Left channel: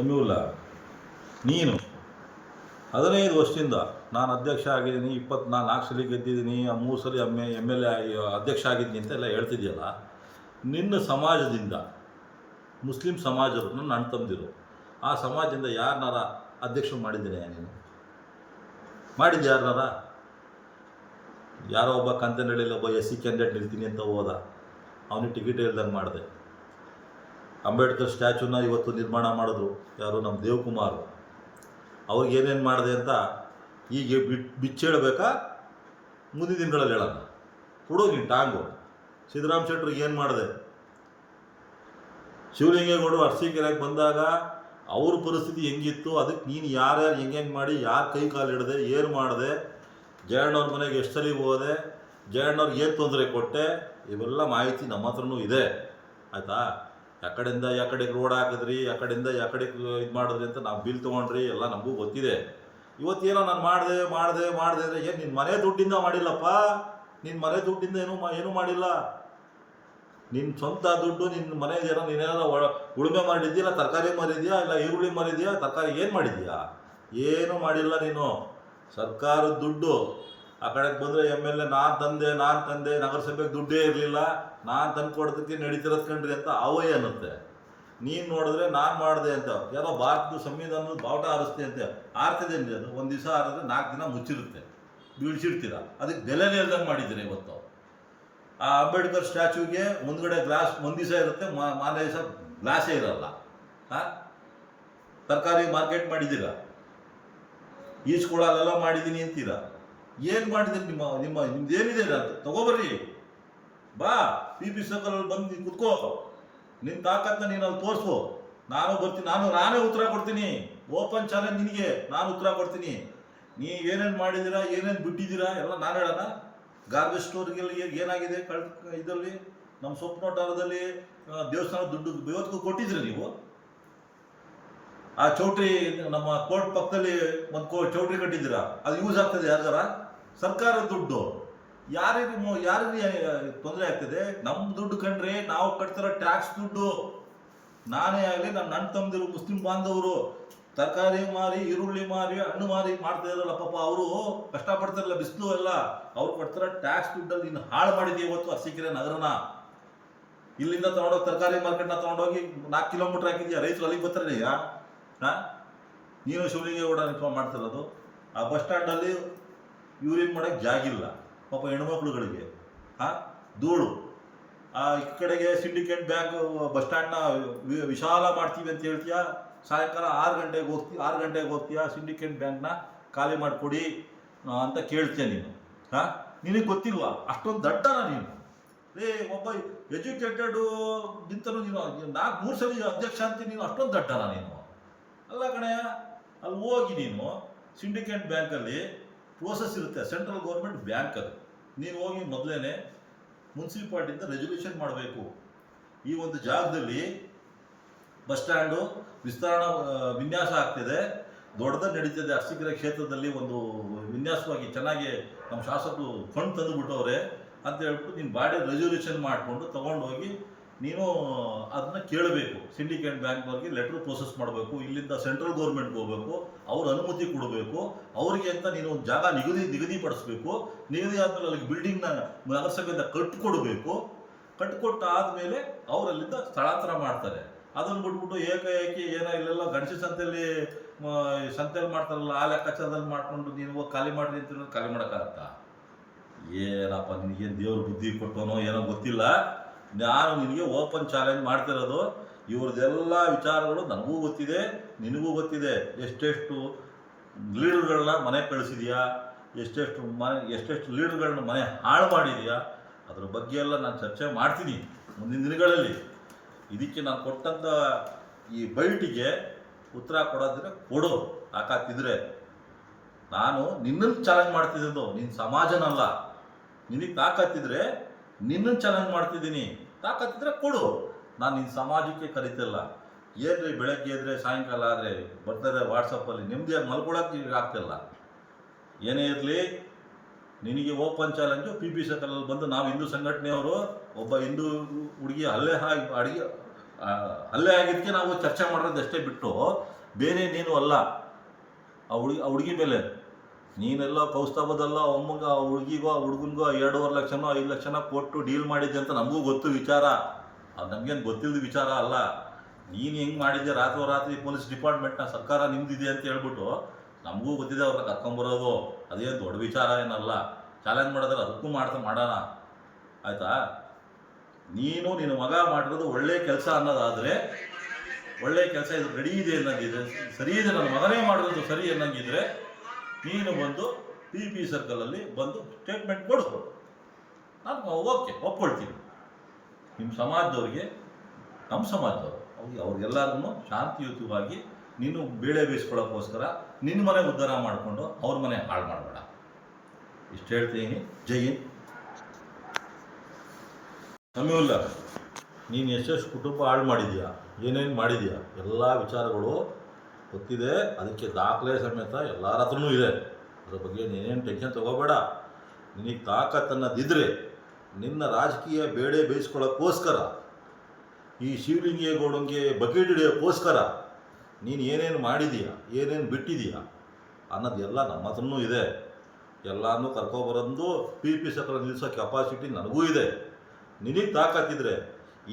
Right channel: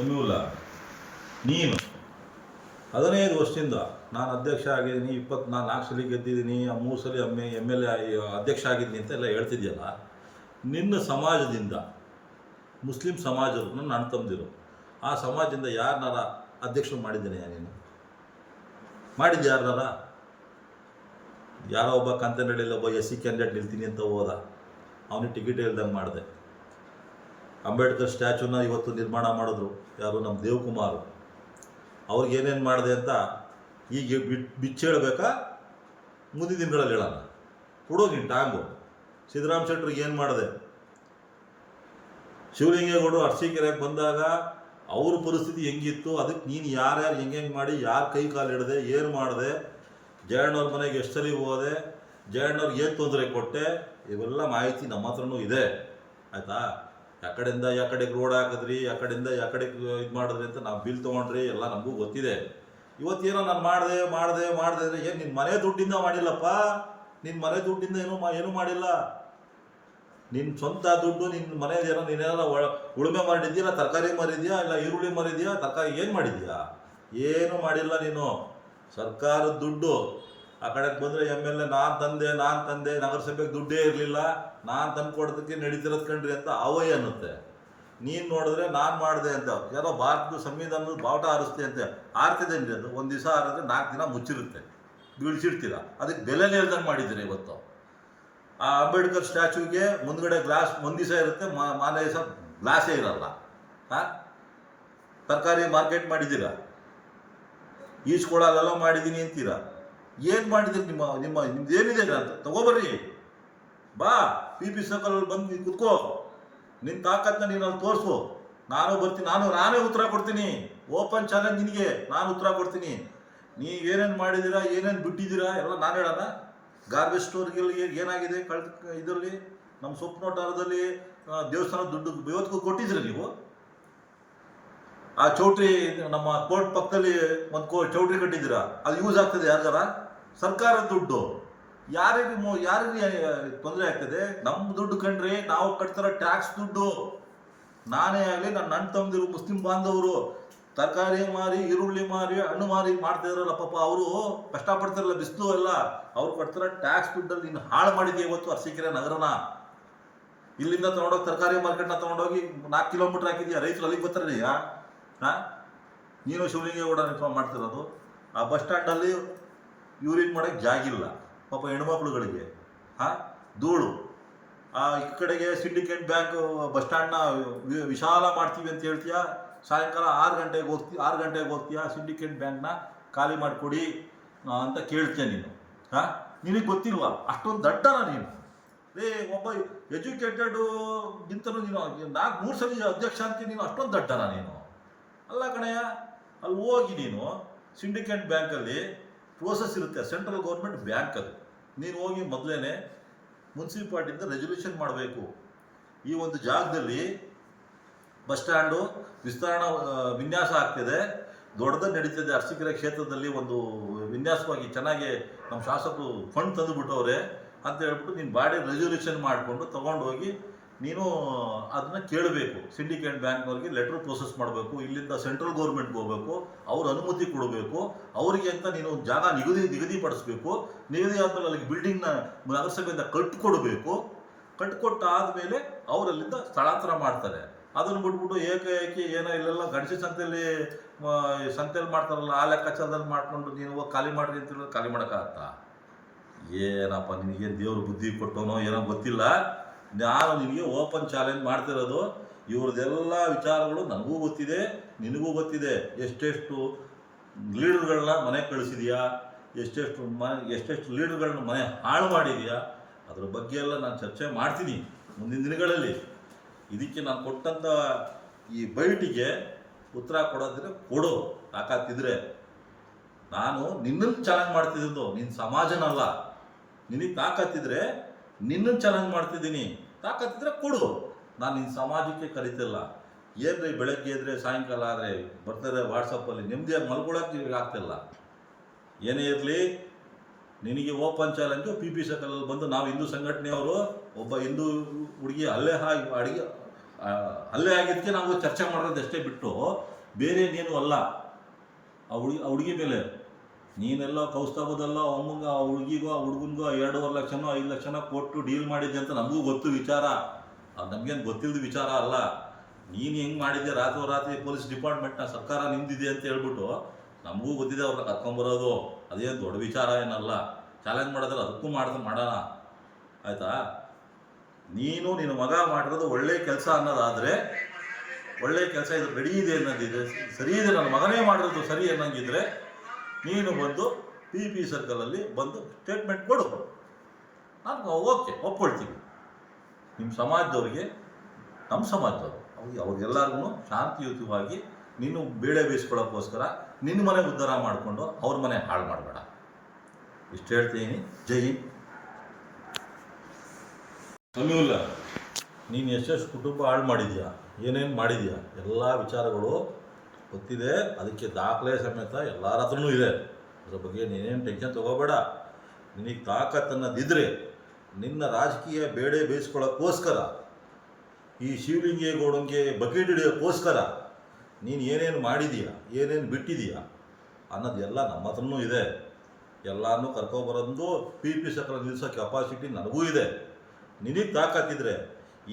ಸಮೀವುಲ್ಲಾ, ನೀನು 15 ವರ್ಷದಿಂದ ನಾನು ಅಧ್ಯಕ್ಷ ಆಗಿದ್ದೀನಿ, 24 ಸಲ ಗೆದ್ದಿದ್ದೀನಿ, 3 ಸಲ MLA ಅಧ್ಯಕ್ಷ ಆಗಿದ್ದೀನಿ ಅಂತೆಲ್ಲ ಹೇಳ್ತಿದ್ಯಲ್ಲ. ನಿನ್ನ ಸಮಾಜದಿಂದ ಮುಸ್ಲಿಂ ಸಮಾಜರು ನನ್ನ ಅಣ್ಣ ತಮ್ಮದಿರು, ಆ ಸಮಾಜದಿಂದ ಯಾರನ್ನಾರ ಅಧ್ಯಕ್ಷರು ಮಾಡಿದ್ದೇನೆ ನೀನು? ಮಾಡಿದ್ದು ಯಾರನ್ನಾರ? ಯಾರೋ ಒಬ್ಬ ಕಂತನಹಳ್ಳಿಯಲ್ಲಿ ಒಬ್ಬ SC ಕ್ಯಾಂಡಿಡೇಟ್ ನಿಲ್ತೀನಿ ಅಂತ ಹೋದ, ಅವನಿಗೆ ಟಿಕೆಟ್ ಹೇಳ್ದಂಗೆ ಮಾಡಿದೆ. ಅಂಬೇಡ್ಕರ್ ಸ್ಟ್ಯಾಚ್ಯೂನ ಇವತ್ತು ನಿರ್ಮಾಣ ಮಾಡಿದ್ರು ಯಾರು? ನಮ್ಮ ದೇವಕುಮಾರ್. ಅವ್ರಿಗೆ ಏನೇನು ಮಾಡಿದೆ ಅಂತ ಈಗ ಬಿಚ್ಚೇಳಬೇಕಾ? ಮುಂದಿನ ದಿನಗಳಲ್ಲಿ ಹೇಳೋಣ. ಕೊಡು ನೀನು ಟಾಂಗು. ಸಿದ್ದರಾಮ ಶೆಟ್ಟರಿಗೆ ಏನು ಮಾಡಿದೆ? ಶಿವಲಿಂಗೇಗೌಡರು ಅರಸೀಕೆರೆಗೆ ಬಂದಾಗ ಅವ್ರ ಪರಿಸ್ಥಿತಿ ಹೆಂಗಿತ್ತು, ಅದಕ್ಕೆ ನೀನು ಯಾರ್ಯಾರು ಹೆಂಗೆ ಮಾಡಿ, ಯಾರು ಕೈ ಕಾಲು ಹಿಡ್ದೆ, ಏನು ಮಾಡಿದೆ, ಜಯಣ್ಣವ್ರ ಮನೆಗೆ ಎಷ್ಟು ಸಲ ಹೋದೆ, ಜಯಣ್ಣವ್ರಿಗೆ ಏನು ತೊಂದರೆ ಕೊಟ್ಟೆ, ಇವೆಲ್ಲ ಮಾಹಿತಿ ನಮ್ಮ ಹತ್ರನೂ ಇದೆ. ಆಯಿತಾ? ಯಾಕಡೆಯಿಂದ ಯಾಕಡೆಗೆ ರೋಡ್ ಹಾಕಿದ್ರಿ, ಯಾಕಡೆಯಿಂದ ಯಾಕಡೆಗೆ ಇದು ಮಾಡಿದ್ರಿ ಅಂತ ನಾವು ಬಿಲ್ ತೊಗೊಂಡ್ರಿ, ಎಲ್ಲ ನಮಗೂ ಗೊತ್ತಿದೆ. ಇವತ್ತೇನೋ ನಾನು ಮಾಡಿದೆ ಅಂದರೆ ಏನು ನಿನ್ನ ಮನೆ ದುಡ್ಡಿಂದ ಮಾಡಿಲ್ಲಪ್ಪ. ನಿನ್ನ ಮನೆ ದುಡ್ಡಿಂದ ಏನೂ ಮಾಡಿಲ್ಲ. ನಿನ್ನ ಸ್ವಂತ ದುಡ್ಡು, ನಿನ್ನ ಮನೇದೇನೋ ನೀನೇನೋ ಉಳುಮೆ ಮಾಡಿದ್ಯಾ, ತರಕಾರಿ ಮಾರಿದ್ಯಾ, ಇಲ್ಲ ಈರುಳ್ಳಿ ಮಾರಿದ್ಯಾ, ತರಕಾರಿ ಏನು ಮಾಡಿದ್ಯಾ? ಏನೂ ಮಾಡಿಲ್ಲ ನೀನು. ಸರ್ಕಾರದ ದುಡ್ಡು ಆ ಕಡೆಗೆ ಬಂದರೆ MLA ನಾನು ತಂದೆ, ನಗರಸಭೆಗೆ ದುಡ್ಡೇ ಇರಲಿಲ್ಲ, ನಾನು ತಂದು ಕೊಡೋದಕ್ಕೆ ನಡೀತಿರೋದು ಕಣ್ರಿ ಅಂತ ಅವಯೇ ಅನ್ನುತ್ತೆ. ನೀನು ನೋಡಿದ್ರೆ ನಾನು ಮಾಡಿದೆ ಅಂತ ಯಾರೋ ಭಾರತದ ಸಂವಿಧಾನದ ಬಾವುಟ ಹಾರಿಸ್ತೆ ಅಂತೆ. ಆರ್ತಿದೇನ್ರಿ ಅದು? ಒಂದು ದಿವಸ ಹಾರಿದ್ರೆ 4 ದಿನ ಮುಚ್ಚಿರುತ್ತೆ, ಬೀಳ್ಸಿಡ್ತೀರ. ಅದಕ್ಕೆ ಬೆಲೆನೇ ಇಲ್ದಂಗೆ ಮಾಡಿದ್ದೀರ ಇವತ್ತು. ಆ ಅಂಬೇಡ್ಕರ್ ಸ್ಟ್ಯಾಚ್ಯೂಗೆ ಮುಂದ್ಗಡೆ ಗ್ಲಾಸ್ ಒಂದು ದಿವಸ ಇರುತ್ತೆ, ಮಾರನೇ ದಿವಸ ಗ್ಲಾಸೇ ಇರಲ್ಲ. ತರಕಾರಿ ಮಾರ್ಕೆಟ್ ಮಾಡಿದ್ದೀರ, ಈಸ್ಕೊಳಲ್ಲೆಲ್ಲ ಮಾಡಿದ್ದೀನಿ ಅಂತೀರ. ಏನು ಮಾಡಿದ್ದೀರಿ? ನಿಮ್ದೇನಿದೆ ಅಂತ ತಗೋಬರ್ರಿ, ಬಾ PP ಸರ್ಕಲಲ್ಲಿ ಬಂದು ಕುತ್ಕೋ, ನಿನ್ನ ತಾಕತ್ತನ್ನ ನೀನು ಅಲ್ಲಿ ತೋರಿಸು. ನಾನು ಬರ್ತೀನಿ, ನಾನೇ ಉತ್ತರ ಕೊಡ್ತೀನಿ. ಓಪನ್ ಚಾಲೆಂಜ್ ನಿನಗೆ, ನಾನು ಉತ್ತರ ಕೊಡ್ತೀನಿ. ಏನೇನು ಮಾಡಿದ್ದೀರಾ, ಏನೇನು ಬಿಟ್ಟಿದ್ದೀರಾ ಎಲ್ಲ ನಾನು ಹೇಳೋಣ. ಗಾರ್ಬೇಜ್ ಸ್ಟೋರ್ಗೆಲ್ಲಿ ಏನಾಗಿದೆ ಇದರಲ್ಲಿ, ನಮ್ಮ ಸೊಪ್ಪನೋಟದಲ್ಲಿ ದೇವಸ್ಥಾನ ದುಡ್ಡು ಇವತ್ತಿಗೂ ಕೊಟ್ಟಿದ್ರಿ ನೀವು? ಆ ಚೌಟ್ರಿ ನಮ್ಮ ಕೋರ್ಟ್ ಪಕ್ಕದಲ್ಲಿ ಒಂದು ಚೌಟ್ರಿ ಕಟ್ಟಿದ್ದೀರಾ, ಅದು ಯೂಸ್ ಆಗ್ತದೆ ಯಾರಿಗಾರ? ಸರ್ಕಾರದ ದುಡ್ಡು ಯಾರಿಗೆ ತೊಂದರೆ ಆಗ್ತದೆ? ನಮ್ಮ ದುಡ್ಡು ಕಂಡ್ರೆ ನಾವು ಕಟ್ತಿರೋ ಟ್ಯಾಕ್ಸ್ ದುಡ್ಡು. ನಾನೇ ಆಗಲಿ, ನನ್ನ ಅಣ್ಣ ತಮ್ಮದಿರು ಮುಸ್ಲಿಂ ಬಾಂಧವರು ತರಕಾರಿ ಮಾರಿ, ಈರುಳ್ಳಿ ಮಾರಿ, ಹಣ್ಣು ಮಾರಿ ಮಾಡ್ತಿದಾರಲ್ಲ ಪಾಪ, ಅವರು ಕಷ್ಟಪಡ್ತಿರಲ್ಲ, ಬಿಸಿಲು ಎಲ್ಲ, ಅವ್ರು ಕಟ್ತಿರೋ ಟ್ಯಾಕ್ಸ್ ದುಡ್ಡಲ್ಲಿ ನೀನು ಹಾಳು ಮಾಡಿದೆಯಾ ಇವತ್ತು ಅರಸೀಕೆರೆ ನಗರನ? ಇಲ್ಲಿಂದ ತೊಗೊಂಡೋಗಿ ತರಕಾರಿ ಮಾರ್ಕೆಟ್ನ ತೊಗೊಂಡೋಗಿ 4 ಕಿಲೋಮೀಟ್ರ್ ಹಾಕಿದ್ಯಾ, ರೈತರು ಅಲ್ಲಿಗೆ ಬರ್ತಾರೆ. ನೀನು ಶಿವಲಿಂಗೇಗೌಡ ನಿಂತ್ಕೊಂಡು ಮಾಡ್ತಿರೋದು. ಆ ಬಸ್ ಸ್ಟ್ಯಾಂಡಲ್ಲಿ ಯೂರಿನ್ ಮಾಡೋಕ್ಕೆ ಜಾಗಿಲ್ಲ ಪಾಪ ಹೆಣ್ಮಕ್ಳುಗಳಿಗೆ, ಧೂಳು. ಈ ಕಡೆಗೆ ಸಿಂಡಿಕೇಟ್ ಬ್ಯಾಂಕ್ ಬಸ್ ಸ್ಟ್ಯಾಂಡ್ನ ವಿಶಾಲ ಮಾಡ್ತೀವಿ ಅಂತ ಹೇಳ್ತೀಯಾ, ಸಾಯಂಕಾಲ 6 ಗಂಟೆಗೆ ಹೋಗ್ತೀಯಾ, ಸಿಂಡಿಕೇಟ್ ಬ್ಯಾಂಕ್ನ ಖಾಲಿ ಮಾಡಿಕೊಡಿ ಅಂತ ಕೇಳ್ತೀಯ ನೀನು. ನಿನಗೆ ಗೊತ್ತಿಲ್ವಾ? ಅಷ್ಟೊಂದು ದಡ್ಡನ ನೀನು? ಒಬ್ಬ ಎಜುಕೇಟೆಡು ನಿಂತನು ನೀನು 4-3 ಸಲ ಅಧ್ಯಕ್ಷ ಅಂತೀನಿ, ನೀನು ಅಷ್ಟೊಂದು ದಡ್ಡನ ನೀನು? ಅಲ್ಲ ಕಣಯ್ಯ, ಅಲ್ಲಿ ಹೋಗಿ ನೀನು ಸಿಂಡಿಕೇಟ್ ಬ್ಯಾಂಕಲ್ಲಿ ಪ್ರೋಸೆಸ್ ಇರುತ್ತೆ, ಸೆಂಟ್ರಲ್ ಗೌರ್ಮೆಂಟ್ ಬ್ಯಾಂಕ್ ಅದು. ನೀನು ಹೋಗಿ ಮೊದಲೇ ಮುನ್ಸಿಪಾಲ್ಟಿಯಿಂದ ರೆಸಲ್ಯೂಷನ್ ಮಾಡಬೇಕು. ಈ ಒಂದು ಜಾಗದಲ್ಲಿ ಬಸ್ ಸ್ಟ್ಯಾಂಡು ವಿನ್ಯಾಸ ಆಗ್ತಿದೆ, ದೊಡ್ಡದಾಗಿ ನಡೀತಿದೆ ಅರಸೀಕೆರೆ ಕ್ಷೇತ್ರದಲ್ಲಿ, ಒಂದು ವಿನ್ಯಾಸವಾಗಿ ಚೆನ್ನಾಗಿ ನಮ್ಮ ಶಾಸಕರು ಫಂಡ್ ತಂದುಬಿಟ್ಟವ್ರೆ ಅಂತ ಹೇಳ್ಬಿಟ್ಟು ನೀನು ಬಾಡಿ ರೆಸಲ್ಯೂಷನ್ ಮಾಡಿಕೊಂಡು ತೊಗೊಂಡೋಗಿ ನೀನು ಅದನ್ನ ಕೇಳಬೇಕು. ಸಿಂಡಿಕೇಟ್ ಬ್ಯಾಂಕ್ನವ್ರಿಗೆ ಲೆಟ್ರ್ ಪ್ರೋಸೆಸ್ ಮಾಡಬೇಕು, ಇಲ್ಲಿಂದ ಸೆಂಟ್ರಲ್ ಗೌರ್ಮೆಂಟ್ಗೆ ಹೋಗಬೇಕು, ಅವ್ರ ಅನುಮತಿ ಕೊಡಬೇಕು, ಅವರಿಗೆ ಅಂತ ನೀನು ಜಾಗ ನಿಗದಿಪಡಿಸ್ಬೇಕು. ನಿಗದಿ ಆದಮೇಲೆ ಅಲ್ಲಿಗೆ ಬಿಲ್ಡಿಂಗ್ನ ನಗರಸಭೆಯಿಂದ ಕಟ್ಟಿಕೊಡಬೇಕು. ಕಟ್ಟಿಕೊಟ್ಟಾದಮೇಲೆ ಅವರಲ್ಲಿಂದ ಸ್ಥಳಾಂತರ ಮಾಡ್ತಾರೆ. ಅದನ್ನು ಬಿಟ್ಬಿಟ್ಟು ಏಕಾಏಕಿ ಏನೋ ಇಲ್ಲೆಲ್ಲ ಗಣೇಶ ಸಂತೆಯಲ್ಲಿ ಮಾಡ್ತಾರಲ್ಲ, ಆ ಲೆಕ್ಕಾಚಾರದಲ್ಲಿ ಮಾಡಿಕೊಂಡು ನೀನು ಹೋಗಿ ಖಾಲಿ ಮಾಡಿರಿ ಅಂತ ಹೇಳಿದ್ರೆ ಖಾಲಿ ಮಾಡೋಕ್ಕಾಗತ್ತಾ? ಏನಪ್ಪ ನಿನಗೇನು ದೇವ್ರ ಬುದ್ಧಿ ಕೊಟ್ಟೋನೋ ಏನೋ ಗೊತ್ತಿಲ್ಲ. ನಾನು ನಿನಗೆ ಓಪನ್ ಚಾಲೆಂಜ್ ಮಾಡ್ತಿರೋದು. ಇವ್ರದ್ದೆಲ್ಲ ವಿಚಾರಗಳು ನನಗೂ ಗೊತ್ತಿದೆ, ನಿನಗೂ ಗೊತ್ತಿದೆ. ಎಷ್ಟೆಷ್ಟು ಲೀಡರ್ಗಳನ್ನ ಮನೆ ಕಳಿಸಿದೆಯಾ, ಎಷ್ಟೆಷ್ಟು ಲೀಡರ್ಗಳನ್ನ ಮನೆ ಹಾಳು ಮಾಡಿದೆಯಾ, ಅದ್ರ ಬಗ್ಗೆ ಎಲ್ಲ ನಾನು ಚರ್ಚೆ ಮಾಡ್ತೀನಿ ಮುಂದಿನ ದಿನಗಳಲ್ಲಿ. ಇದಕ್ಕೆ ನಾನು ಕೊಟ್ಟಂಥ ಈ ಬೈಟಿಗೆ ಉತ್ತರ ಕೊಡೋದಿದ್ರೆ ಕೊಡು, ತಾಕತ್ತಿದ್ರೆ. ನಾನು ನಿನ್ನನ್ನು ಚಾಲೆಂಜ್ ಮಾಡ್ತಿದ್ದು, ನಿನ್ನ ಸಮಾಜನಲ್ಲ. ನಿನಗೆ ತಾಕತ್ತಿದ್ರೆ ನಿನ್ನನ್ನು ಚಾಲೆಂಜ್ ಮಾಡ್ತಿದ್ದೀನಿ, ತಾಕತ್ತಿದ್ರೆ ಕೊಡು. ನಾನು ನಿನ್ನ ಸಮಾಜಕ್ಕೆ ಕರಿತಿಲ್ಲ. ಏನ್ರಿ ಬೆಳಗ್ಗೆ ಎದ್ರೆ ಸಾಯಂಕಾಲ ಆದರೆ ಬರ್ತಾರೆ ವಾಟ್ಸಪ್ಪಲ್ಲಿ, ನೆಮ್ಮದಿಯಾಗಿ ಮಲ್ಕೊಳ್ಳೋಕೆ ಆಗ್ತಿಲ್ಲ. ಏನೇ ಇರಲಿ, ನಿನಗೆ ಓಪನ್ ಚಾಲೆಂಜು. PP ಸರ್ಕಲಲ್ಲಿ ಬಂದು ನಾವು ಹಿಂದೂ ಸಂಘಟನೆಯವರು ಒಬ್ಬ ಹಿಂದೂ ಹುಡುಗಿ ಅಲ್ಲೇ ಆಗಿದ್ದಕ್ಕೆ ನಾವು ಚರ್ಚೆ ಮಾಡೋದಷ್ಟೇ ಬಿಟ್ಟು ಬೇರೆ ಏನೇನು ಅಲ್ಲ. ಆ ಹುಡುಗಿ ಮೇಲೆ ನೀನೆಲ್ಲ ಕೌಸ್ತವದಲ್ಲ ಅಮ್ಮಂಗ ಆ ಹುಡುಗಿಗೋ ಆ ಹುಡುಗನಿಗೋ 2.5 ಲಕ್ಷನೋ 5 ಲಕ್ಷನ ಕೊಟ್ಟು ಡೀಲ್ ಮಾಡಿದ್ದೆ ಅಂತ ನಮಗೂ ಗೊತ್ತು ವಿಚಾರ. ಅದು ನಮಗೇನು ಗೊತ್ತಿಲ್ಲದ ವಿಚಾರ ಅಲ್ಲ. ನೀನು ಹೆಂಗೆ ಮಾಡಿದ್ದೆ ರಾತ್ರಿ ಪೊಲೀಸ್ ಡಿಪಾರ್ಟ್ಮೆಂಟ್ನ ಸರ್ಕಾರ ನಿಮ್ದಿದೆ ಅಂತ ಹೇಳ್ಬಿಟ್ಟು ನಮಗೂ ಗೊತ್ತಿದೆ ಅವ್ರನ್ನ ಕರ್ಕೊಂಬರೋದು. ಅದೇನು ದೊಡ್ಡ ವಿಚಾರ ಏನಲ್ಲ. ಚಾಲೆಂಜ್ ಮಾಡಿದ್ರೆ ಅದಕ್ಕೂ ಮಾಡೋಣ ಆಯಿತಾ. ನೀನು ನಿನ್ನ ಮಗ ಮಾಡಿರೋದು ಒಳ್ಳೆ ಕೆಲಸ ಅನ್ನೋದಾದರೆ, ಒಳ್ಳೆ ಕೆಲಸ ಇದು ರೆಡಿ ಇದೆ ಅನ್ನೋದಿದೆ, ಸರಿ ಇದೆ, ನನ್ನ ಮಗನೇ ಮಾಡಿರೋದು ಸರಿ ಅನ್ನಂಗಿದ್ರೆ ನೀನು ಬಂದು PP ಸರ್ಕಲಲ್ಲಿ ಬಂದು ಸ್ಟೇಟ್ಮೆಂಟ್ ಕೊಡು. ನಾನು ಓಕೆ ಒಪ್ಕೊಳ್ತೀನಿ. ನಿಮ್ಮ ಸಮಾಜದವ್ರಿಗೆ, ನಮ್ಮ ಸಮಾಜದವ್ರು ಅವ್ರಿಗೆಲ್ಲರಿಗೂ ಶಾಂತಿಯುತವಾಗಿ ನೀನು ಬೇಳೆ ಬೇಯಿಸ್ಕೊಳ್ಳೋಕ್ಕೋಸ್ಕರ ನಿನ್ನ ಮನೆ ಉದ್ಧಾರ ಮಾಡಿಕೊಂಡು ಅವ್ರ ಮನೆ ಹಾಳು ಮಾಡಬೇಡ. ಇಷ್ಟು ಹೇಳ್ತೀನಿ. ಜೈ ಹಿಂದ್. ಸಮೀವುಲ್ಲಾ, ನೀನು ಎಷ್ಟೆಷ್ಟು ಕುಟುಂಬ ಹಾಳು ಮಾಡಿದ್ಯಾ, ಏನೇನು ಮಾಡಿದ್ಯಾ, ಎಲ್ಲ ವಿಚಾರಗಳು ಗೊತ್ತಿದೆ. ಅದಕ್ಕೆ ದಾಖಲೆ ಸಮೇತ ಎಲ್ಲರ ಹತ್ರನೂ ಇದೆ. ಅದ್ರ ಬಗ್ಗೆ ನೀನೇನು ಟೆನ್ಷನ್ ತೊಗೋಬೇಡ. ನಿನಗೆ ತಾಕತ್ತನ್ನದಿದ್ದರೆ ನಿನ್ನ ರಾಜಕೀಯ ಬೇಳೆ ಬೇಯಿಸ್ಕೊಳ್ಳೋಕ್ಕೋಸ್ಕರ, ಈ ಶಿವಲಿಂಗೇಗೌಡಂಗೆ ಬಕೆಟ್ ಹಿಡಿಯೋಕ್ಕೋಸ್ಕರ ನೀನು ಏನೇನು ಮಾಡಿದೀಯಾ, ಏನೇನು ಬಿಟ್ಟಿದೀಯಾ ಅನ್ನೋದೆಲ್ಲ ನಮ್ಮ ಹತ್ರನೂ ಇದೆ. ಎಲ್ಲನೂ ಕರ್ಕೊಬರೋದು PP ಸರ್ಕಲ್ ನಿಲ್ಲಿಸೋ ಕೆಪಾಸಿಟಿ ನನಗೂ ಇದೆ. ನಿನಗೆ ತಾಕತ್ತಿದ್ರೆ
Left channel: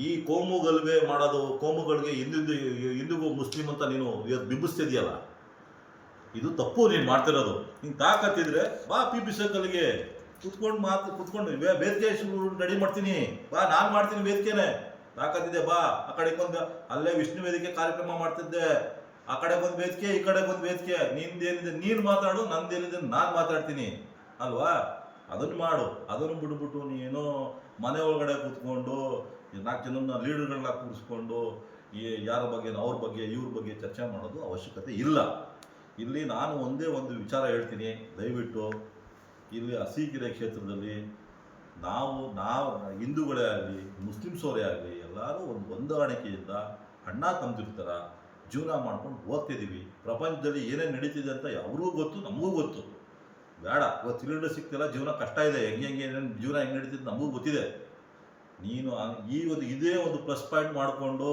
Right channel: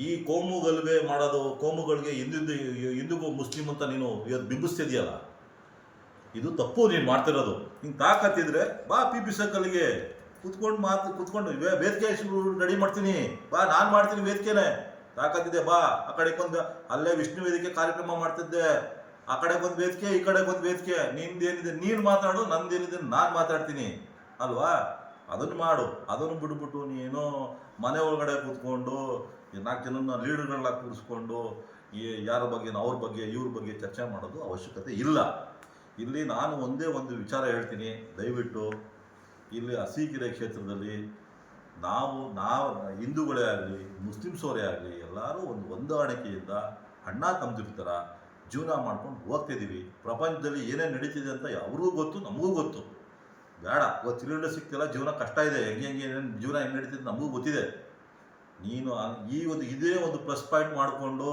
ಈ ಕೋಮು ಗಲಭೆ ಮಾಡೋದು, ಕೋಮುಗಳಿಗೆ ಹಿಂದೂಗೂ ಮುಸ್ಲಿಂ ಅಂತ ನೀನು ಇವತ್ತು ಬಿಂಬಿಸ್ತಿದೆಯಲ್ಲ, ಇದು ತಪ್ಪು ನೀನು ಮಾಡ್ತಿರೋದು. ನಿಂಗೆ ತಾಕತ್ತಿದ್ರೆ ಬಾ PP ಸರ್ಕಲ್ಗೆ ಕುತ್ಕೊಂಡು ವೇದಿಕೆ ರೆಡಿ ಮಾಡ್ತೀನಿ, ಬಾ ನಾನು ಮಾಡ್ತೀನಿ ವೇದಿಕೆನೇ. ತಾಕತ್ತಿದೆ ಬಾ. ಆ ಕಡೆಗೊಂದು ಅಲ್ಲೇ ವಿಷ್ಣು ವೇದಿಕೆ ಕಾರ್ಯಕ್ರಮ ಮಾಡ್ತಿದ್ದೆ, ಆ ಕಡೆಗೊಂದು ವೇದಿಕೆ, ಈ ಕಡೆಗೊಂದು ವೇದಿಕೆ. ನಿಂದೇನಿದೆ ನೀನು ಮಾತಾಡು, ನಂದೇನಿದೆ ನಾನು ಮಾತಾಡ್ತೀನಿ ಅಲ್ವಾ. ಅದನ್ನು ಮಾಡು. ಅದನ್ನು ಬಿಟ್ಬಿಟ್ಟು ನೀನು ಮನೆ ಒಳಗಡೆ ಕೂತ್ಕೊಂಡು 4 ಜನನ ಲೀಡರ್ಗಳನ್ನ ಕೂರಿಸ್ಕೊಂಡು ಯಾರ ಬಗ್ಗೆ ಅವ್ರ ಬಗ್ಗೆ ಇವ್ರ ಬಗ್ಗೆ ಚರ್ಚೆ ಮಾಡೋದು ಅವಶ್ಯಕತೆ ಇಲ್ಲ. ಇಲ್ಲಿ ನಾನು ಒಂದೇ ಒಂದು ವಿಚಾರ ಹೇಳ್ತೀನಿ. ದಯವಿಟ್ಟು ಇಲ್ಲಿ ಅರಸೀಕೆರೆ ಕ್ಷೇತ್ರದಲ್ಲಿ ನಾವು ಹಿಂದೂಗಳೇ ಆಗಲಿ ಮುಸ್ಲಿಮ್ಸವರೇ ಆಗಲಿ ಎಲ್ಲರೂ ಒಂದು ಹೊಂದಾಣಿಕೆಯಿಂದ ಅಣ್ಣ ತಮ್ಮದಿರ ಥರ ಜೀವನ ಮಾಡ್ಕೊಂಡು ಹೋಗ್ತಿದ್ದೀವಿ. ಪ್ರಪಂಚದಲ್ಲಿ ಏನೇನು ನಡೀತಿದೆ ಅಂತ ಅವ್ರಿಗೂ ಗೊತ್ತು, ನಮಗೂ ಗೊತ್ತು. ಬೇಡ ಇವತ್ತು ಸಿಲಿಂಡರ್ ಸಿಗ್ತಿಲ್ಲ, ಜೀವನ ಕಷ್ಟ ಇದೆ, ಹೆಂಗೆ ಏನೇನು ಜೀವನ ಹೆಂಗೆ ನಡೀತಿದೆ ನಮಗೂ ಗೊತ್ತಿದೆ. ನೀನು ಇದೇ ಒಂದು ಪ್ಲಸ್ ಪಾಯಿಂಟ್ ಮಾಡಿಕೊಂಡು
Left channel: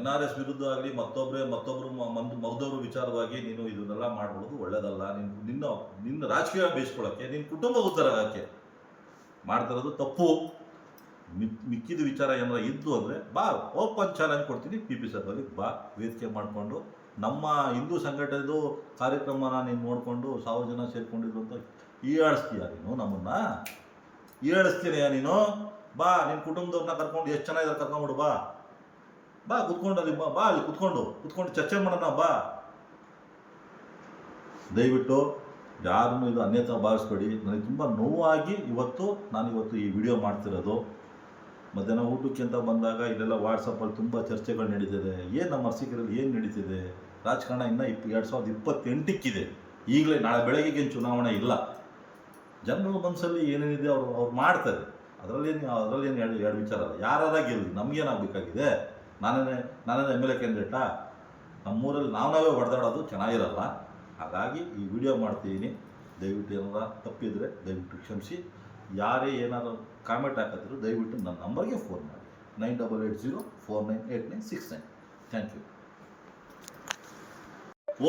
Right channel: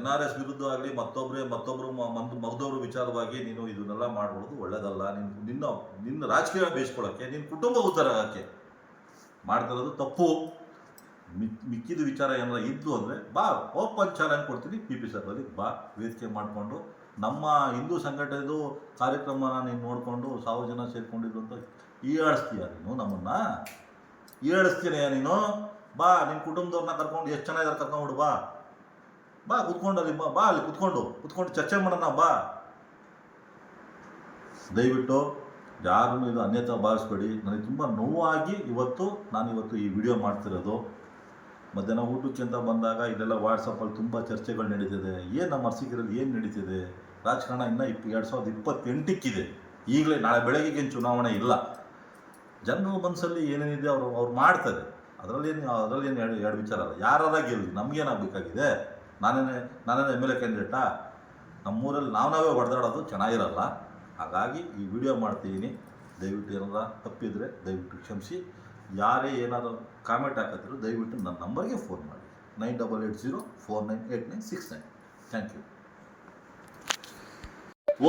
NRS ವಿರುದ್ಧ ಆಗಲಿ ಮತ್ತೊಬ್ಬರು ಮಗದೊಬ್ಬರು ವಿಚಾರವಾಗಿ ನೀನು ಇದನ್ನೆಲ್ಲ ಮಾಡ್ಕೊಳ್ಳೋದು ಒಳ್ಳೆಯದಲ್ಲ. ನಿನ್ನ ರಾಜಕೀಯ ಬೇಯಿಸ್ಕೊಳ್ಳೋಕ್ಕೆ, ನಿನ್ನ ಕುಟುಂಬ ಉದ್ಧಾರ ಆಗೋಕ್ಕೆ ಮಾಡ್ತಿರೋದು ತಪ್ಪು. ಮಿಕ್ಕಿದ ವಿಚಾರ ಏನಾರ ಇದ್ದು ಅಂದರೆ ಬಾ, ಓಪನ್ ಚಾಲೆಂಜ್ ಕೊಡ್ತೀನಿ. PP ಸರ್ಕಲ್ಗೆ ಬಾ, ವೇದಿಕೆ ಮಾಡಿಕೊಂಡು ನಮ್ಮ ಹಿಂದೂ ಸಂಘಟನೆದು ಕಾರ್ಯಕ್ರಮನ ನೀನು ನೋಡಿಕೊಂಡು 1000 ಜನ ಸೇರಿಕೊಂಡಿದ್ರು ಅಂತ ಹೀಯಾಳಿಸ್ತೀಯ ನೀನು ನಮ್ಮನ್ನು. ಹೀಯಾಳಿಸ್ತೀನಯ್ಯ ನೀನು. ಬಾ, ನಿನ್ನ ಕುಟುಂಬದವ್ರನ್ನ ಕರ್ಕೊಂಡು ಎಷ್ಟು ಜನ ಇದ್ದಾರೆ ಕರ್ಕೊಂಬಿಡು. ಬಾ ಕುತ್ಕೊಂಡು ಅಲ್ಲಿ ಬಾ ಅಲ್ಲಿ ಕುತ್ಕೊಂಡು ಚರ್ಚೆ ಮಾಡೋಣ ಬಾ. ದಯವಿಟ್ಟು ಯಾರೂ ಇದು ಅನ್ಯತಾ ಭಾವಿಸ್ಬೇಡಿ. ನನಗೆ ತುಂಬ ನೋವಾಗಿ ನಾನು ಈ ವಿಡಿಯೋ ಮಾಡ್ತಿರೋದು. ಮಧ್ಯಾಹ್ನ ಊಟಕ್ಕೆ ಅಂತ ಬಂದಾಗ ಇಲ್ಲೆಲ್ಲ ವಾಟ್ಸಪ್ಪಲ್ಲಿ ತುಂಬ ಚರ್ಚೆಗಳು ನಡೀತಿದೆ. ಏನು ನಮ್ಮ ಅರಸೀಕೆರೆಯಲ್ಲಿ ಏನು ನಡೀತಿದೆ, ರಾಜಕಾರಣ ಇನ್ನೂ 2028ಕ್ಕಿದೆ. ಈಗಲೇ ನಾಳೆ ಬೆಳಗ್ಗೆಗೇನು ಚುನಾವಣೆ ಇಲ್ಲ. ಜನರ ಮನಸ್ಸಲ್ಲಿ ಏನೇನಿದೆ ಅವ್ರು ಮಾಡ್ತಾರೆ. ಅದರಲ್ಲೇನು ಎರಡು ವಿಚಾರ ಅಲ್ಲ. ಯಾರಾರ ಗೆಲ್ಲಿ ನಮಗೇನಾಗಬೇಕಾಗಿದೆ? ನಾನೇ MLA ಕ್ಯಾಂಡಿಡೇಟಾ? ನಮ್ಮೂರಲ್ಲಿ ನಾವೇ ಹೊಡೆದಾಡೋದು ಚೆನ್ನಾಗಿರಲ್ಲ. ಹಾಗಾಗಿ ಈ ವಿಡಿಯೋ ಮಾಡ್ತಿದ್ದೀನಿ. ದಯವಿಟ್ಟು ಏನಾರ ತಪ್ಪಿದರೆ ದಯವಿಟ್ಟು ಕ್ಷಮಿಸಿ. ಯಾರೇ ಏನಾದರೂ ಕಾಮೆಂಟ್ ಹಾಕಿದ್ರು ದಯವಿಟ್ಟು ನನ್ನ ನಂಬರ್ಗೆ ಫೋನ್ ಮಾಡಿ 9880498969. Thank you.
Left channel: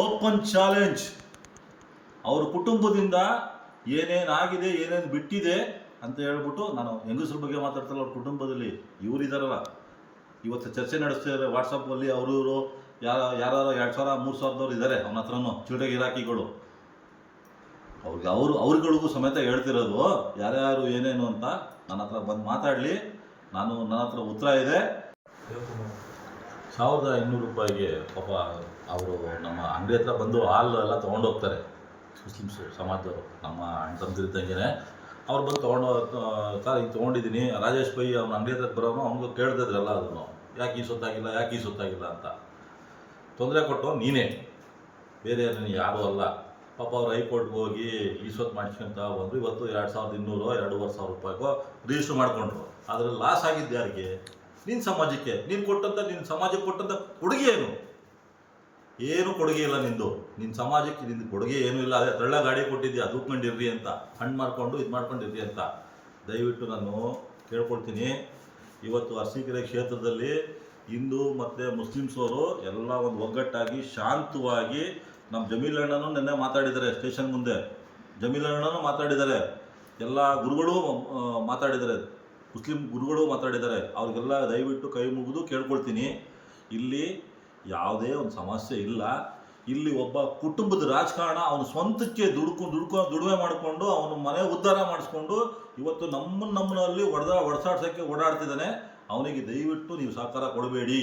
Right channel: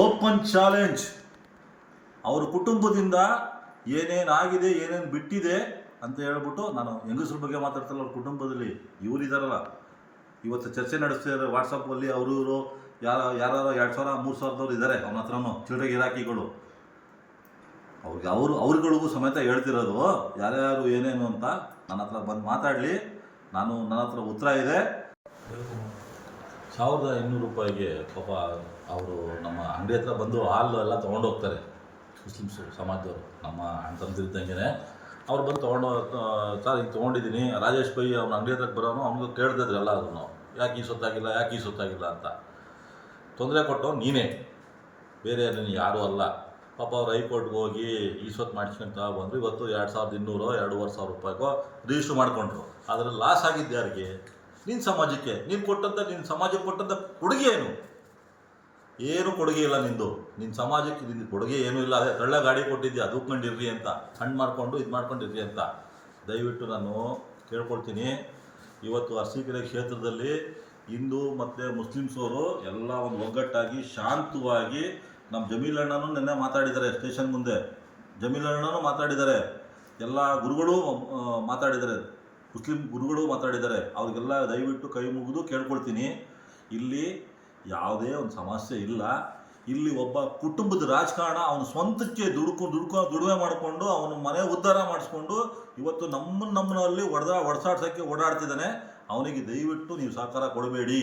Open challenge. ಅವ್ರ ಕುಟುಂಬದಿಂದ ಏನೇನಾಗಿದೆ, ಏನೇನು ಬಿಟ್ಟಿದೆ ಅಂತ ಹೇಳ್ಬಿಟ್ಟು, ನಾನು ಹೆಂಗಸ್ರ ಬಗ್ಗೆ ಮಾತಾಡ್ತಲ್ಲ, ಅವ್ರ ಕುಟುಂಬದಲ್ಲಿ ಇವರಿದ್ದಾರಲ್ಲ, ಇವತ್ತು ಚರ್ಚೆ ನಡೆಸ್ತಿದ್ದಾರೆ ವಾಟ್ಸಪ್ಪಲ್ಲಿ. ಅವರು ಯಾರು 2000-3000 ಇದ್ದಾರೆ ಅವನ ಹತ್ರನೂ, ಚಿಲ್ಡ್ರೆ ಗಿರಾಕಿಗಳು. ಅವ್ರಿಗಳಿಗೂ ಸಮೇತ ಹೇಳ್ತಿರೋದು ಯಾರ್ಯಾರು ಏನೇನು ಅಂತ. ನನ್ನ ಹತ್ರ ಬಂದು ಮಾತಾಡಲಿ, ನನ್ನ ಹತ್ರ ಉತ್ತರ ಇದೆ. 1200 ರೂಪಾಯಿಗೆ ಪಾಪ ಅವರು ನಮ್ಮ ಅಂಗಡಿ ಹತ್ರ ಬಂದು ಹಾಲು ಎಲ್ಲ ತೊಗೊಂಡೋಗ್ತಾರೆ. ಮುಸ್ಲಿಮ್ಸು ಸಮಾಜದವರು, ನಮ್ಮ ಅಣ್ಣ ತಮ್ಮದಿರಿದ್ದಂಗೆ ಅವ್ರು ಬಂದು ಸರ್ ಹಿಂಗೆ ತೊಗೊಂಡಿದ್ದೀನಿ. ರಾಜೇಶ್ ಬೈ ಅವ್ನ ಅಂಗಡಿ ಹತ್ರಕ್ಕೆ ಬರೋನು, ಅವ್ನಿಗೆ ಕೇಳ್ತಿದ್ರಲ್ಲ ಅದನ್ನು, ಯಾಕೆ ಈ ಸೊತ್ತಾಗಿಲ್ಲ ಅಂತ ತೊಂದರೆ ಕೊಟ್ಟು ನೀನೇ, ಬೇರೆ ಯಾರೂ ಅಲ್ಲ. ಪಾಪ ಅವ್ರು ಹೈಕೋರ್ಟ್ಗೆ ಹೋಗಿ ಈ ಸೊತ್ತು ಮಾಡಿಸ್ಕೊಂತ ಬಂದರು. ಇವತ್ತು 2200-2500 ರೂಪಾಯಿಗೋ ರಿಜಿಸ್ಟ್ರ್ ಮಾಡಿಕೊಂಡ್ರು. ಅದರಲ್ಲಿ ಲಾಸ್ ಆಗಿದ್ದು ಯಾರಿಗೆ? ನಿನ್ನ ಸಮಾಜಕ್ಕೆ. ನೀನು ಸಮಾಜಕ್ಕೆ ಕೊಟ್ಟಂಥ ಕೊಡುಗೆ ಏನು ಕೊಡುಗೆ ಇಲ್ಲ ನಿಂದು. ನಿನ್ನ ಸಮಾಜಕ್ಕೆ ನಿಂದು ಕೊಡುಗೆ ಏನೂ ಇಲ್ಲ. ಅದೇ ತಳ್ಳ ಗಾಡಿ ಕೊಟ್ಟಿದ್ಯಾ, ದೂಕ್ಕೊಂಡಿರ್ರಿ ಅಂತ, ಹಣ್ಣು ಮಾಡಿಕೊಂಡು ಮಾಡ್ಕೊಂಡಿರ್ರಿ ಅಂತ. ದಯವಿಟ್ಟು ನಾನು ಕೇಳ್ಕೊಳ್ತೀನಿ. ಇವತ್ತು ಅರಸೀಕೆರೆ ಕ್ಷೇತ್ರದಲ್ಲಿ ಹಿಂದೂ ಮತ್ತು ಮುಸ್ಲಿಮ್ಸ್ ಅವರು ಎಲ್ಲ ಒಂದು ಒಗ್ಗಟ್ಟಾಗಿ ಶಾಂತವಾಗಿ ನಮ್ಮ ಜಮೀಲ್ ಅಣ್ಣನೂ ನಿನ್ನೆ ಮಾತಾಡಿದ್ದಾರೆ ಸ್ಟೇಷನ್ ಮುಂದೆ. ಜಮೀಲ್ ಅಣ್ಣನೂ ಮಾತಾಡಿದ್ದಾರೆ, ಎಲ್ಲ ಗುರುಗಳು ಮಾತಾಡಿದ್ದಾರೆ, ಮುಸ್ಲಿಂ ಗುರುಗಳು ಮಾತಾಡಿದ್ದಾರೆ. ಅವ್ರಿಗೆಲ್ಲ ದಯವಿಟ್ಟು ಕೈ ಮುಗಿದು ಕೇಳ್ಕೊಳ್ತೀನಿ, ಇಲ್ಲಿ ಯಾವುದೇ ಒಂದು ಸಮಸ್ಯೆ ಇಲ್ಲ. ಇಲ್ಲಿ ಒಬ್ಬ ಕುಟುಂಬದ ರಾಜಕಾರಣ ಅವನು ಸ್ವಂತಕ್ಕೆ ದುಡಿಮೆ ಮಾಡಿಕೊಂಡು ಅವನ ಮನೆ ಉದ್ಧಾರ ಮಾಡಿಸ್ಕೊಂಡು ಇವತ್ತು ನಮ್ಮಲ್ಲಿ ಒಡಸಾಡ್ಸೋಕ್ಕೆ ಓಡಾಡ್ತಿದ್ದಾನೆ. ಅವನಿಗೆ ದಯವಿಟ್ಟು ನೀವು ಸಹಕಾರ ಕೊಡಬೇಡಿ,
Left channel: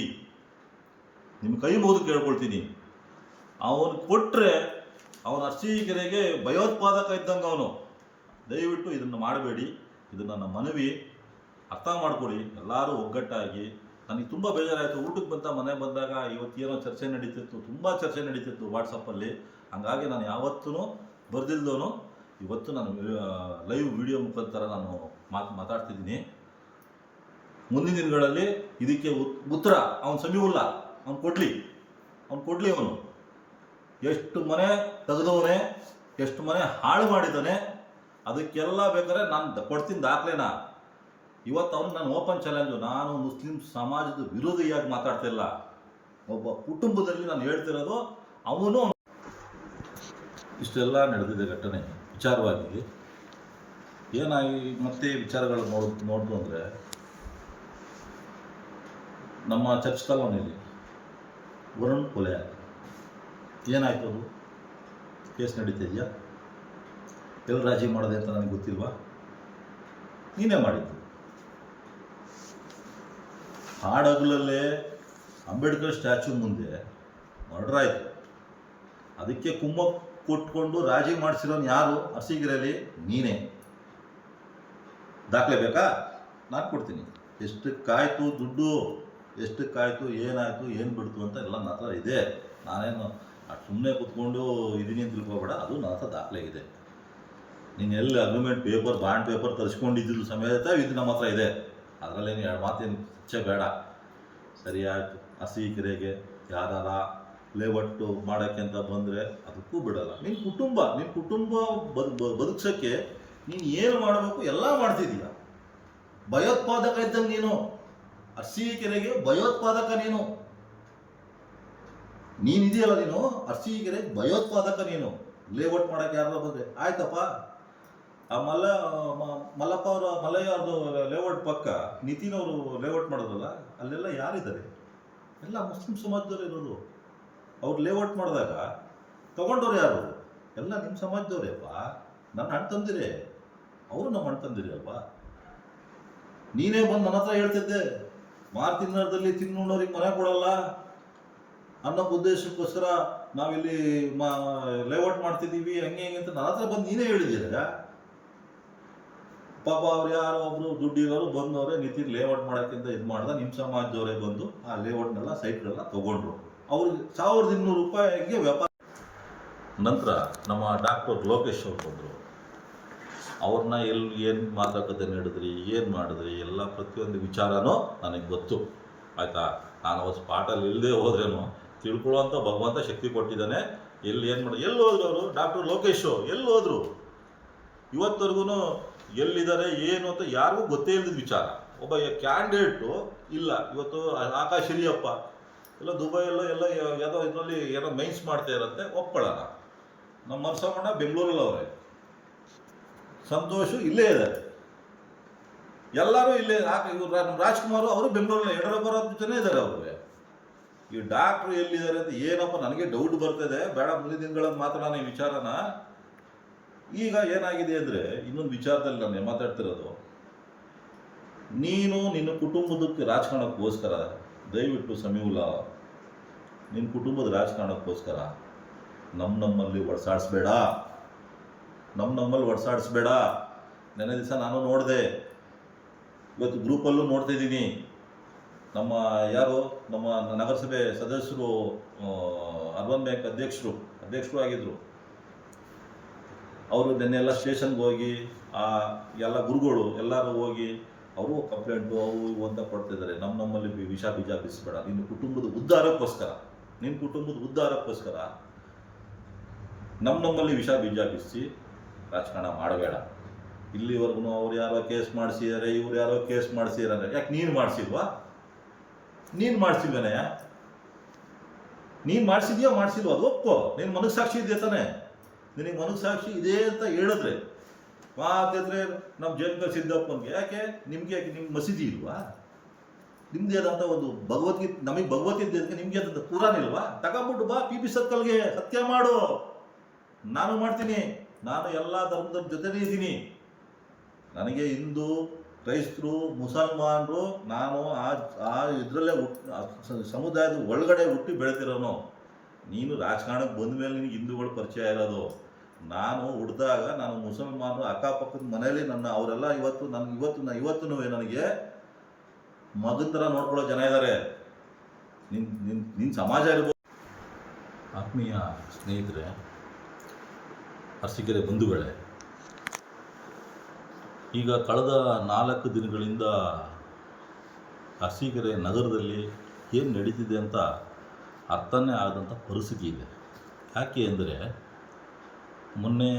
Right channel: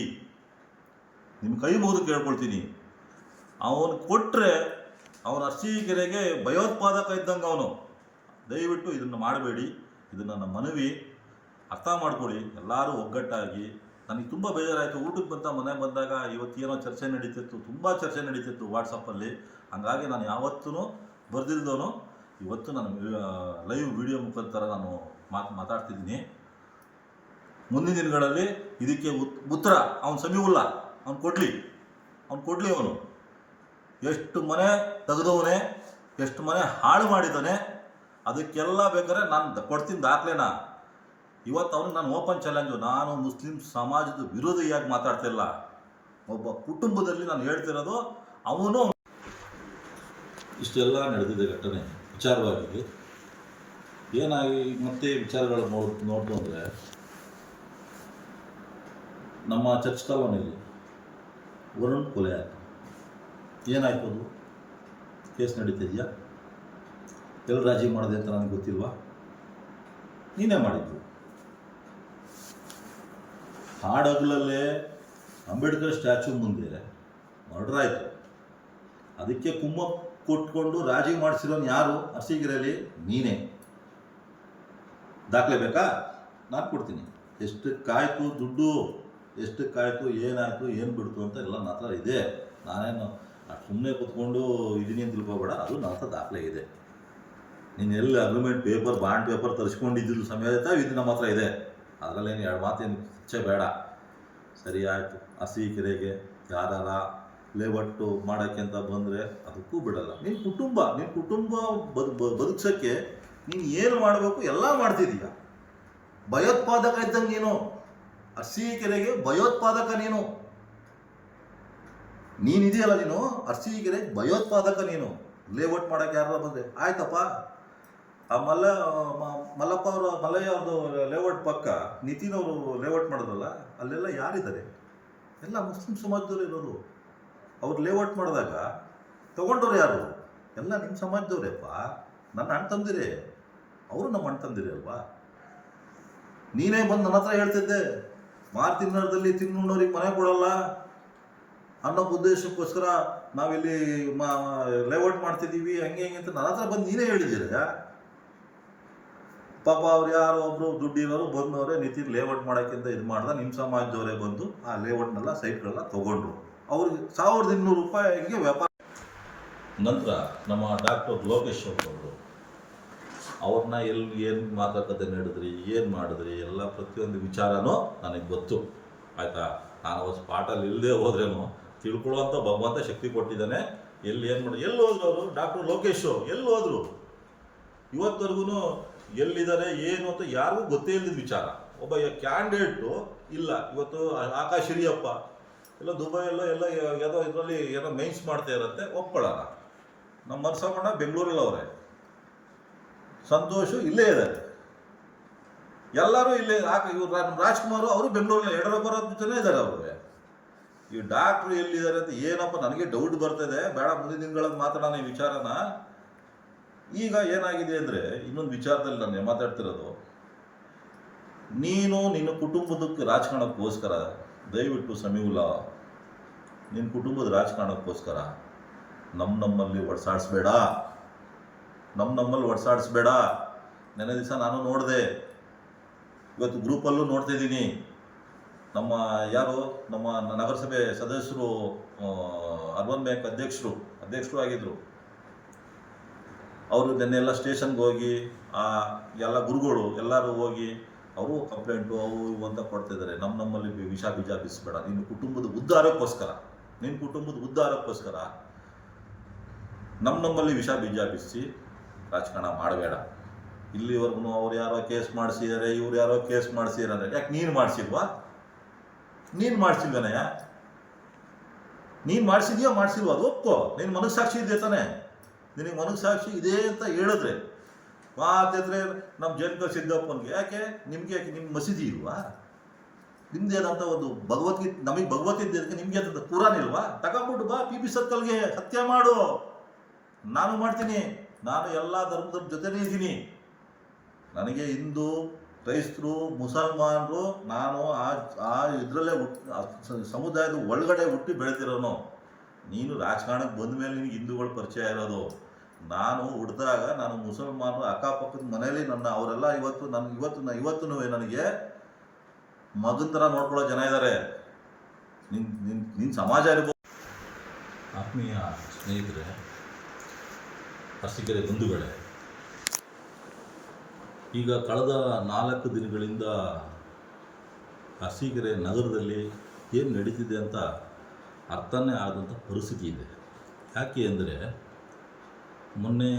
ನಿಮ್ಮ ಕೈ ಮುಗಿದು ಕೇಳ್ಕೊಳ್ತೀನಿ. ಅವನು ಕೊಟ್ಟರೆ ಅವನ ಅರಸೀಕೆರೆಗೆ ಭಯೋತ್ಪಾದಕ ಇದ್ದಂಗೆ ಅವನು. ದಯವಿಟ್ಟು ಇದನ್ನು ಮಾಡಬೇಡಿ, ಇದು ನನ್ನ ಮನವಿ, ಅರ್ಥ ಮಾಡ್ಕೊಳ್ಳಿ. ಎಲ್ಲರೂ ಒಗ್ಗಟ್ಟಾಗಿ. ನನಗೆ ತುಂಬ ಬೇಜಾರಾಯಿತು. ಊಟಕ್ಕೆ ಮನೆಗೆ ಬಂದಾಗ ಇವತ್ತೇನೋ ಚರ್ಚೆ ನಡೀತಿತ್ತು, ತುಂಬ ಚರ್ಚೆ ನಡೀತಿತ್ತು ವಾಟ್ಸಪ್ಪಲ್ಲಿ. ಹಾಗಾಗಿ ನಾನು ಯಾವತ್ತೂ ಬರ್ದಿಲ್ದವನು ಇವತ್ತು ನಾನು ಲೈವ್ ವಿಡಿಯೋ ಮುಖಾಂತರ ನಾನು ಮಾತಾಡ್ತಿದ್ದೀನಿ. ಮುಂದಿನ ದಿನಗಳಲ್ಲಿ ಇದಕ್ಕೆ ಉತ್ತರ ಅವನು ಸಮೀವುಲ್ಲ, ಅವನು ಕೊಡಲಿ. ಅವನು ಎಷ್ಟು ಮನೆ ತೆಗೆದವನೇ, ಎಷ್ಟು ಮನೆ ಹಾಳು ಮಾಡಿದ್ದಾನೆ, ಅದಕ್ಕೆಲ್ಲ ಬೇಕಾದ್ರೆ ನಾನು ಕೊಡ್ತೀನಿ ದಾಖಲೆನ. ಇವತ್ತು ಅವನಿಗೆ ನಾನು ಓಪನ್ ಚಾಲೆಂಜು. ನಾನು ಮುಸ್ಲಿಂ ಸಮಾಜದ ವಿರೋಧಿಯಾಗಿ ಮಾತಾಡ್ತಿಲ್ಲ, ಒಬ್ಬ ಕುಟುಂಬದಲ್ಲಿ ನಾನು ಹೇಳ್ತಿರೋದು. ಅವನು ಇಷ್ಟೆಲ್ಲ ನಡೆದಿದೆ ಘಟನೆ ವಿಚಾರವಾಗಿ. ಏನಾಗಿ ಮತ್ತೆ ವಿಚಾರಗಳು ನೋಡ್ತು ಅಂದರೆ, ನಮ್ಮ ಚರ್ಚ್ ಕಾಲೋನಿಯಲ್ಲಿ ವರುಣ್ ಕೊಲೆ ಆಯಿತು. ಏನಾಯಿತು? ಅದು ಕೇಸ್ ನಡೀತಿದೆಯಾ? ಎಲ್ಲಿ ರಾಜಿ ಮಾಡಿದೆ ಅಂತ ನನಗೆ ಗೊತ್ತಿಲ್ವಾ? ನೀನೇ ಮಾಡಿದ್ದು. ಹಾಡಗಲಲ್ಲೇ ಅಂಬೇಡ್ಕರ್ ಸ್ಟ್ಯಾಚ್ಯೂ ಮುಂದೆ ಮರ್ಡರ್ ಆಯಿತು. ಅದಕ್ಕೆ ಕುಮ್ಮಕ್ಕು ಕೊಟ್ಕೊಂಡು ರಾಜಿ ಮಾಡಿಸಿರೋನು ಯಾರು? ಅರಸೀಕೆರೆಯಲ್ಲಿ ನೀನೇ. ದಾಖಲೆ ಬೇಕಾ? ನಾನು ಕೊಡ್ತೀನಿ. ಎಷ್ಟಕ್ಕಾಯ್ತು ದುಡ್ಡು, ಎಷ್ಟಕ್ಕಾಯ್ತು, ಏನಾಯಿತು, ಏನು ಬಿಡ್ತು ಅಂತ ಎಲ್ಲ ನನ್ನ ಹತ್ರ ಇದೆ. ನಾನೇನು ಸುಮ್ಮನೆ ಕೂತ್ಕೊಂಡು ಇದೀನಿ ಅಂತ ತಿಳ್ಕೊಬೇಡ, ಅದು ನನ್ನ ಹತ್ರ ದಾಖಲೆ ಇದೆ. ನೀನು ಎಲ್ಲಿ ಅಗ್ರಿಮೆಂಟ್ ಪೇಪರ್, ಬಾಂಡ್ ಪೇಪರ್ ತರಿಸ್ಕೊಂಡಿದ್ದು ಸಮೇತ ಇದು ನಮ್ಮ ಹತ್ರ ಇದೆ. ಅದರಲ್ಲೇನು ಎರಡು ಮಾತೇನು ಚರ್ಚೆ ಬೇಡ. ಸರಿ ಆಯಿತು. ಅರಸೀಕೆರೆಗೆ ಯಾರ ಲೇಔಟು ಮಾಡೋಕ್ಕೆ ಅಂತ ಬಂದರೆ ಅದಕ್ಕೂ ಬಿಡಲ್ಲ. ನಿನ್ನ ಕುಟುಂಬ ಬದುಕ್ಸೋಕ್ಕೆ ನೀನು ಏನು ಮಾಡಬೇಕು ಎಲ್ಲ ಮಾಡ್ತಿದ್ದೀಯ. ಭಯೋತ್ಪಾದಕ ಇದ್ದಂಗೆ ನೀನು. ಅರಸೀಕೆರೆಗೆ ಭಯೋತ್ಪಾದಕ ನೀನಿದೆಯಲ್ಲ, ನೀನು ಅರಸೀಕೆರೆಗೆ ಭಯೋತ್ಪಾದಕ ನೀನು. ಲೇಔಟ್ ಮಾಡೋಕ್ಕೆ ಯಾರು ಬಂದರೆ ಆಯ್ತಪ್ಪ. ಆ ಮಲ್ಲಪ್ಪ ಅವರು, ಮಲ್ಲಯ್ಯ ಅವ್ರದ್ದು ಲೇಔಟ್ ಪಕ್ಕ ನಿತಿನ್ ಅವರು ಲೇಔಟ್ ಮಾಡೋದಲ್ಲ, ಅಲ್ಲೆಲ್ಲ ಯಾರಿದ್ದಾರೆ? ಎಲ್ಲ ಮುಸ್ಲಿಂ ಸಮಾಜದವರು ಇರೋದು. ಅವ್ರು ಲೇಔಟ್ ಮಾಡಿದಾಗ ತೊಗೊಂಡವ್ರು ಯಾರು? ಎಲ್ಲ ನಿಮ್ಮ ಸಮಾಜದವ್ರೇಪ್ಪ. ನನ್ನ ಅಣ್ಣ ತಂದಿರೇ, ಅವರು ನಮ್ಮ ಅಣ್ಣ ತಂದಿರಿ ಅಲ್ವಾ? ನೀನೇ ಬಂದು ನನ್ನ ಹತ್ರ ಹೇಳ್ತಿದ್ದೆ, ಮಾರ್ತಿನ್ನರದಲ್ಲಿ ತಿನ್ನೋರಿಗೆ ಮನೆ ಕೊಡಲ್ಲ ಅನ್ನೋ ಉದ್ದೇಶಕ್ಕೋಸ್ಕರ ನಾವಿಲ್ಲಿ ಲೇಔಟ್ ಮಾಡ್ತಿದ್ದೀವಿ, ಹಂಗೆ ಅಂತ ನನ್ನ ಹತ್ರ ಬಂದು ನೀನೇ ಹೇಳಿದ್ದೀರ. ಪಾಪ ಅವ್ರು ಯಾರೋ ಒಬ್ಬರು ದುಡ್ಡಿರೋರು ಬಂದವರೇ ನಿತಿನ್ ಲೇಔಟ್ ಮಾಡೋಕ್ಕಿಂತ ಇದು ಮಾಡ್ದೆ, ನಿಮ್ಮ ಸಮಾಜದವರೇ ಬಂದು ಆ ಲೇಔಟ್ನೆಲ್ಲ ಸೈಟ್ಗಳನ್ನ ತೊಗೊಂಡ್ರು. ಅವ್ರಿಗೆ 1200 ರೂಪಾಯಿಗೆ ವ್ಯಾಪಾರ. ನಂತರ ನಮ್ಮ ಡಾಕ್ಟರ್ ಲೋಕೇಶ್ ಅವ್ರು ಬಂದರು. ಅವ್ರನ್ನ ಏನು ಮಾತುಕತೆ ನಡೆದ್ರಿ, ಏನು ಮಾಡಿದ್ರಿ, ಎಲ್ಲ ಪ್ರತಿಯೊಂದು ವಿಚಾರನೂ ನನಗೆ ಗೊತ್ತು. ಆಯಿತಾ? ನಾನು ಅವತ್ತು ಸ್ಪಾಟಲ್ಲಿ ಇಲ್ಲದೆ ಹೋದ್ರೇನು ತಿಳ್ಕೊಳ್ಳೋವಂಥ ಭಗವಂತ ಶಕ್ತಿ ಕೊಟ್ಟಿದ್ದಾನೆ. ಏನು ಹೋದ್ರು ಅವರು? ಡಾಕ್ಟರ್ ಲೋಕೇಶು ಎಲ್ಲಿ ಹೋದರು? ಇವತ್ತವರೆಗೂ ಎಲ್ಲಿದ್ದಾರೆ ಏನು ಅಂತ ಯಾರಿಗೂ ಗೊತ್ತೇ ಇಲ್ಲದ ವಿಚಾರ. ಒಬ್ಬ ಕ್ಯಾಂಡಿಡೇಟು ಇಲ್ಲ. ಇವತ್ತು ಆಕಾಶ್ ಹಿರಿಯಪ್ಪ ಎಲ್ಲ ದುಬೈಯಲ್ಲೋ ಎಲ್ಲ ಯಾವುದೋ ಇದರಲ್ಲಿ ಏನೋ ಮೈನ್ಸ್ ಮಾಡ್ತಾ ಇರುತ್ತೆ, ಒಪ್ಕೊಳ್ಳೋಣ. ನಮ್ಮ ಮನಸಮ್ಮಣ್ಣ ಬೆಂಗಳೂರಲ್ಲಿ ಅವರೇ, ಸಂತೋಷು ಇಲ್ಲೇ ಇದ್ದಾರೆ, ಎಲ್ಲರೂ ಇಲ್ಲೇ. ಇವ್ರು ನಮ್ಮ ರಾಜ್ಕುಮಾರು ಅವರು ಬೆಂಗಳೂರಲ್ಲಿ, ಯಡಿಯೂರಪ್ಪರ ಜನ ಇದ್ದಾರೆ ಅವರು. ಈ ಡಾಕ್ಟ್ರು ಎಲ್ಲಿದ್ದಾರೆ ಅಂತ ಏನಪ್ಪ ನನಗೆ ಡೌಟ್ ಬರ್ತಿದೆ. ಬೇಡ, ಮುಂದಿನ ದಿನಗಳಲ್ಲಿ ಮಾತಾಡೋಣ ಈ ವಿಚಾರನ. ಈಗ ಏನಾಗಿದೆ ಅಂದರೆ, ಇನ್ನೊಂದು ವಿಚಾರದಲ್ಲಿ ನಾನು ಮಾತಾಡ್ತಿರೋದು, ನೀನು ನಿನ್ನ ಕುಟುಂಬದಕ್ಕೆ ರಾಜಕಾರಣಕ್ಕೋಸ್ಕರ ದಯವಿಟ್ಟು ಸಮೀವುಲ್ಲಾ, ನಿನ್ನ ಕುಟುಂಬದ ರಾಜಕಾರಣಕ್ಕೋಸ್ಕರ ನಮ್ಮಲ್ಲಿ ಒಡ್ಸಾಡಿಸ್ಬೇಡ. ನೆನ್ನೆ ದಿವಸ ನಾನು ನೋಡಿದೆ, ಇವತ್ತು ಗ್ರೂಪಲ್ಲೂ ನೋಡ್ತಿದ್ದೀನಿ. ನಮ್ಮ ನಗರಸಭೆ ಸದಸ್ಯರು, ಅರ್ಬನ್ ಬ್ಯಾಂಕ್ ಅಧ್ಯಕ್ಷರು ಆಗಿದ್ದರು. ಅವರು ನೆನ್ನೆಲ್ಲ ಸ್ಟೇಷನ್ಗೆ ಹೋಗಿ ಎಲ್ಲ ಗುರುಗಳು ಎಲ್ಲರೂ ಹೋಗಿ ಅವರು ಕಂಪ್ಲೇಂಟು ಅವು ಇವು ಅಂತ ಕೊಡ್ತಿದ್ದಾರೆ. ನಮ್ಮಲ್ಲಿ ವಿಷ ಬೀಜ ಬಿಸಿಬೇಡ. ನಿನ್ನ ಕುಟುಂಬದ ಉದ್ಧಾರಕ್ಕೋಸ್ಕರ ನಮ್ಮಲ್ಲಿ ವಿಷ ಬೀಜ ಬಿಸಿ ರಾಜಕಾರಣ ಮಾಡಬೇಡ. ಇಲ್ಲಿವರೆಗೂ ಅವ್ರು ಯಾರೋ ಕೇಸ್ ಮಾಡಿಸಿದ್ದಾರೆ, ಇವ್ರು ಯಾರೋ ಕೇಸ್ ಮಾಡಿಸಿದ್ದಾರೆ. ಯಾಕೆ ನೀನು ಮಾಡಿಸಿಲ್ವಾ? ನೀನು ಮಾಡಿಸಿಲ್ವೇನಯ್ಯ? ನೀನು ಮಾಡಿಸಿದ್ಯೋ ಮಾಡಿಸಿಲ್ವೋ ಅದು ಒಪ್ಕೋ. ನಿನ್ನ ಮನಸ್ಸಾಕ್ಷಿ ಇದೆ ತಾನೆ. ನಿನಗೆ ಮನಸ್ಸಾಕ್ಷಿ ಇದೆ ಅಂತ ಹೇಳಿದ್ರೆ ಮಾತಿದ್ರೆ ನಮ್ಮ ಜಯಂತ ಸಿದ್ದಪ್ಪನಿಗೆ ಯಾಕೆ, ನಿಮಗೆ ಯಾಕೆ, ನಿಮ್ಮ ಮಸೀದಿ ಇಲ್ವಾ? ನಿಮ್ದೇದಂತ ಒಂದು ಭಗವದ್ಗೀತೆ, ನಮಗೆ ಭಗವದ್ಗೀತೆ, ನಿಮ್ಗೆ ಅದಂತ ಪುರಾಣ ಇಲ್ವಾ? ತಗೊಂಬಿಟ್ಟು ಬಾ ಪಿ ಸರ್ಕಲ್ಗೆ, ಸತ್ಯ ಮಾಡು. ನಾನು ಮಾಡ್ತೀನಿ. ನಾನು ಎಲ್ಲ ಧರ್ಮದ ಜೊತೆನೇ ಇದ್ದೀನಿ. ನನಗೆ ಹಿಂದೂ, ಕ್ರೈಸ್ತರು, ಮುಸಲ್ಮಾನರು, ನಾನು ಆ ಇದರಲ್ಲೇ ಸಮುದಾಯದ ಒಳಗಡೆ ಹುಟ್ಟಿ ಬೆಳೆತಿರೋನು. ನೀನು ರಾಜಕಾರಣಕ್ಕೆ ಬಂದ ಮೇಲೆ ನಿನಗೆ ಹಿಂದೂಗಳು ಪರಿಚಯ ಇರೋದು. ನಾನು ಹುಟ್ಟಿದಾಗ ನಾನು ಮುಸಲ್ಮಾನರು ಅಕ್ಕಪಕ್ಕದ ಮನೇಲಿ ಅವರೆಲ್ಲ ಇವತ್ತು ನನಗೆ ಮಗನ ಥರ ನೋಡ್ಕೊಳ್ಳೋ ಜನ ಇದ್ದಾರೆ. ನಿನ್ನ ಸಮಾಜ ಇರ್ಬೋದು. ಆತ್ಮೀಯ ಸ್ನೇಹಿತರೆ, ಅರಸೀಕೆರೆ ಬಂಧುಗಳೇ, ಈಗ ಕಳೆದ 4 ದಿನಗಳಿಂದ ಅರಸೀಕೆರೆ ನಗರದಲ್ಲಿ ಏನು ನಡೀತಿದೆ ಅಂತ ಅರ್ಥನೇ ಆಗದಂಥ ಪರಿಸ್ಥಿತಿ ಇದೆ. ಯಾಕೆ ಅಂದರೆ, ಮೊನ್ನೆ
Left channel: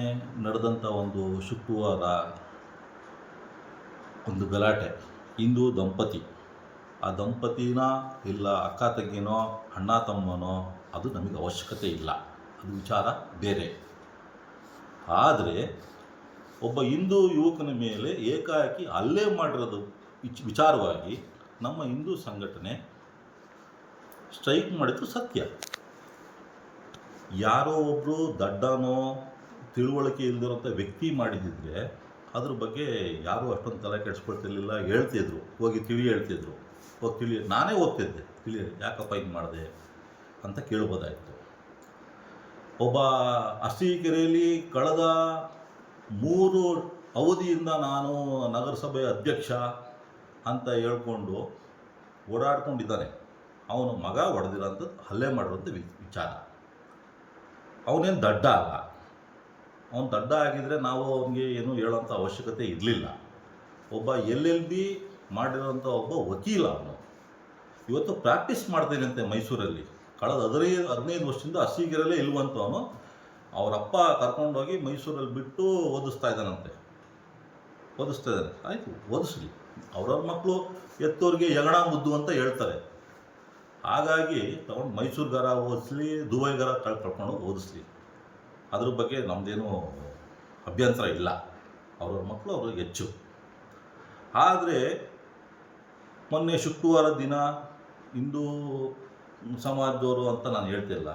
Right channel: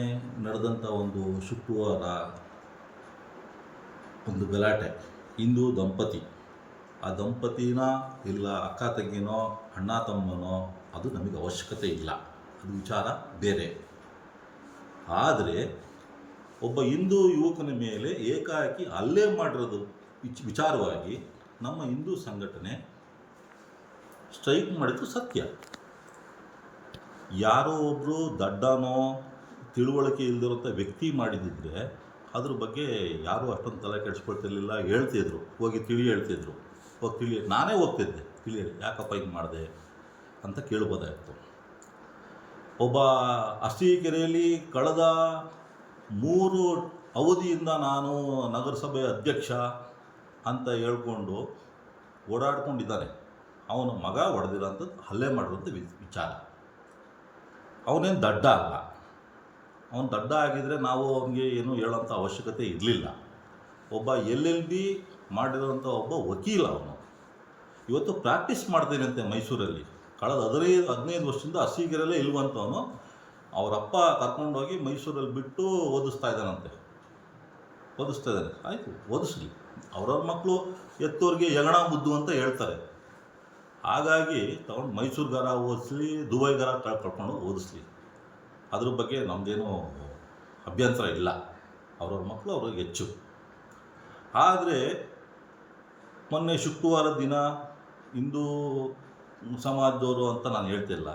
ನಡೆದಂಥ ಒಂದು ಶುಕ್ರವಾರ ಒಂದು ಗಲಾಟೆ, ಹಿಂದೂ ದಂಪತಿ, ಆ ದಂಪತಿನ ಇಲ್ಲ ಅಕ್ಕ ತಂಗಿನೋ ಅಣ್ಣ ತಮ್ಮನೋ ಅದು ನಮಗೆ ಅವಶ್ಯಕತೆ ಇಲ್ಲ, ಅದು ವಿಚಾರ ಬೇರೆ. ಆದರೆ ಒಬ್ಬ ಹಿಂದೂ ಯುವಕನ ಮೇಲೆ ಏಕಾಏಕಿ ಹಲ್ಲೆ ಮಾಡಿರೋದು ವಿಚಾರವಾಗಿ ನಮ್ಮ ಹಿಂದೂ ಸಂಘಟನೆ ಸ್ಟ್ರೈಕ್ ಮಾಡಿದ್ದು ಸತ್ಯ. ಯಾರೋ ಒಬ್ಬರು ದಡ್ಡನೋ ತಿಳುವಳಿಕೆ ಇಲ್ಲದಿರೋಂಥ ವ್ಯಕ್ತಿ ಮಾಡಿದ್ದಿದ್ರೆ ಅದ್ರ ಬಗ್ಗೆ ಯಾರೂ ಅಷ್ಟೊಂದು ತಲೆ ಕೆಡಿಸ್ಕೊಳ್ತಿರ್ಲಿಲ್ಲ. ಹೇಳ್ತಿದ್ರು, ಹೋಗಿ ಹೇಳ್ತಿದ್ರು, ಹೋಗಿ ನಾನೇ ಹೋಗ್ತಿದ್ದೆ, ಯಾಕಪ್ಪ ಹಿಂಗೆ ಮಾಡಿದೆ ಅಂತ ಕೇಳ್ಬೋದಾಯಿತು. ಒಬ್ಬ ಅರಸೀಕೆರೆಯಲ್ಲಿ ಕಳೆದ 3 ಅವಧಿಯಿಂದ ನಾನು ನಗರಸಭೆ ಅಧ್ಯಕ್ಷ ಅಂತ ಹೇಳ್ಕೊಂಡು ಓಡಾಡ್ಕೊಂಡಿದ್ದಾನೆ. ಅವನ ಮಗ ಹೊಡೆದಿರೋಂಥದ್ದು, ಹಲ್ಲೆ ಮಾಡಿರೋಂಥ ವಿಚಾರ. ಅವನೇನು ದಡ್ಡ ಅಲ್ಲ. ಅವನು ದಡ್ಡ ಆಗಿದ್ದರೆ ನಾವು ಅವನಿಗೆ ಏನೂ ಹೇಳೋಂಥ ಅವಶ್ಯಕತೆ ಇರಲಿಲ್ಲ. ಒಬ್ಬ LLB ಮಾಡಿರೋಂಥ ಒಬ್ಬ ವಕೀಲ ಅವನು. ಇವತ್ತು ಪ್ರಾಕ್ಟೀಸ್ ಮಾಡ್ತೇನಂತೆ ಮೈಸೂರಲ್ಲಿ. ಕಳೆದ 15 ವರ್ಷದಿಂದ ಅರಸೀಕೆರೆಯಲ್ಲೇ ಇಲ್ವಂತವನು. ಅವರಪ್ಪ ಕರ್ಕೊಂಡೋಗಿ ಮೈಸೂರಲ್ಲಿ ಬಿಟ್ಟು ಓದಿಸ್ತಾ ಇದ್ದಾನೆ. ಆಯಿತು, ಓದಿಸ್ಲಿ. ಅವ್ರವ್ರ ಮಕ್ಕಳು ಎತ್ತೋರಿಗೆ ಯಗಣ ಮುದ್ದು ಅಂತ ಹೇಳ್ತಾರೆ. ಹಾಗಾಗಿ ತಗೊಂಡು ಮೈಸೂರುಗಾರ ಓದಿಸ್ಲಿ, ದುಬೈಗಾರ ಕರ್ಕೊಂಡು ಓದಿಸ್ಲಿ, ಅದ್ರ ಬಗ್ಗೆ ನಮ್ಮದೇನೂ ಅಭ್ಯಂತರ ಇಲ್ಲ. ಅವ್ರವ್ರ ಮಕ್ಕಳು ಅವ್ರಿಗೆ ಹೆಚ್ಚು. ಆದರೆ ಮೊನ್ನೆ ಶುಕ್ರವಾರ ದಿನ ಹಿಂದೂ ಸಮಾಜದವರು ಅಂತ ನಾನು ಹೇಳ್ತಿಲ್ಲ,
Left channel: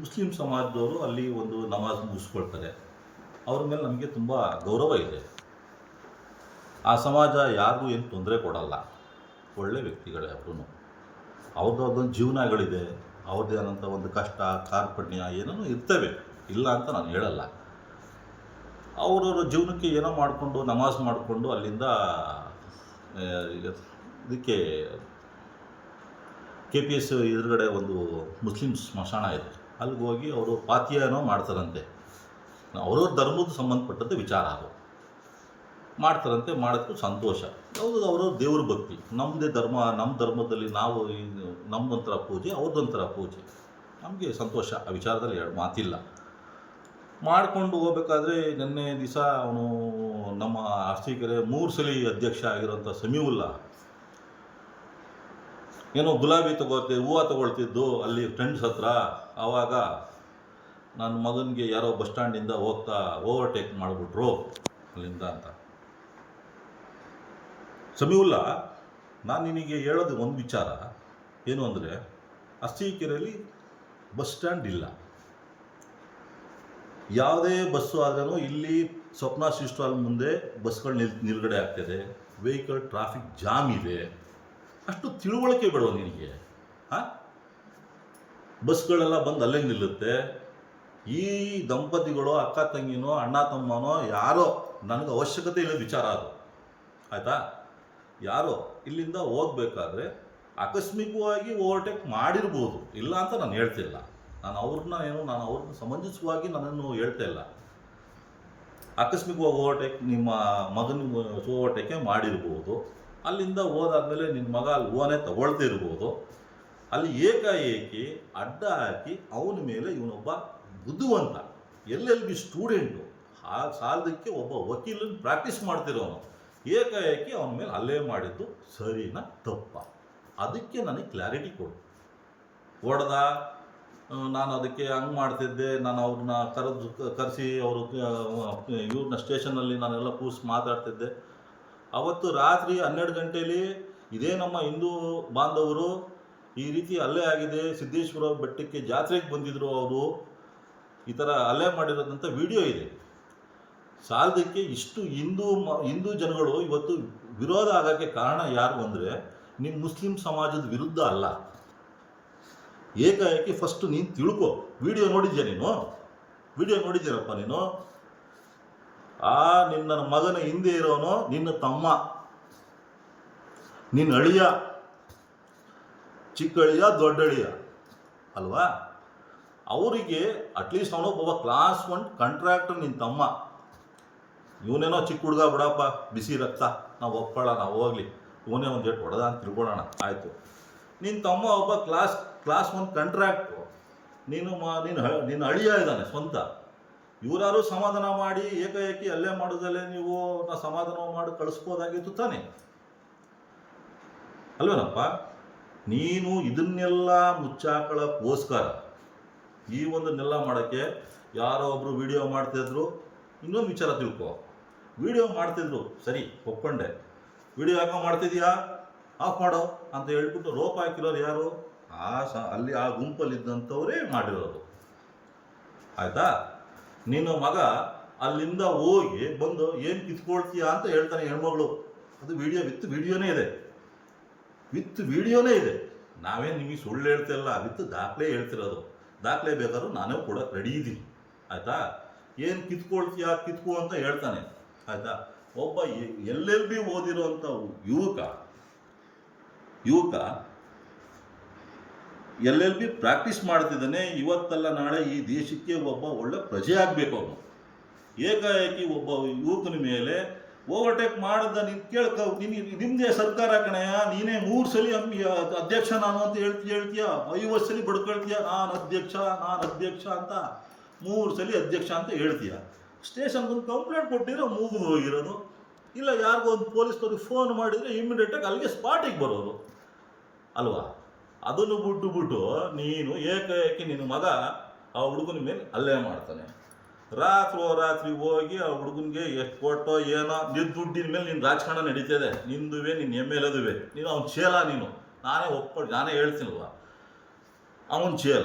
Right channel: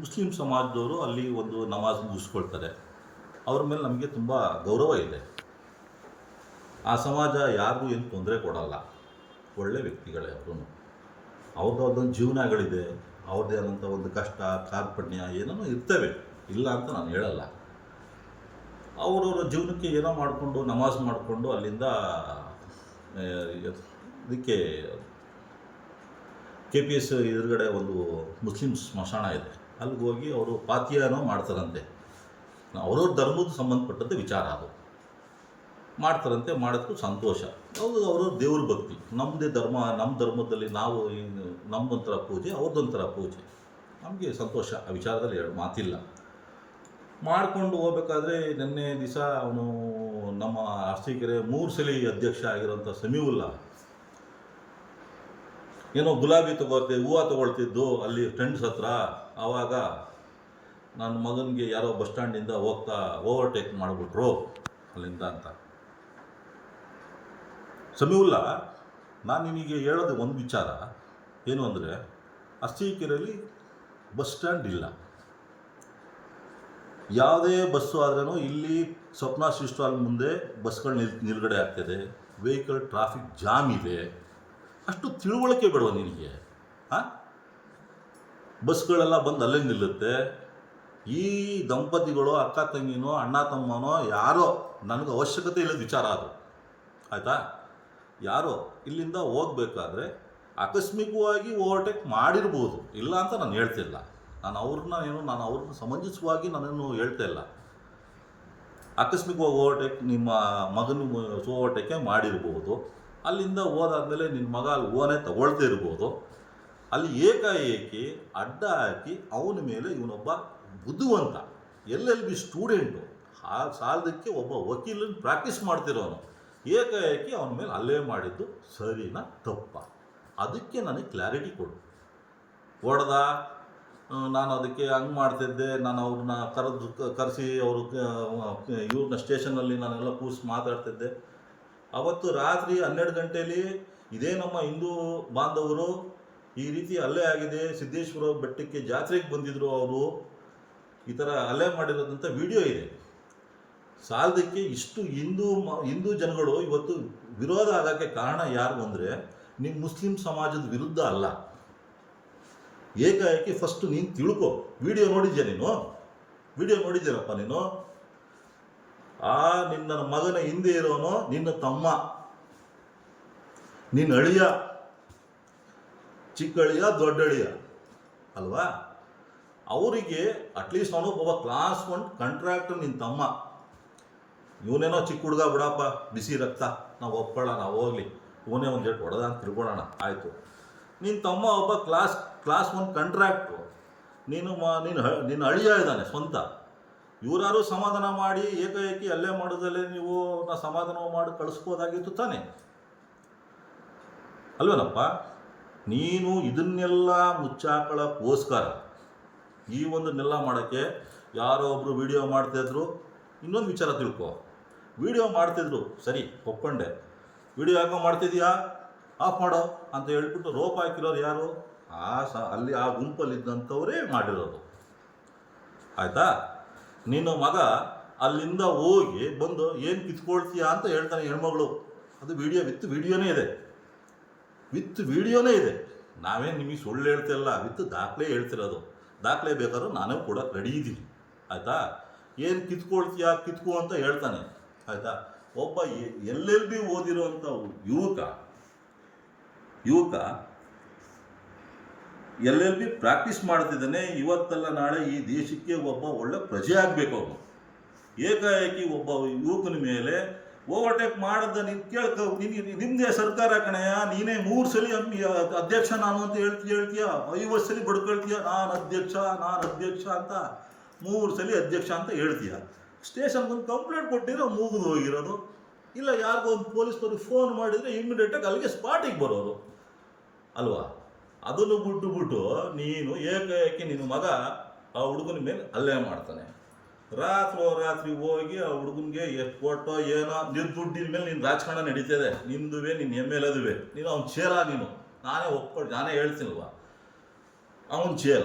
ಮುಸ್ಲಿಂ ಸಮಾಜದವರು ಅಲ್ಲಿ ಒಂದು ನಮಾಜ್ ಮುಗಿಸ್ಕೊಳ್ತಾರೆ. ಅವ್ರ ಮೇಲೆ ನಮಗೆ ತುಂಬ ಗೌರವ ಇದೆ. ಆ ಸಮಾಜ ಯಾರಿಗೂ ಏನು ತೊಂದರೆ ಕೊಡಲ್ಲ, ಒಳ್ಳೆ ವ್ಯಕ್ತಿಗಳೇ ಅವರು. ಅವ್ರದ್ದೊಂದು ಜೀವನಗಳಿದೆ, ಅವ್ರದ್ದೇ ಆದಂಥ ಒಂದು ಕಷ್ಟ ಕಾರ್ಪಣ್ಯ ಏನೇನೋ ಇರ್ತವೆ, ಇಲ್ಲ ಅಂತ ನಾನು ಹೇಳಲ್ಲ. ಅವರವರ ಜೀವನಕ್ಕೆ ಏನೋ ಮಾಡಿಕೊಂಡು ನಮಾಜ್ ಮಾಡಿಕೊಂಡು ಅಲ್ಲಿಂದ ಇದಕ್ಕೆ KPS ಎದುರುಗಡೆ ಒಂದು ಮುಸ್ಲಿಂ ಸ್ಮಶಾನ ಇದೆ, ಅಲ್ಲಿಗೆ ಹೋಗಿ ಅವರು ಪಾತಿಯನೋ ಮಾಡ್ತಾರಂತೆ. ಅವ್ರವ್ರ ಧರ್ಮದ ಸಂಬಂಧಪಟ್ಟಂತೆ ವಿಚಾರ ಅದು ಮಾಡ್ತಾರಂತೆ. ಮಾಡೋದಕ್ಕೂ ಸಂತೋಷ. ಯಾವುದು ಅವ್ರವ್ರ ದೇವ್ರ ಭಕ್ತಿ. ನಮ್ಮದೇ ಧರ್ಮ, ನಮ್ಮ ಧರ್ಮದಲ್ಲಿ ನಾವು ನಮ್ಮದೊಂಥರ ಪೂಜೆ, ಅವ್ರದ್ದೊಂಥರ ಪೂಜೆ. ನಮಗೆ ಸಂತೋಷ, ಆ ವಿಚಾರದಲ್ಲಿ ಎರಡು ಮಾತಿಲ್ಲ. ಮಾಡಿಕೊಂಡು ಹೋಗ್ಬೇಕಾದ್ರೆ ನಿನ್ನೆ ದಿವಸ ಅವನು ನಮ್ಮ ಅರಸೀಕೆರೆ 3 ಸಲ ಅಧ್ಯಕ್ಷ ಆಗಿರೋಂಥ ಸಮೀವುಲ್ಲಾ ಏನೋ ಗುಲಾಬಿ ಹೂವು ತೊಗೊಳ್ತಿದ್ದು ಅಲ್ಲಿ ಫ್ರೆಂಡ್ಸ್ ಹತ್ರ. ಆವಾಗ ನನ್ನ ಮಗನಿಗೆ ಯಾರೋ ಬಸ್ ಸ್ಟ್ಯಾಂಡಿಂದ ಹೋಗ್ತಾ ಓವರ್ಟೇಕ್ ಮಾಡಿಬಿಟ್ರು ಅಲ್ಲಿಂದ ಅಂತ. ಸಮೀವುಲ್ಲಾ, ನಾನು ನಿನಗೆ ಹೇಳೋದು ಒಂದು ವಿಚಾರ ಏನು ಅಂದರೆ, ಅರಸೀಕೆರೆಯಲ್ಲಿ ಬಸ್ ಸ್ಟ್ಯಾಂಡ್ ಇಲ್ಲ. ಯಾವುದೇ ಬಸ್ಸು ಆದ್ರೂ ಇಲ್ಲಿ ಸ್ವಪ್ನ ಸ್ಟಾಲ್ ಮುಂದೆ ಬಸ್ಗಳು ನಿಲ್ಗಡೆ ಆಗ್ತದೆ, ವೆಹಿಕಲ್ ಟ್ರಾಫಿಕ್ ಜಾಮ್ ಇದೆ. ಅಷ್ಟು ತಿಳುವಳಿಕೆ ಬೇಡವ ನಿನಗೆ? ಬಸ್ಗಳೆಲ್ಲ ಬಂದು ಅಲ್ಲೇ ನಿಲ್ಲುತ್ತೆ. ಈ ದಂಪತಿಗಳು ಅಕ್ಕ ತಂಗಿನೋ ಅಣ್ಣ ತಮ್ಮನೋ ಯಾರೋ, ನನಗೆ ಅವಶ್ಯಕತೆ ಇಲ್ಲದ ವಿಚಾರ ಅದು, ಆಯಿತಾ? ಯಾರೋ ಇಲ್ಲಿಂದ ಹೋಗ್ಬೇಕಾದ್ರೆ ಆಕಸ್ಮಿಕವಾಗಿ ಓವರ್ಟೇಕ್ ಮಾಡಿರ್ಬೋದು, ಇಲ್ಲ ಅಂತ ನಾನು ಹೇಳ್ತಿಲ್ಲ. ನಾನು ಅವ್ರನ್ನ ಸಮಂಜಸವಾಗಿ ನಾನೇನು ಹೇಳ್ತಾ ಇಲ್ಲ. ಆಕಸ್ಮಿಕವಾಗಿ ಓವರ್ಟೇಕ್ ನಿಮ್ಮ ಮಗನ ಓವರ್ಟೇಕೆ ಮಾಡಿರ್ಬೋದು. ಅಲ್ಲಿಂದ ಹೋದಾದ್ಮೇಲೆ ನಿನ್ನ ಮಗ ಅಲ್ಲಿ ಓನೇ ತಗೊಳ್ತಾ ಇರ್ಬೋದು. ಅಲ್ಲಿ ಏಕಾಏಕಿ ಅಡ್ಡ ಹಾಕಿ ಅವನ ಮೇಲೆ ಇವನೊಬ್ಬ ಬುದ್ಧಿವಂತ LLB ಸ್ಟೂಡೆಂಟು, ಆ ಸಾಲದಕ್ಕೆ ಒಬ್ಬ ವಕೀಲನ ಪ್ರಾಕ್ಟೀಸ್ ಮಾಡ್ತಿರೋನು ಏಕಾಏಕಿ ಅವನ ಮೇಲೆ ಹಲ್ಲೆ ಮಾಡಿದ್ದು ಸರಿನಾ ತಪ್ಪ? ಅದಕ್ಕೆ ನನಗೆ ಕ್ಲಾರಿಟಿ ಕೊಡು. ಹೊಡೆದ, ನಾನು ಅದಕ್ಕೆ ಹಂಗೆ ಮಾಡ್ತಿದ್ದೆ, ನಾನು ಅವ್ರನ್ನ ಕರೆಸಿ ಅವರು ಇವ್ರನ್ನ ಸ್ಟೇಷನಲ್ಲಿ ನಾನೆಲ್ಲ ಕೂರಿಸಿ ಮಾತಾಡ್ತಿದ್ದೆ. ಅವತ್ತು ರಾತ್ರಿ 12 ಗಂಟೆಯಲ್ಲಿ ಇದೇ ನಮ್ಮ ಹಿಂದೂ ಬಾಂಧವರು ಈ ರೀತಿ ಹಲ್ಲೆ ಆಗಿದೆ, ಸಿದ್ದೇಶ್ವರ ಬೆಟ್ಟಕ್ಕೆ ಜಾತ್ರೆಗೆ ಬಂದಿದ್ದರು ಅವರು, ಈ ಥರ ಹಲ್ಲೆ ಮಾಡಿರೋದಂಥ ವಿಡಿಯೋ ಇದೆ. ಸಾಲದಕ್ಕೆ ಇಷ್ಟು ಹಿಂದೂ ಜನಗಳು ಇವತ್ತು ವಿರೋಧ ಆಗೋಕ್ಕೆ ಕಾರಣ ಯಾರು ಅಂದರೆ ನಿಮ್ಮ ಮುಸ್ಲಿಂ ಸಮಾಜದ ವಿರುದ್ಧ ಅಲ್ಲ. ಏಕಾಏಕಿ ಫಸ್ಟು ನೀನು ತಿಳ್ಕೊ. ವಿಡಿಯೋ ನೋಡಿದ್ಯಾ ನೀನು? ವಿಡಿಯೋ ನೋಡಿದ್ದೀರಪ್ಪ ನೀನು? ನಿನ್ನ ಮಗನ ಹಿಂದೆ ಇರೋನು ನಿನ್ನ ತಮ್ಮ, ನಿನ್ನ ಅಳಿಯ, ಚಿಕ್ಕ ಅಳಿಯ ದೊಡ್ಡ ಅಳಿಯ ಅಲ್ವಾ? ಅವರಿಗೆ ಅಟ್ಲೀಸ್ಟ್ ಅವನು ಒಬ್ಬ ಕ್ಲಾಸ್ 1 ಕಾಂಟ್ರಾಕ್ಟರ್ ನಿನ್ನ ತಮ್ಮ. ಇವನೇನೋ ಚಿಕ್ಕ ಹುಡುಗ ಬಿಡಪ್ಪ, ಬಿಸಿ ರಕ್ತ, ನಾವು ಒಪ್ಕೊಳ್ಳೋಣ, ಹೋಗಲಿ, ಇವನೇ ಒಂದು ಜೆಟ್ ಹೊಡೆದ ಅಂತ ತಿಳ್ಕೊಳ್ಳೋಣ, ಆಯಿತು. ನಿನ್ನ ತಮ್ಮ ಒಬ್ಬ ಕ್ಲಾಸ್ 1 ಕಾಂಟ್ರಾಕ್ಟ್ರು, ನಿನ್ನ ಅಳಿಯ ಇದ್ದಾನೆ ಸ್ವಂತ. ಇವರಾರು ಸಮಾಧಾನ ಮಾಡಿ ಏಕಾಏಕಿ ಅಲ್ಲೇ ಮಾಡೋದಲ್ಲೇ ನೀವು ಸಮಾಧಾನ ಮಾಡಿ ಕಳಿಸ್ಬೋದಾಗಿತ್ತು ತಾನೆ, ಅಲ್ವೇನಪ್ಪ? ನೀನು ಇದನ್ನೆಲ್ಲ ಮುಚ್ಚಾಕೊಳ್ಳೋಕ್ಕೋಸ್ಕರ ಈ ಒಂದನ್ನೆಲ್ಲ ಮಾಡೋಕ್ಕೆ ಯಾರೋ ಒಬ್ಬರು ವಿಡಿಯೋ ಮಾಡ್ತಿದ್ರು. ಇನ್ನೊಂದು ವಿಚಾರ ತಿಳ್ಕೊ, ವಿಡಿಯೋ ಮಾಡ್ತಿದ್ರು ಸರಿ, ಒಪ್ಕೊಂಡೆ. ವಿಡಿಯೋ ಯಾಕೋ ಮಾಡ್ತಿದ್ಯಾ, ಆಫ್ ಮಾಡೋ ಅಂತ ಹೇಳ್ಬಿಟ್ಟು ರೋಪ್ ಹಾಕಿರೋರು ಯಾರು? ಅಲ್ಲಿ ಆ ಗುಂಪಲ್ಲಿದ್ದಂಥವರೇ ಮಾಡಿರೋದು, ಆಯಿತಾ? ನಿನ್ನ ಮಗ ಅಲ್ಲಿಂದ ಹೋಗಿ ಬಂದು ಏನು ಕಿತ್ಕೊಳ್ತೀಯಾ ಅಂತ ಹೇಳ್ತಾನೆ ಹೆಣ್ಮಗಳು. ಅದು ವಿಡಿಯೋನೇ ಇದೆ, ವಿಡಿಯೋನೇ ಇದೆ. ನಾವೇನು ನಿಮಗೆ ಸುಳ್ಳು ಹೇಳ್ತಿಲ್ಲ, ದಾಖಲೆ ಹೇಳ್ತಿರೋದು. ದಾಖಲೆ ಬೇಕಾದ್ರೂ ನಾನೇ ಕೂಡ ರೆಡಿ ಇದ್ದೀನಿ, ಆಯಿತಾ? ಏನು ಕಿತ್ಕೊಳ್ತೀಯಾ ಕಿತ್ಕೋ ಅಂತ ಹೇಳ್ತಾನೆ, ಆಯಿತಾ? ಒಬ್ಬ LLB ಓದಿರೋಂಥ ಯುವಕ LLB ಪ್ರಾಕ್ಟೀಸ್ ಮಾಡ್ತಿದ್ದಾನೆ. ಇವತ್ತಲ್ಲ ನಾಳೆ ಈ ದೇಶಕ್ಕೆ ಒಬ್ಬ ಒಳ್ಳೆ ಪ್ರಜೆ ಆಗಬೇಕು ಅವನು. ಏಕಾಏಕಿ ಒಬ್ಬ ಯುವಕನ ಮೇಲೆ ಓವರ್ಟೇಕ್ ಮಾಡಿದ ನಿಮ್ಮದೇ ಸರ್ಕಾರ ಕಣೆಯ, ನೀನೇ 3 ಸಲ ಅಧ್ಯಕ್ಷ ನಾನು ಅಂತ ಹೇಳ್ತೀಯ, 50 ಸಲ ಬಡ್ಕೊಳ್ತೀಯ, ನಾನು ಅಧ್ಯಕ್ಷ ಅಂತ 3 ಸಲ ಅಧ್ಯಕ್ಷ ಅಂತ ಹೇಳ್ತೀಯ. ಸ್ಟೇಷನ್ಗೊಂದು ಕಂಪ್ಲೇಂಟ್ ಕೊಟ್ಟಿರೋ ಮುಗಿದು ಹೋಗಿರೋದು. ಇಲ್ಲ ಯಾರಿಗೋ ಒಂದು ಪೊಲೀಸ್ನವ್ರಿಗೆ ಫೋನ್ ಮಾಡಿದರೆ ಇಮ್ಮಿಡಿಯೇಟಾಗಿ ಅಲ್ಲಿಗೆ ಸ್ಪಾಟಿಗೆ ಬರೋರು ಅಲ್ವಾ? ಅದನ್ನು ಬಿಟ್ಟು ನೀನು ಏಕಾಏಕಿ ನಿನ್ನ ಮಗ ಆ ಹುಡುಗನ ಮೇಲೆ ಹಲ್ಲೆ ಮಾಡ್ತಾನೆ. ರಾತ್ರಿ ಹೋಗಿ ಆ ಹುಡುಗನಿಗೆ ಎಷ್ಟು ಕೊಟ್ಟೋ ಏನೋ, ನಿನ್ನ ದುಡ್ಡಿನ ಮೇಲೆ ನಿನ್ನ ರಾಜಕಾರಣ ನಡೀತದೆ, ನಿಂದುವೆ, ನಿನ್ನ MLAದುವೆ, ನೀನು ಅವ್ನ ಚೇಲ, ನೀನು ನಾನೇ ಹೇಳ್ತೀನಲ್ವ, ಅವನ ಚೇಲ.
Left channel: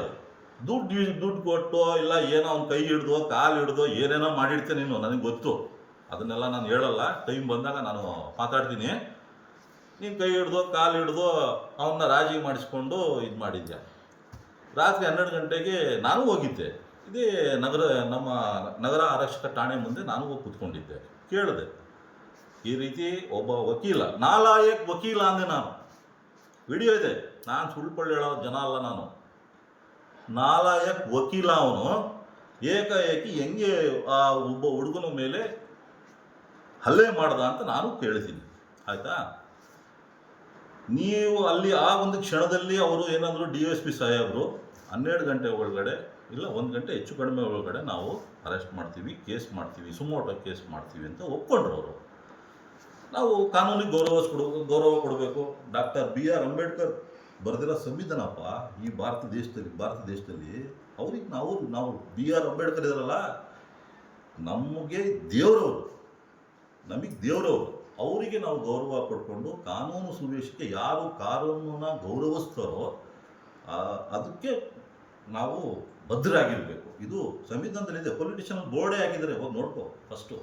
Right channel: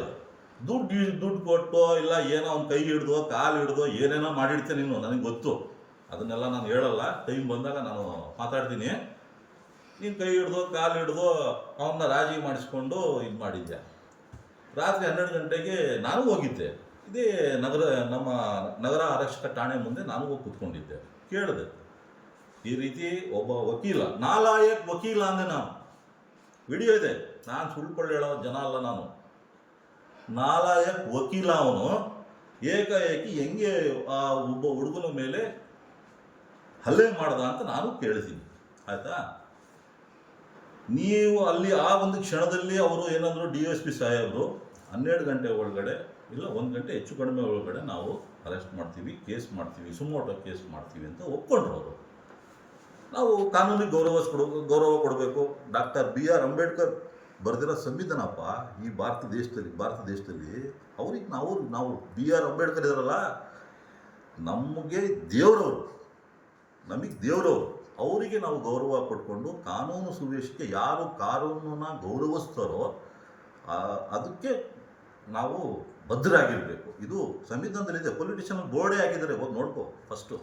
ದುಡ್ಡು ಕೊಟ್ಟೋ ಇಲ್ಲ ಏನೋ ಅವ್ನ ಕೈ ಹಿಡ್ದೋ ಕಾಲು ಹಿಡ್ದೋ ಏನೇನೋ ಮಾಡಿಡ್ತೇನೆ ನೀನು, ನನಗೆ ಗೊತ್ತು. ಅದನ್ನೆಲ್ಲ ನಾನು ಹೇಳಲ್ಲ, ಟೈಮ್ ಬಂದಾಗ ನಾನು ಮಾತಾಡ್ತೀನಿ. ನೀನು ಕೈ ಹಿಡ್ದೋ ಕಾಲು ಹಿಡ್ದೋ ಅವನ್ನ ರಾಜಿ ಮಾಡಿಸ್ಕೊಂಡು ಇದು ಮಾಡಿದ್ಯಾ. ರಾತ್ರಿ 12 ಗಂಟೆಗೆ ನಾನು ಹೋಗಿದ್ದೆ, ಇದೇ ನಮ್ಮ ನಗರ ಆರಕ್ಷಕ ಠಾಣೆ ಮುಂದೆ ನಾನು ಹೋಗಿ ಕೂತ್ಕೊಂಡಿದ್ದೆ. ಕೇಳಿದೆ, ಈ ರೀತಿ ಒಬ್ಬ ವಕೀಲ, ನಾಲಾಯಕ್ ವಕೀಲ ಅಂದೆ ನಾನು. ವಿಡಿಯೋ ಇದೆ, ನಾನು ಸುಳ್ಳು ಹೇಳೋ ಜನ ಅಲ್ಲ ನಾನು. ನಾಲಾಯಕ್ ವಕೀಲ ಅವನು. ಏಕಾಏಕಿ ಹೆಂಗೆ ಆ ಒಬ್ಬ ಹುಡುಗನ ಮೇಲೆ ಹಲ್ಲೆ ಮಾಡ್ದ ಅಂತ ನಾನು ಕೇಳಿದ್ದೀನಿ, ಆಯಿತಾ? ನೀವು ಅಲ್ಲಿ ಆ ಒಂದು ಕ್ಷಣದಲ್ಲಿ ಅವರು ಏನಂದ್ರು, DSP ಸಾಹೇಬರು 12 ಗಂಟೆ ಒಳಗಡೆ ಇಲ್ಲ 1 ಗಂಟೆ ಹೆಚ್ಚು ಕಡಿಮೆ ಒಳಗಡೆ ನಾವು ಅರೆಸ್ಟ್ ಮಾಡ್ತೀವಿ, ಕೇಸ್ ಮಾಡ್ತೀವಿ, ಸುಮೋಟೋ ಕೇಸ್ ಮಾಡ್ತೀವಿ ಅಂತ ಒಪ್ಕೊಂಡ್ರು ಅವರು. ನಾವು ಕಾನೂನಿಗೆ ಗೌರವ ಕೊಡಬೇಕು. ಡಾಕ್ಟರ್ BR ಅಂಬೇಡ್ಕರ್ ಬರೆದಿರೋ ಸಂವಿಧಾನಪ್ಪ ಈ ಭಾರತ ದೇಶದಲ್ಲಿ ಅವ್ರಿಗೆ ನಾವು BR ಅಂಬೇಡ್ಕರ್ ಇದಾರಲ್ಲ, ನಮಗೆ ದೇವರವರು, ಅವರಿಗೆ ನಾವು ಗೌರವ ಕೊಟ್ಕೊಂಡು ಕಾನೂನು ಸುವ್ಯವಸ್ಥೆಗೆ ಯಾರು ಕಾನೂನನ್ನ ಗೌರವಿಸ್ತಾರೋ ಅದಕ್ಕೆ ನಾವು ಬದ್ಧರಾಗಿರಬೇಕು. ಇದು ಸಂವಿಧಾನದಲ್ಲಿದೆ, ಪೊಲಿಟಿಷಿಯನ್ ಬೋರ್ಡೇ ಹಾಕಿದ್ದಾರೆ, ಹೋಗಿ ನೋಡ್ಕೋ ಫಸ್ಟು.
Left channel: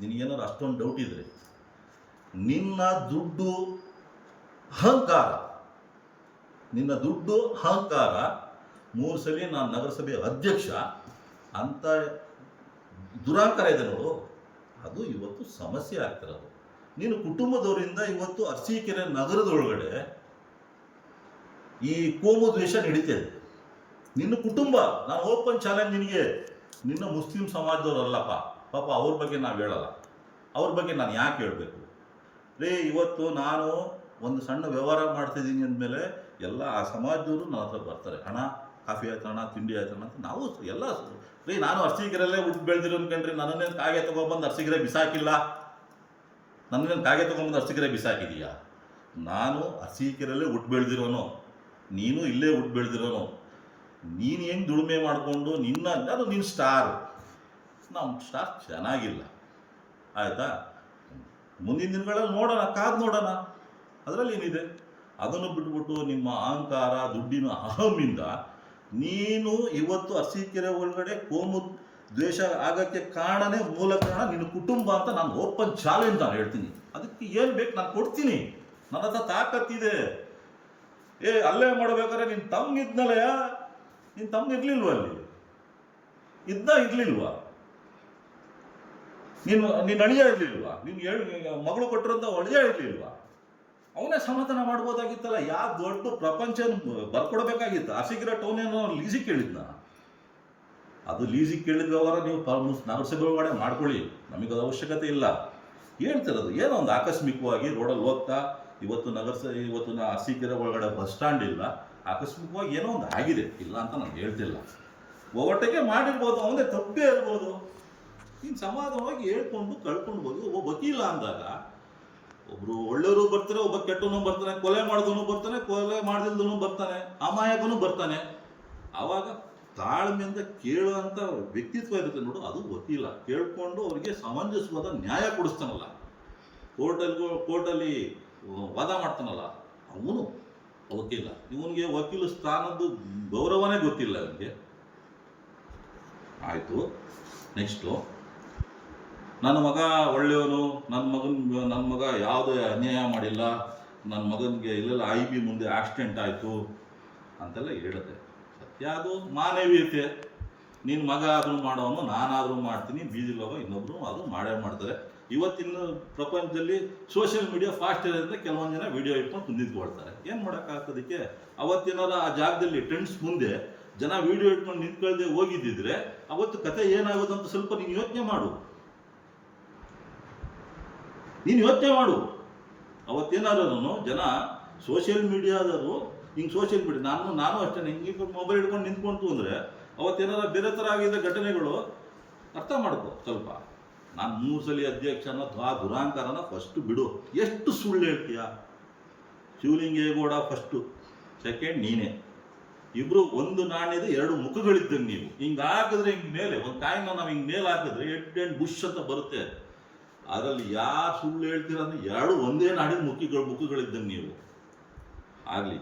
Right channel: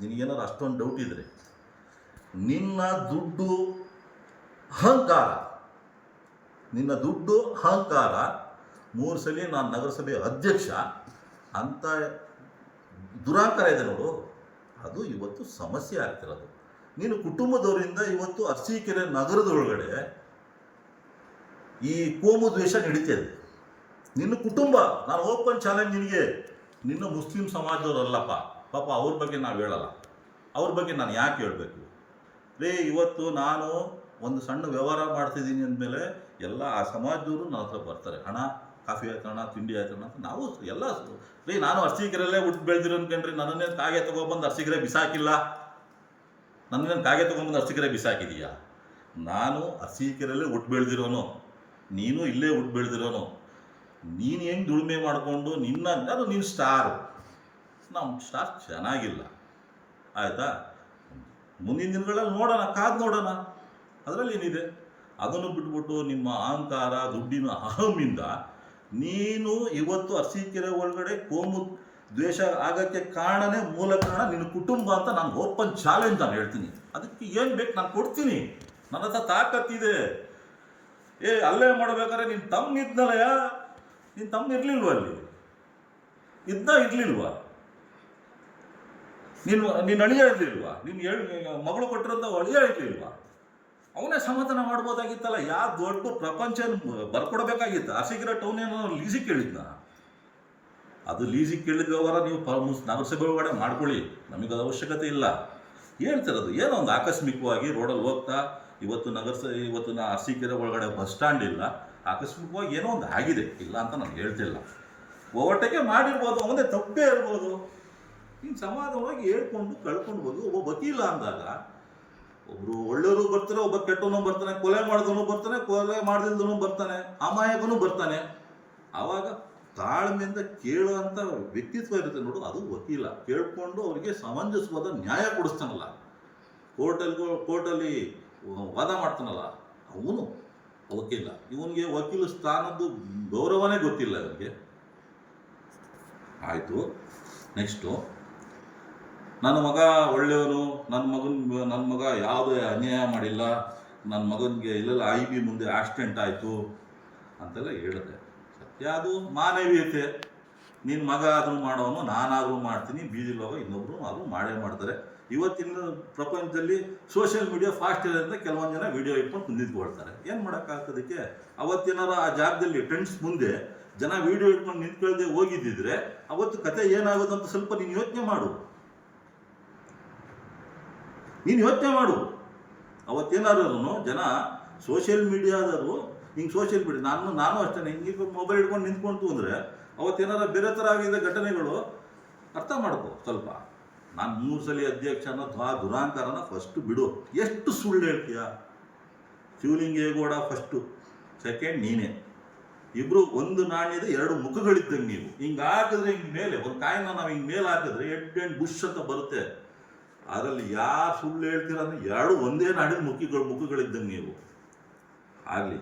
ನಿನಗೇನಾದ್ರು ಅಷ್ಟೊಂದು ಡೌಟ್ ಇದ್ದರೆ. ನಿನ್ನ ದುಡ್ಡು ಅಹಂಕಾರ 3 ಸಲ ನಾನು ನಗರಸಭೆ ಅಧ್ಯಕ್ಷ ಅಂತ ದುರಾಂಕಾರ ಇದೆ ನೋಡು, ಅದು ಇವತ್ತು ಸಮಸ್ಯೆ ಆಗ್ತಿರೋದು. ನೀನು ಕುಟುಂಬದವರಿಂದ ಇವತ್ತು ಅರಸೀಕೆರೆ ನಗರದೊಳಗಡೆ ಈ ಕೋಮು ದ್ವೇಷ ನಡೀತಿದೆ. ನಿನ್ನ ಕುಟುಂಬ, ನಾನು ಓಪನ್ ಚಾಲೆಂಜ್ ನಿನಗೆ, ನಿನ್ನ ಮುಸ್ಲಿಂ ಸಮಾಜದವರಲ್ಲಪ್ಪ, ಪಾಪ ಅವ್ರ ಬಗ್ಗೆ ನಾವು ಹೇಳಲ್ಲ, ಅವ್ರ ಬಗ್ಗೆ ನಾನು ಯಾಕೆ ಹೇಳಬೇಕು ಇವತ್ತು ನಾನು ಒಂದು ಸಣ್ಣ ವ್ಯವಹಾರ ಮಾಡ್ತಿದ್ದೀನಿ ಅಂದಮೇಲೆ ಎಲ್ಲ ಆ ಸಮಾಜದವರು ನನ್ನ ಹತ್ರ ಬರ್ತಾರೆ, ಹಣ ಕಾಫಿ ಆಯ್ತಣ್ಣ, ತಿಂಡಿ ಆಯ್ತಣ್ಣ ಅಂತ. ನಾವು ಎಲ್ಲ ನಾನು ಅರಸೀಕೆರೆಯಲ್ಲೇ ಹುಟ್ಟು ಬೆಳೆದಿರೋ ಅನ್ಕಂಡ್ರಿ, ನನ್ನನ್ನೇನು ಕಾಗೆ ತೊಗೊಬಂದು ಅರಸೀಕೆರೆ ಬಿಸಾಕಿಲ್ಲ, ನನ್ನನ್ನೇನು ಕಾಗೆ ತೊಗೊಂಬಂದು ಅರಸೀಕೆರೆ ಬಿಸಾಕಿದೀಯಾ? ನಾನು ಅರಸೀಕೆರೆಯಲ್ಲೇ ಹುಟ್ಟು ಬೆಳೆದಿರೋನು, ನೀನು ಇಲ್ಲೇ ಹುಟ್ಟು ಬೆಳೆದಿರೋನು. ನೀನು ಹೆಂಗೆ ದುಡಿಮೆ ಮಾಡಿಕೊಂಡು ನೀನು ಸ್ಟಾರು, ನಮ್ಮ ಸ್ಟಾರ್ ಚೆನ್ನಾಗಿಲ್ಲ, ಆಯಿತಾ? ಮುಂದಿನ ದಿನಗಳಲ್ಲಿ ನೋಡೋಣ, ಕಾದು ನೋಡೋಣ, ಅದರಲ್ಲಿ ಏನಿದೆ? ಅದನ್ನು ಬಿಟ್ಬಿಟ್ಟು ನಿಮ್ಮ ಅಹಂಕಾರ, ದುಡ್ಡಿನ ಅಹಮಿಂದ ನೀನು ಇವತ್ತು ಅರಸೀಕೆರೆ ಒಳಗಡೆ ಕೋಮು ದ್ವೇಷ ಆಗೋಕ್ಕೆ ಮೂಲ ಕಾರಣ ನಿನ್ನ ಕುಟುಂಬ ಅಂತ ನಾನು ಓಪನ್ ಚಾಲೆಂಜ್ ನಾನು ಹೇಳ್ತೀನಿ. ಅದಕ್ಕೆ ಏನು ಬೇಕು ನಾನು ಕೊಡ್ತೀನಿ, ನನ್ನ ಹತ್ರ ತಾಕತ್ತಿದೆ. ಅಲ್ಲೇ ಮಾಡ್ಬೇಕಾದ್ರೆ ನಿನ್ನ ತಮ್ಮ ಇದ್ನಲ್ಲಯ್ಯ, ನಿನ್ನ ತಮ್ಮ ಇರಲಿಲ್ವ ಅಲ್ಲಿ? ಇರಲಿಲ್ವಾ? ನಿನ್ನ ಅಳಿಯ ಇರಲಿಲ್ವಾ? ನಿನ್ನ ಮಗಳು ಕೊಟ್ಟಿರೋಂಥ ಅಳಿಯ ಇರಲಿಲ್ವಾ? ಅವನೇ ಸಮಾಧಾನ ಮಾಡ್ಬೋದಾಗಿತ್ತಲ್ಲ. ಯಾವ ದೊಡ್ಡ ಪ್ರಪಂಚ ಬರ್ಕೊಡ್ಬೇಕಾಗಿತ್ತು? ಅರಸೀಕೆರೆ ಟೌನ್ ಏನೋ ಲೀಸಿಗೆ ಕೇಳಿದ್ನ? ಅದು ಲೀಸಿಗೆ ಕೇಳಿದ ವ್ಯವಹಾರ ನೀವು ನಗರಸಭೆ ಒಳಗಡೆ ಮಾಡ್ಕೊಳ್ಳಿ, ನಮಗದು ಅವಶ್ಯಕತೆ ಇಲ್ಲ. ಹೇಳ್ತಿರೋದು ಏನೋ ಒಂದು ಆಕಸ್ಮಿಕವಾಗಿ ರೋಡಲ್ಲಿ ಹೋಗ್ತಾ ಇವತ್ತು ಅರಸೀಕೆರೆ ಒಳಗಡೆ ಬಸ್ ಸ್ಟ್ಯಾಂಡ್ ಇಲ್ಲ, ಆಕಸ್ಮಿಕವಾಗಿ ಏನೋ ಒಂದು ಆಗಿದೆ, ಇಲ್ಲ ಅಂತ ನಾನು ಹೇಳ್ತಿಲ್ಲ. ಓವರ್ಟೇಕೆ ಮಾಡಿರ್ಬೋದು, ಅವನೇ ತಪ್ಪೇ ಇರ್ಬೋದು. ಇನ್ನು ಸಮಾಧಾನವಾಗಿ ಹೇಳ್ಕೊಂಡು ಕಳ್ಕೊಂಡು ಹೋಗಿ ಒಬ್ಬ ವಕೀಲ ಅಂದಾಗ ಒಬ್ಬರು ಒಳ್ಳೆಯವರು ಬರ್ತಾರೆ, ಒಬ್ಬ ಕೆಟ್ಟವನು ಬರ್ತಾನೆ, ಕೊಲೆ ಮಾಡಿದವನು ಬರ್ತಾನೆ, ಕೊಲೆ ಮಾಡ್ದಿಲ್ದವನು ಬರ್ತಾನೆ, ಅಮಾಯಕನೂ ಬರ್ತಾನೆ. ಆವಾಗ ತಾಳ್ಮೆಯಿಂದ ಕೇಳುವಂಥ ವ್ಯಕ್ತಿತ್ವ ಇರುತ್ತೆ ನೋಡು, ಅದು ವಕೀಲ. ಕೇಳಿಕೊಂಡು ಅವರಿಗೆ ಸಮಂಜಸವಾದ ನ್ಯಾಯ ಕೊಡಿಸ್ತಾನಲ್ಲ, ಕೋರ್ಟಲ್ಲಿ ವಾದ ಮಾಡ್ತಾನಲ್ಲ, ಅವನು ವಕೀಲ. ಇವನಿಗೆ ವಕೀಲ ಸ್ಥಾನದ್ದು ಗೌರವನೇ ಗೊತ್ತಿಲ್ಲ ಇವನಿಗೆ. ಆಯಿತು, ನೆಕ್ಸ್ಟು, ನನ್ನ ಮಗ ಒಳ್ಳೆಯವನು, ನನ್ನ ಮಗ ಯಾವುದೇ ಅನ್ಯಾಯ ಮಾಡಿಲ್ಲ, ನನ್ನ ಮಗನಿಗೆ ಇಲ್ಲೆಲ್ಲ IB ಮುಂದೆ ಆಕ್ಸಿಡೆಂಟ್ ಆಯಿತು ಅಂತೆಲ್ಲ ಹೇಳಿದೆ. ಸತ್ಯ ಅದು ಮಾನವೀಯತೆ. ನಿನ್ನ ಮಗ ಆದರೂ ಮಾಡೋನು, ನಾನಾದರೂ ಮಾಡ್ತೀನಿ, ಬೀದಿಲಿ ಹೋಗೋ ಇನ್ನೊಬ್ಬರು ಆದರೂ ಮಾಡೇ ಮಾಡ್ತಾರೆ. ಇವತ್ತಿನ ಪ್ರಪಂಚದಲ್ಲಿ ಸೋಷಿಯಲ್ ಮೀಡಿಯಾ ಫಾಸ್ಟ್ ಇರೋದ್ರಿಂದ ಕೆಲವೊಂದು ಜನ ವೀಡಿಯೋ ಇಟ್ಕೊಂಡು ನಿಂತ್ಕೊಳ್ತಾರೆ. ಏನು ಮಾಡೋಕ್ಕಾಗ್ತದಕ್ಕೆ? ಅವತ್ತೇನಾರ ಆ ಜಾಗದಲ್ಲಿ ಟ್ರೆಂಡ್ಸ್ ಮುಂದೆ ಜನ ವೀಡಿಯೋ ಇಟ್ಕೊಂಡು ನಿಂತ್ಕೊಳ್ದೆ ಹೋಗಿದ್ದಿದ್ರೆ ಅವತ್ತು ಕತೆ ಏನಾಗೋದಂತ ಸ್ವಲ್ಪ ನೀನು ಯೋಚನೆ ಮಾಡು. ಅವತ್ತೇನಾದ್ರು ಜನ ಸೋಷಿಯಲ್ ಮೀಡಿಯಾದವರು ಹಿಂಗೆ ಸೋಷಿಯಲ್ ಮೀಡಿಯಾ ನಾನು ಅಷ್ಟೇ ಹಿಂಗೆ ಮೊಬೈಲ್ ಹಿಡ್ಕೊಂಡು ನಿಂತ್ಕೊಂತು ಅಂದರೆ ಅವತ್ತೇನಾರ ಬೇರೆ ಥರ ಆಗಿದ್ದ ಘಟನೆಗಳು ಅರ್ಥ ಮಾಡ್ಕೋ ಸ್ವಲ್ಪ. ನಾನು 3 ಸಲ ಅಧ್ಯಕ್ಷನ ದುರಾಂಕಾರನ ಫಸ್ಟು ಬಿಡು. ಎಷ್ಟು ಸುಳ್ಳು ಹೇಳ್ತೀಯ? ಶಿವಲಿಂಗೇಗೌಡ ಫಸ್ಟು, ಸೆಕೆಂಡ್ ನೀನೇ. ಇಬ್ಬರು ಒಂದು ನಾಣ್ಯದ 2 ಮುಖಗಳಿದ್ದಂಗೆ. ನೀವು ಹಿಂಗೆ ಹಾಕಿದ್ರೆ ಹಿಂಗೆ ಮೇಲೆ ಒಂದು ಕಾಯಿನ ನಾವು ಹಿಂಗೆ ಮೇಲೆ ಹಾಕಿದ್ರೆ ಹೆಡ್ ಬುಷ್ ಅಂತ ಬರುತ್ತೆ. ಅದರಲ್ಲಿ ಯಾರು ಸುಳ್ಳು ಹೇಳ್ತೀರ ಅಂದರೆ 2 ಒಂದೇ ನಾಡಿದ ಮುಖಗಳಿದ್ದಂಗೆ ನೀವು. ಆಗಲಿ.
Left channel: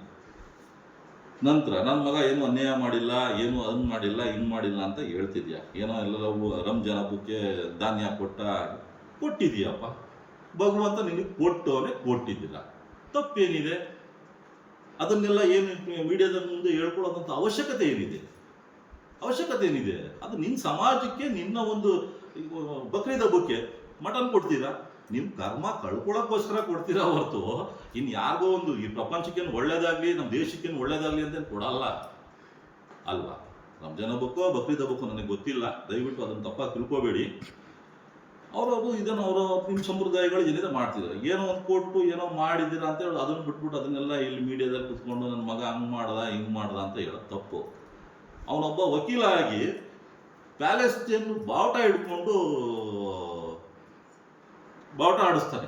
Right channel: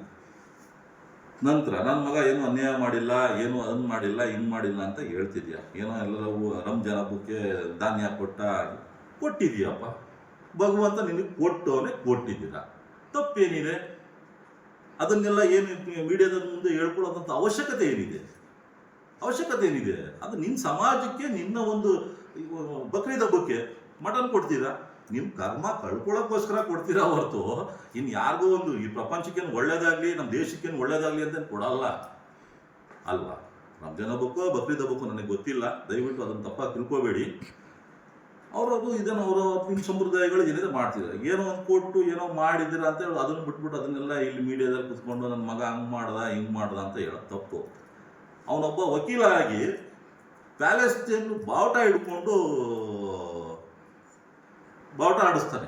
ನಂತರ ನನ್ನ ಮಗ ಏನು ಅನ್ಯಾಯ ಮಾಡಿಲ್ಲ, ಏನು ಅದನ್ನು ಮಾಡಿಲ್ಲ, ಹಿಂಗೆ ಮಾಡಿಲ್ಲ ಅಂತ ಹೇಳ್ತಿದ್ಯಾ. ಏನೋ ಎಲ್ಲರೂ ರಂಜಾನ್ ಹಬ್ಬಕ್ಕೆ ಧಾನ್ಯ ಕೊಟ್ಟಿದ್ದೀಯಪ್ಪ. ಭಗವಂತ ನಿನಗೆ ಕೊಟ್ಟಿದ್ದೀರ, ತಪ್ಪೇನಿದೆ? ಅದನ್ನೆಲ್ಲ ಏನು ಮೀಡಿಯಾದ ಮುಂದೆ ಹೇಳ್ಕೊಳ್ಳೋದಂಥ ಅವಶ್ಯಕತೆ ಏನಿದೆ? ಅದು ನಿನ್ನ ಸಮಾಜಕ್ಕೆ, ನಿನ್ನ ಒಂದು ಬಕ್ರೀದ್ ಹಬ್ಬಕ್ಕೆ ಮಟನ್ ಕೊಡ್ತೀರಾ? ನಿಮ್ಮ ಕರ್ಮ ಕಳ್ಕೊಳ್ಳೋಕ್ಕೋಸ್ಕರ ಕೊಡ್ತೀರಾ ಹೊರತು ಇನ್ನು ಯಾರಿಗೋ ಒಂದು ಈ ಪ್ರಪಂಚಕ್ಕೇನು ಒಳ್ಳೇದಾಗಲಿ, ನಮ್ಮ ದೇಶಕ್ಕೇನು ಒಳ್ಳೇದಾಗಲಿ ಅಂತ ಕೊಡಲ್ಲ ಅಲ್ವಾ? ರಂಜಾನ್ ಹಬ್ಬಕ್ಕೋ ಬಕ್ರೀದ್ ಹಬ್ಬಕ್ಕೋ ನನಗೆ ಗೊತ್ತಿಲ್ಲ, ದಯವಿಟ್ಟು ಅದನ್ನು ತಪ್ಪಾಗಿ ತಿಳ್ಕೊಬೇಡಿ. ಅವರವರು ಇದನ್ನು ನಿಮ್ಮ ಸಂಪ್ರದಾಯಗಳು ಏನಿದೆ ಮಾಡ್ತಿದ್ದಾರೆ. ಏನೋ ಒಂದು ಕೊಟ್ಟು ಏನೋ ಮಾಡಿದ್ದೀರ ಅಂತ ಹೇಳಿ ಅದನ್ನು ಬಿಟ್ಬಿಟ್ಟು ಅದನ್ನೆಲ್ಲ ಇಲ್ಲಿ ಮೀಡಿಯಾದಲ್ಲಿ ಕುತ್ಕೊಂಡು ನನ್ನ ಮಗ ಹಂಗೆ ಮಾಡ್ದ ಹಿಂಗೆ ಮಾಡ್ದ ಅಂತ ಹೇಳೋದು ತಪ್ಪು. ಅವನೊಬ್ಬ ವಕೀಲ ಆಗಿ ಪ್ಯಾಲೆಸ್ಟೈನ್ ಬಾವುಟ ಹಿಡ್ಕೊಂಡು ಬಾವುಟ ಆಡಿಸ್ತಾನೆ.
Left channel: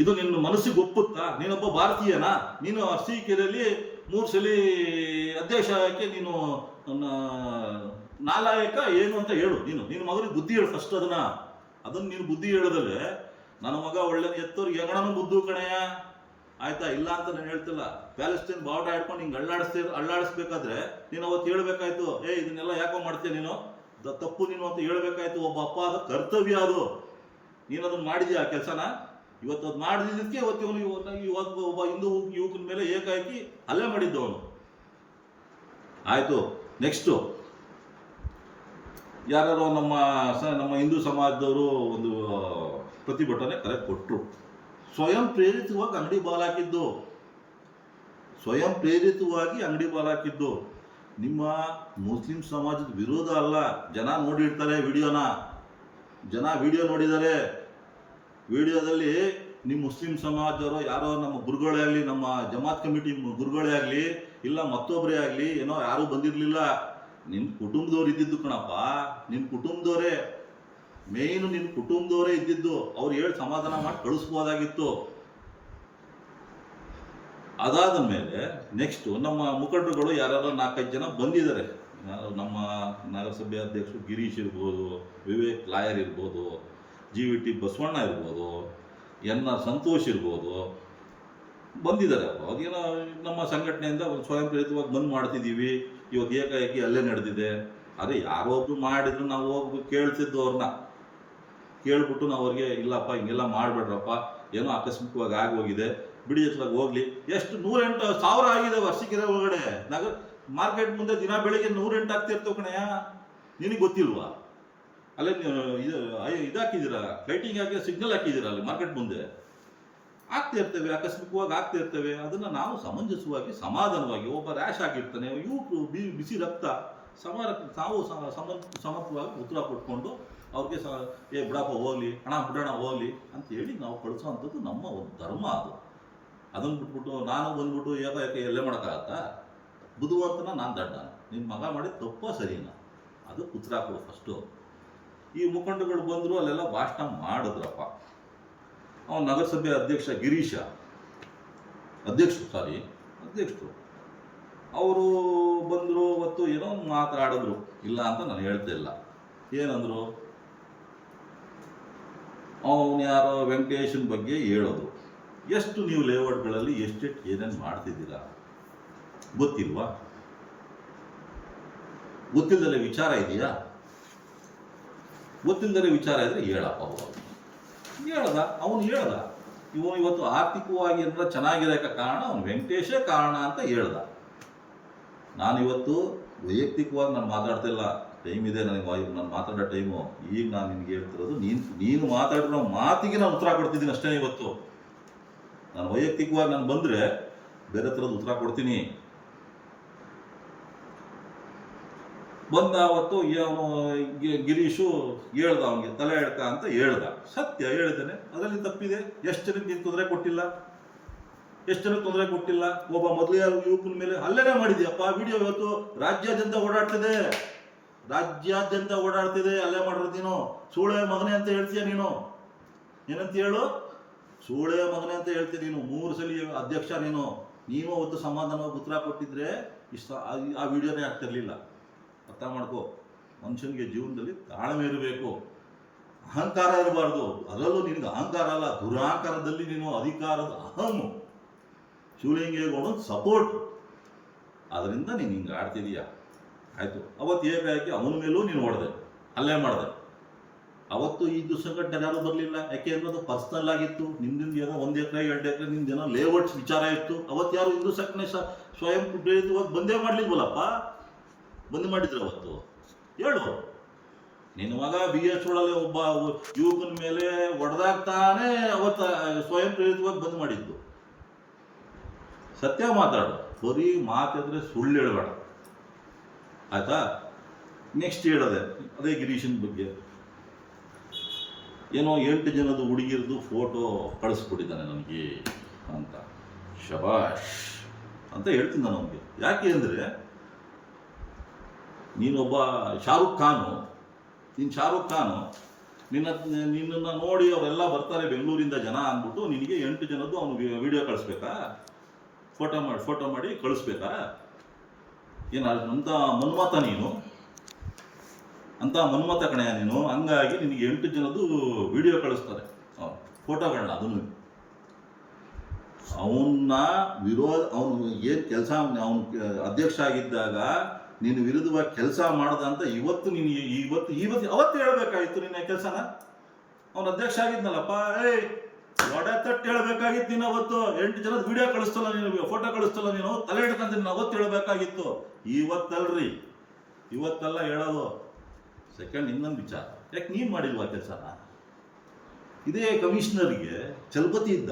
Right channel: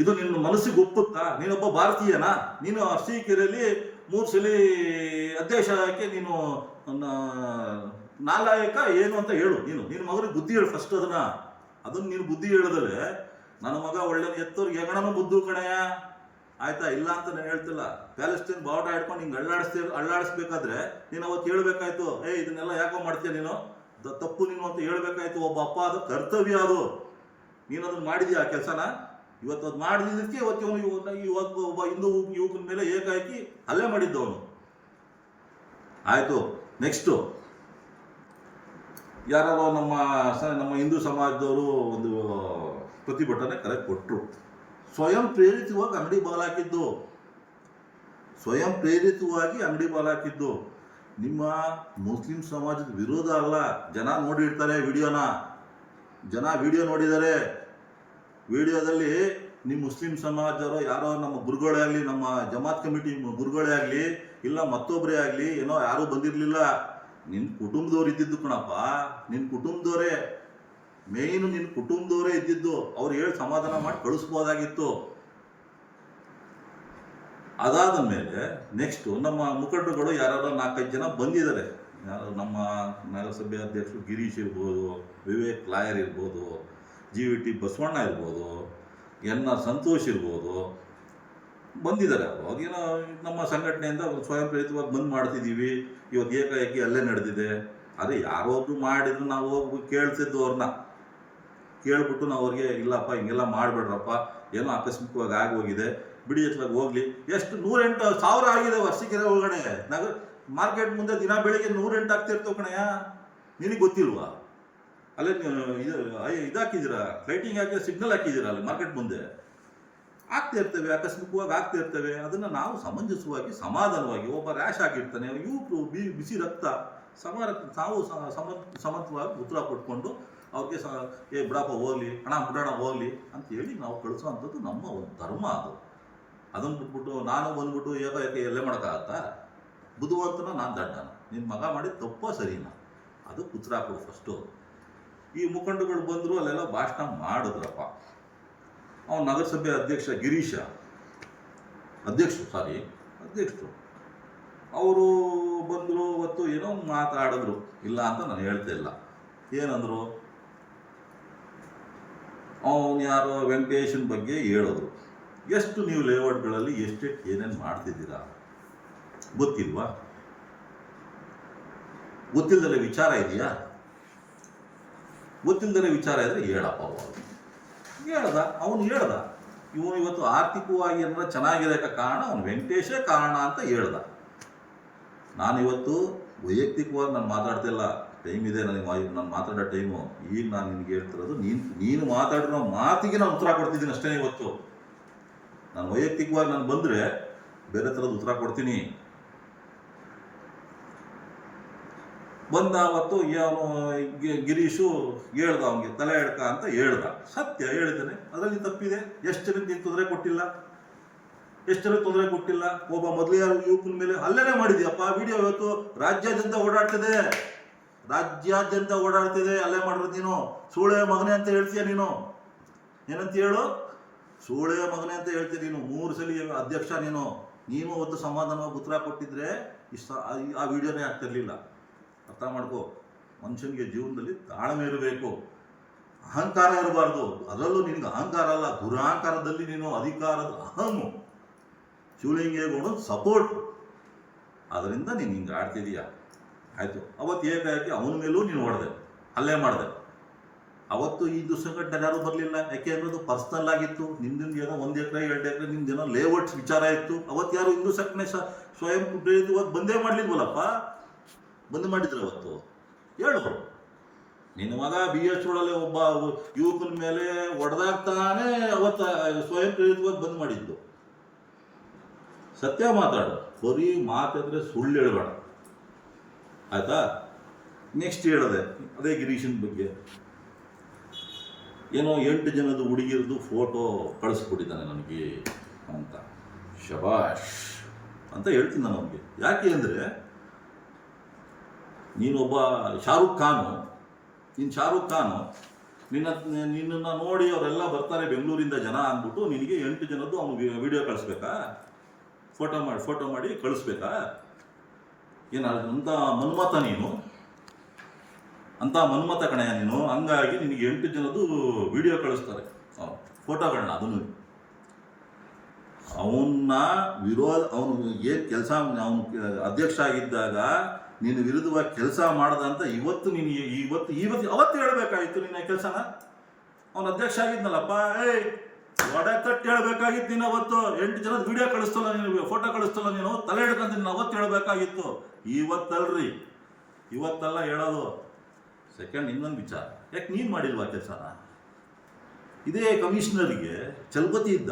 ಇದು ನಿನ್ನ ಮನಸ್ಸಿಗೆ ಒಪ್ಪುತ್ತಾ? ನೀನೊಬ್ಬ ಭಾರತೀಯನಾ? ನೀನು ಅರಸೀಕೆರೆಯಲ್ಲಿ 3 ಸಲ ಅಧ್ಯಕ್ಷಕ್ಕೆ ನೀನು ನಾಲಾಯಕ ಏನು ಅಂತ ಹೇಳು. ನಿನ್ನ ಮಗನಿಗೆ ಬುದ್ಧಿ ಹೇಳು ಫಸ್ಟ್. ಅದನ್ನು ನೀನು ಬುದ್ಧಿ ಹೇಳದಲ್ಲೇ ನನ್ನ ಮಗ ಒಳ್ಳೆ ಎತ್ತೋರಿಗೆ ಹೆಗಣನೂ ಬುದ್ಧು ಕಣೆಯ, ಆಯ್ತಾ? ಇಲ್ಲ ಅಂತ ನಾನು ಹೇಳ್ತಿಲ್ಲ. ಪ್ಯಾಲೆಸ್ಟೈನ್ ಬಾವುಟ ಹಿಡ್ಕೊಂಡು ಹಿಂಗೆ ಅಳ್ಳಾಡಿಸ್ಬೇಕಾದ್ರೆ ನೀನು ಅವತ್ತು ಹೇಳ್ಬೇಕಾಯ್ತು, ಇದನ್ನೆಲ್ಲ ಯಾಕೋ ಮಾಡ್ತೀಯ ನೀನು, ತಪ್ಪು ನೀನು ಅಂತ ಹೇಳ್ಬೇಕಾಯ್ತು. ಒಬ್ಬ ಅಪ್ಪ ಅದು ಕರ್ತವ್ಯ, ಅದು ನೀನು ಅದನ್ನು ಮಾಡಿದ್ಯಾ ಆ ಕೆಲಸನ? ಇವತ್ತು ಅದು ಮಾಡಿದ್ದಕ್ಕೆ ಇವತ್ತು ಒಬ್ಬ ಹಿಂದೂ ಯುವಕನ ಮೇಲೆ ಏಕಾಏಕಿ ಹಲ್ಲೆ ಮಾಡಿದ್ದವನು. ಆಯಿತು, ನೆಕ್ಸ್ಟು ಯಾರು ನಮ್ಮ ಹಿಂದೂ ಸಮಾಜದವರು ಒಂದು ಪ್ರತಿಭಟನೆ ಕರೆ ಕೊಟ್ಟರು. ಸ್ವಯಂ ಪ್ರೇರಿತವಾಗಿ ಅಂಗಡಿ ಬಾಲಾಕಿದ್ದು ನಿಮ್ಮ ಮುಸ್ಲಿಂ ಸಮಾಜದ ವಿರೋಧ ಅಲ್ಲ. ಜನ ನೋಡಿರ್ತಾರೆ ವಿಡಿಯೋನ, ವಿಡಿಯೋ ನೋಡಿದ್ದಾರೆ. ವಿಡಿಯೋದಲ್ಲಿ ನಿಮ್ಮ ಮುಸ್ಲಿಂ ಸಮಾಜದವರು ಯಾರೋ ನಮ್ಮ ಗುರುಗಳೇ ಆಗಲಿ, ನಮ್ಮ ಜಮಾತ್ ಕಮಿಟಿ ಗುರುಗಳೇ ಆಗಲಿ, ಇಲ್ಲ ಮತ್ತೊಬ್ಬರೇ ಆಗಲಿ, ಏನೋ ಯಾರೂ ಬಂದಿರಲಿಲ್ಲ. ನಿನ್ನ ಕುಟುಂಬದವ್ರು ಇದ್ದಿದ್ದು ಕಣಪ್ಪ, ನಿನ್ನ ಕುಟುಂಬದವರೇ ಮೇಯ್ನು, ನಿನ್ನ ಕುಟುಂಬದವರೇ ಇದ್ದಿದ್ದು. ಅವ್ರು ಹೇಳಿ ಸಮಾಧಾನ ಮಾಡಿ ಕಳಿಸ್ಬೋದಾಗಿತ್ತು. ಅದಾದ ಮೇಲೆ ನೆಕ್ಸ್ಟು ನಮ್ಮ ಮುಖಂಡರುಗಳು ಯಾರು 4-5 ಜನ ಬಂದಿದ್ದಾರೆ. ಯಾರು ನಮ್ಮ ನಗರಸಭೆ ಅಧ್ಯಕ್ಷರು ಗಿರೀಶ್ ಇರ್ಬೋದು, ವಿವೇಕ್ ಲಾಯರ್ ಇರ್ಬೋದು, GVT ಬಸವಣ್ಣ ಇರ್ಬೋದು, NR ಸಂತೋಷ್ ಇರ್ಬೋದು, ಬಂದಿದ್ದಾರೆ. ಅವರು ಅದೇನೋ ನಮ್ಮ ಸಂಘಟನೆಯಿಂದ ಸ್ವಯಂ ಪ್ರೇರಿತವಾಗಿ ಬಂದ್ ಮಾಡ್ತಿದ್ದೀವಿ, ಇವತ್ತು ಏಕಾಏಕಿ ಅಲ್ಲೇ ನಡೆದಿದೆ. ಅದೇ ಯಾರೋ ಒಬ್ರು ಮಾಡಿದ್ರು ನಾವು ಹೋಗಿ ಕೇಳ್ತಿದ್ದು ಅವ್ರನ್ನ ಕೇಳ್ಬಿಟ್ಟು ನಾವು ಅವ್ರಿಗೆ ಇಲ್ಲಪ್ಪ ಹಿಂಗೆಲ್ಲ ಮಾಡಬೇಡ್ರಪ್ಪ, ಏನೋ ಆಕಸ್ಮಿಕವಾಗಿ ಆಗೋಗಿದೆ, ಬಿಡಿ ಎತ್ತಲಾಗ ಹೋಗ್ಲಿ. ಎಷ್ಟು 108,000 ಆಗಿದೆ ವರ್ಷಕ್ಕೆ ಒಳಗಡೆ. ನಗರ ಮಾರ್ಕೆಟ್ ಮುಂದೆ ದಿನ ಬೆಳಿಗ್ಗೆ 108 ಆಗ್ತಿರ್ತವೆ ಕಣಯ್ಯ, ನಿನಗೆ ಗೊತ್ತಿಲ್ವಾ? ಅಲ್ಲೇ ಇದಾಕಿದ್ದೀರಾ, ಲೈಟಿಂಗ್ ಹಾಕಿ ಸಿಗ್ನಲ್ ಹಾಕಿದ್ದೀರಾ ಅಲ್ಲಿ ಮಾರ್ಕೆಟ್ ಮುಂದೆ. ಆಗ್ತಾ ಇರ್ತೇವೆ, ಆಕಸ್ಮಿಕವಾಗಿ ಆಗ್ತಾ ಇರ್ತೇವೆ. ಅದನ್ನು ನಾವು ಸಮಂಜಸವಾಗಿ ಸಮಾಧಾನವಾಗಿ, ಒಬ್ಬ ರ್ಯಾಶ್ ಆಗಿರ್ತಾನೆ, ಯುವಕರು ಬಿಸಿ ರಕ್ತ ನಾವು ಸಮಂತವಾಗಿ ಉತ್ತರ ಕೊಟ್ಕೊಂಡು ಅವ್ರಿಗೆ ಬಿಡಪ್ಪ ಹೋಗ್ಲಿ, ಹಣ ಬಿಡೋಣ ಹೋಗ್ಲಿ ಅಂತೇಳಿ ನಾವು ಕಳಿಸೋ ಅಂಥದ್ದು ನಮ್ಮ ಒಂದು ಧರ್ಮ. ಅದನ್ನು ಬಿಟ್ಬಿಟ್ಟು ನಾನು ಬಂದ್ಬಿಟ್ಟು ಏಕಾಏಕಿ ಎಲ್ಲೇ ಮಾಡೋಕ್ಕಾಗತ್ತಾ? ಬುದ್ಧಿವಂತನ ನಾನು ದಡ್ಡನ? ನಿನ್ನ ಮಗ ಮಾಡಿದ ತಪ್ಪ ಸರಿನಾ? ಅದು ಉತ್ತರ ಕೊಡು ಫಸ್ಟು. ಈ ಮುಖಂಡಗಳು ಬಂದರು, ಅಲ್ಲೆಲ್ಲ ಭಾಷಣ ಮಾಡಿದ್ರಪ್ಪ. ಅವನು ನಗರಸಭೆ ಅಧ್ಯಕ್ಷ ಗಿರೀಶ ಅಧ್ಯಕ್ಷರು ಅವರು ಬಂದರು. ಅವತ್ತು ಏನೋ ಒಂದು ಮಾತಾಡಿದ್ರು, ಇಲ್ಲ ಅಂತ ನಾನು ಹೇಳ್ತಾ ಇಲ್ಲ. ಏನಂದರು, ಅವನು ಯಾರೋ ವೆಂಕಟೇಶನ್ ಬಗ್ಗೆ ಹೇಳಿದ್ರು. ಎಷ್ಟು ನೀವು ಲೇಔಟ್ಗಳಲ್ಲಿ ಎಷ್ಟೆಷ್ಟು ಏನೇನು ಮಾಡ್ತಿದ್ದೀರಾ ಗೊತ್ತಿಲ್ವಾ? ಗೊತ್ತಿಲ್ಲದಲ್ಲೇ ವಿಚಾರ ಇದೆಯಾ? ಗೊತ್ತಿಲ್ಲದಲ್ಲೇ ವಿಚಾರ ಇದ್ರೆ ಹೇಳಪ್ಪ. ಅವನು ಹೇಳ್ದ ಇವನು ಇವತ್ತು ಆರ್ಥಿಕವಾಗಿ ಏನಾರ ಚೆನ್ನಾಗಿರೋಕ್ಕೆ ಕಾರಣ ಅವನು ವೆಂಕಟೇಶೇ ಕಾರಣ ಅಂತ ಹೇಳ್ದ. ನಾನಿವತ್ತು ವೈಯಕ್ತಿಕವಾಗಿ ನಾನು ಮಾತಾಡ್ತಿಲ್ಲ, ಟೈಮ್ ಇದೆ ನನಗೆ, ನಾನು ಮಾತಾಡೋ ಟೈಮು. ಈಗ ನಾನು ನಿನಗೆ ಹೇಳ್ತಿರೋದು, ನೀನು ಮಾತಾಡಿರೋ ಮಾತಿಗೆ ನಾನು ಉತ್ತರ ಕೊಡ್ತಿದ್ದೀನಿ ಅಷ್ಟೇ. ಇವತ್ತು ನಾನು ವೈಯಕ್ತಿಕವಾಗಿ ನಾನು ಬಂದರೆ ಬೇರೆ ಥರದ ಉತ್ತರ ಕೊಡ್ತೀನಿ. ಬಂದ ಅವತ್ತು ಅವನು ಗಿರೀಶು ಹೇಳ್ದ, ಅವನಿಗೆ ತಲೆ ಎಡ್ಕ ಅಂತ ಹೇಳ್ದ. ಸತ್ಯ ಹೇಳಿದ್ದಾನೆ, ಅದರಲ್ಲಿ ತಪ್ಪಿದೆ. ಎಷ್ಟು ಜನಕ್ಕೆ ನೀನು ತೊಂದರೆ ಕೊಟ್ಟಿಲ್ಲ, ಎಷ್ಟು ಜನಕ್ಕೆ ತೊಂದರೆ ಕೊಟ್ಟಿಲ್ಲ. ಒಬ್ಬ ಮೊದಲೇ ಯುವಕನ ಮೇಲೆ ಹಲ್ಲೆನೇ ಮಾಡಿದ್ಯಪ್ಪ. ವಿಡಿಯೋ ಇವತ್ತು ರಾಜ್ಯಾದ್ಯಂತ ಓಡಾಡ್ತಿದೆ. ಅಲ್ಲೇ ಮಾಡಿರೋದು ನೀನು. ಸೂಳೆ ಮಗನೆ ಅಂತ ಹೇಳ್ತೀಯ ನೀನು. ಏನಂತ ಹೇಳು? ಸೂಳೆ ಮಗನೆ ಅಂತ ಹೇಳ್ತೀಯ ನೀನು. 3 ಸಲ ಅಧ್ಯಕ್ಷ ನೀನು ಅವತ್ತು ಸಮಾಧಾನವಾಗಿ ಉತ್ತರ ಕೊಟ್ಟಿದ್ರೆ ಆ ವಿಡಿಯೋನೇ ಆಗ್ತಿರ್ಲಿಲ್ಲ. ಅರ್ಥ ಮಾಡ್ಕೋ. ಮನುಷ್ಯನಿಗೆ ಜೀವನದಲ್ಲಿ ತಾಳ್ಮೆ ಇರಬೇಕು, ಅಹಂಕಾರ ಇರಬಾರ್ದು. ಅದರಲ್ಲೂ ನಿನಗೆ ಅಹಂಕಾರ ಅಲ್ಲ, ದುರಹಂಕಾರದಲ್ಲಿ ನೀನು ಅಧಿಕಾರದ ಅಹಮ್ಮು, ಶಿವಲಿಂಗೇಗೌಡ ಸಪೋರ್ಟ್. ಅದರಿಂದ ನೀನು ಹಿಂಗೆ ಆಡ್ತಿದೀಯ. ಆಯಿತು, ಅವತ್ತು ಏಕಾಏಕಿ ಅವನ ಮೇಲೂ ನೀನು ಅಲ್ಲೇ ಮಾಡಿದೆ. ಅವತ್ತು ಈ ಸಂಘಟನೆ ಯಾರೂ ಬರಲಿಲ್ಲ. ಯಾಕೆ ಅನ್ನೋದು ಪರ್ಸ್ನಲ್ ಆಗಿತ್ತು. ನಿಮ್ದಿಂದ ಏನೋ 1 ಎಕರೆ 2 ಎಕರೆ ನಿಮ್ದೇನೋ ಲೇಔಟ್ಸ್ ವಿಚಾರ ಇತ್ತು. ಅವತ್ತು ಯಾರು ಹಿಂದೂ ಸಂಘಟನೆ ಸ್ವಯಂ ಪ್ರೇರಿತವಾಗಿ ಬಂದೇ ಮಾಡಲಿಲ್ವಲ್ಲಪ್ಪ. ಬಂದು ಮಾಡಿದ್ರು ಅವತ್ತು. ಹೇಳು, ನಿನ್ನ ಮಗ BH ರೋಡಲ್ಲಿ ಒಬ್ಬ ಯುವಕನ ಮೇಲೆ ಹೊಡೆದಾಗ್ತಾನೆ ಅವತ್ತು ಸ್ವಯಂ ಪ್ರೇರಿತವಾಗಿ ಬಂದ್ ಮಾಡಿದ್ದು. ಸತ್ಯ ಮಾತಾಡು, ಬರೀ ಮಾತಾಡಿದ್ರೆ ಸುಳ್ಳು ಹೇಳಬೇಡ, ಆಯ್ತಾ? ನೆಕ್ಸ್ಟ್ ಹೇಳಿದೆ ಅದೇ ಗಿರೀಶನ್ ಬಗ್ಗೆ. ಏನೋ 8 ಜನದ ಹುಡುಗಿರದು ಫೋಟೋ ಕಳಿಸ್ಬಿಟ್ಟಿದ್ದಾನೆ ನನಗೆ ಅಂತ. ಶಬಾಷ್ ಅಂತ ಹೇಳ್ತೀನಿ ನಾನು ಅವನಿಗೆ. ಯಾಕೆ ಅಂದರೆ, ನೀನೊಬ್ಬ ಶಾರುಖ್ ಖಾನು ನಿನ್ನನ್ನು ನೋಡಿ ಅವರೆಲ್ಲ ಬರ್ತಾರೆ ಬೆಂಗಳೂರಿಂದ ಜನ ಅಂದ್ಬಿಟ್ಟು ನಿನಗೆ 8 ಜನದ್ದು ಅವನು ವಿಡಿಯೋ ಕಳಿಸ್ಬೇಕಾ? ಫೋಟೋ ಮಾಡಿ ಕಳಿಸ್ಬೇಕಾ? ಅಂಥ ಮನ್ಮತ ನೀನು, ಅಂಥ ಮನ್ಮತ ಕಣೆಯ ನೀನು. ಹಂಗಾಗಿ ನಿನಗೆ 8 ಜನದ್ದು ವಿಡಿಯೋ ಕಳಿಸ್ತಾರೆ ಫೋಟೋಗಳನ್ನ. ಅದನ್ನು ಅವನು ಏನು ಕೆಲಸ, ಅವನು ಅಧ್ಯಕ್ಷ ಆಗಿದ್ದಾಗ ನೀನು ವಿರುದ್ಧವಾಗಿ ಕೆಲಸ ಮಾಡ್ದ ಅಂತ ಅವತ್ತು ಹೇಳಬೇಕಾಗಿತ್ತು ನಿನ್ನ ಕೆಲಸನ. ಅವನು ಅಧ್ಯಕ್ಷ ಆಗಿದ್ನಲ್ಲಪ್ಪ, ಒಡೆ ತಟ್ಟು ಹೇಳಬೇಕಾಗಿತ್ತು ನೀನು. ಅವತ್ತು 8 ಜನದ ವಿಡಿಯೋ ಕಳಿಸ್ತಲ್ಲ ನೀನು, ಫೋಟೋ ಕಳಿಸ್ತಲ್ಲ ನೀನು, ತಲೆ ಹಿಡ್ಕಂತ ನೀನು ಅವತ್ತು ಹೇಳಬೇಕಾಗಿತ್ತು. ಇವತ್ತಲ್ಲ ಹೇಳೋದು. ಸೆಕೆಂಡ್, ಇನ್ನೊಂದು ವಿಚಾರ, ಯಾಕೆ ನೀನು ಮಾಡಿಲ್ವಾ ಕೆಲಸನ? ಇದೇ ಕಮಿಷನರಿಗೆ ಚಲಪತಿ ಇದ್ದ,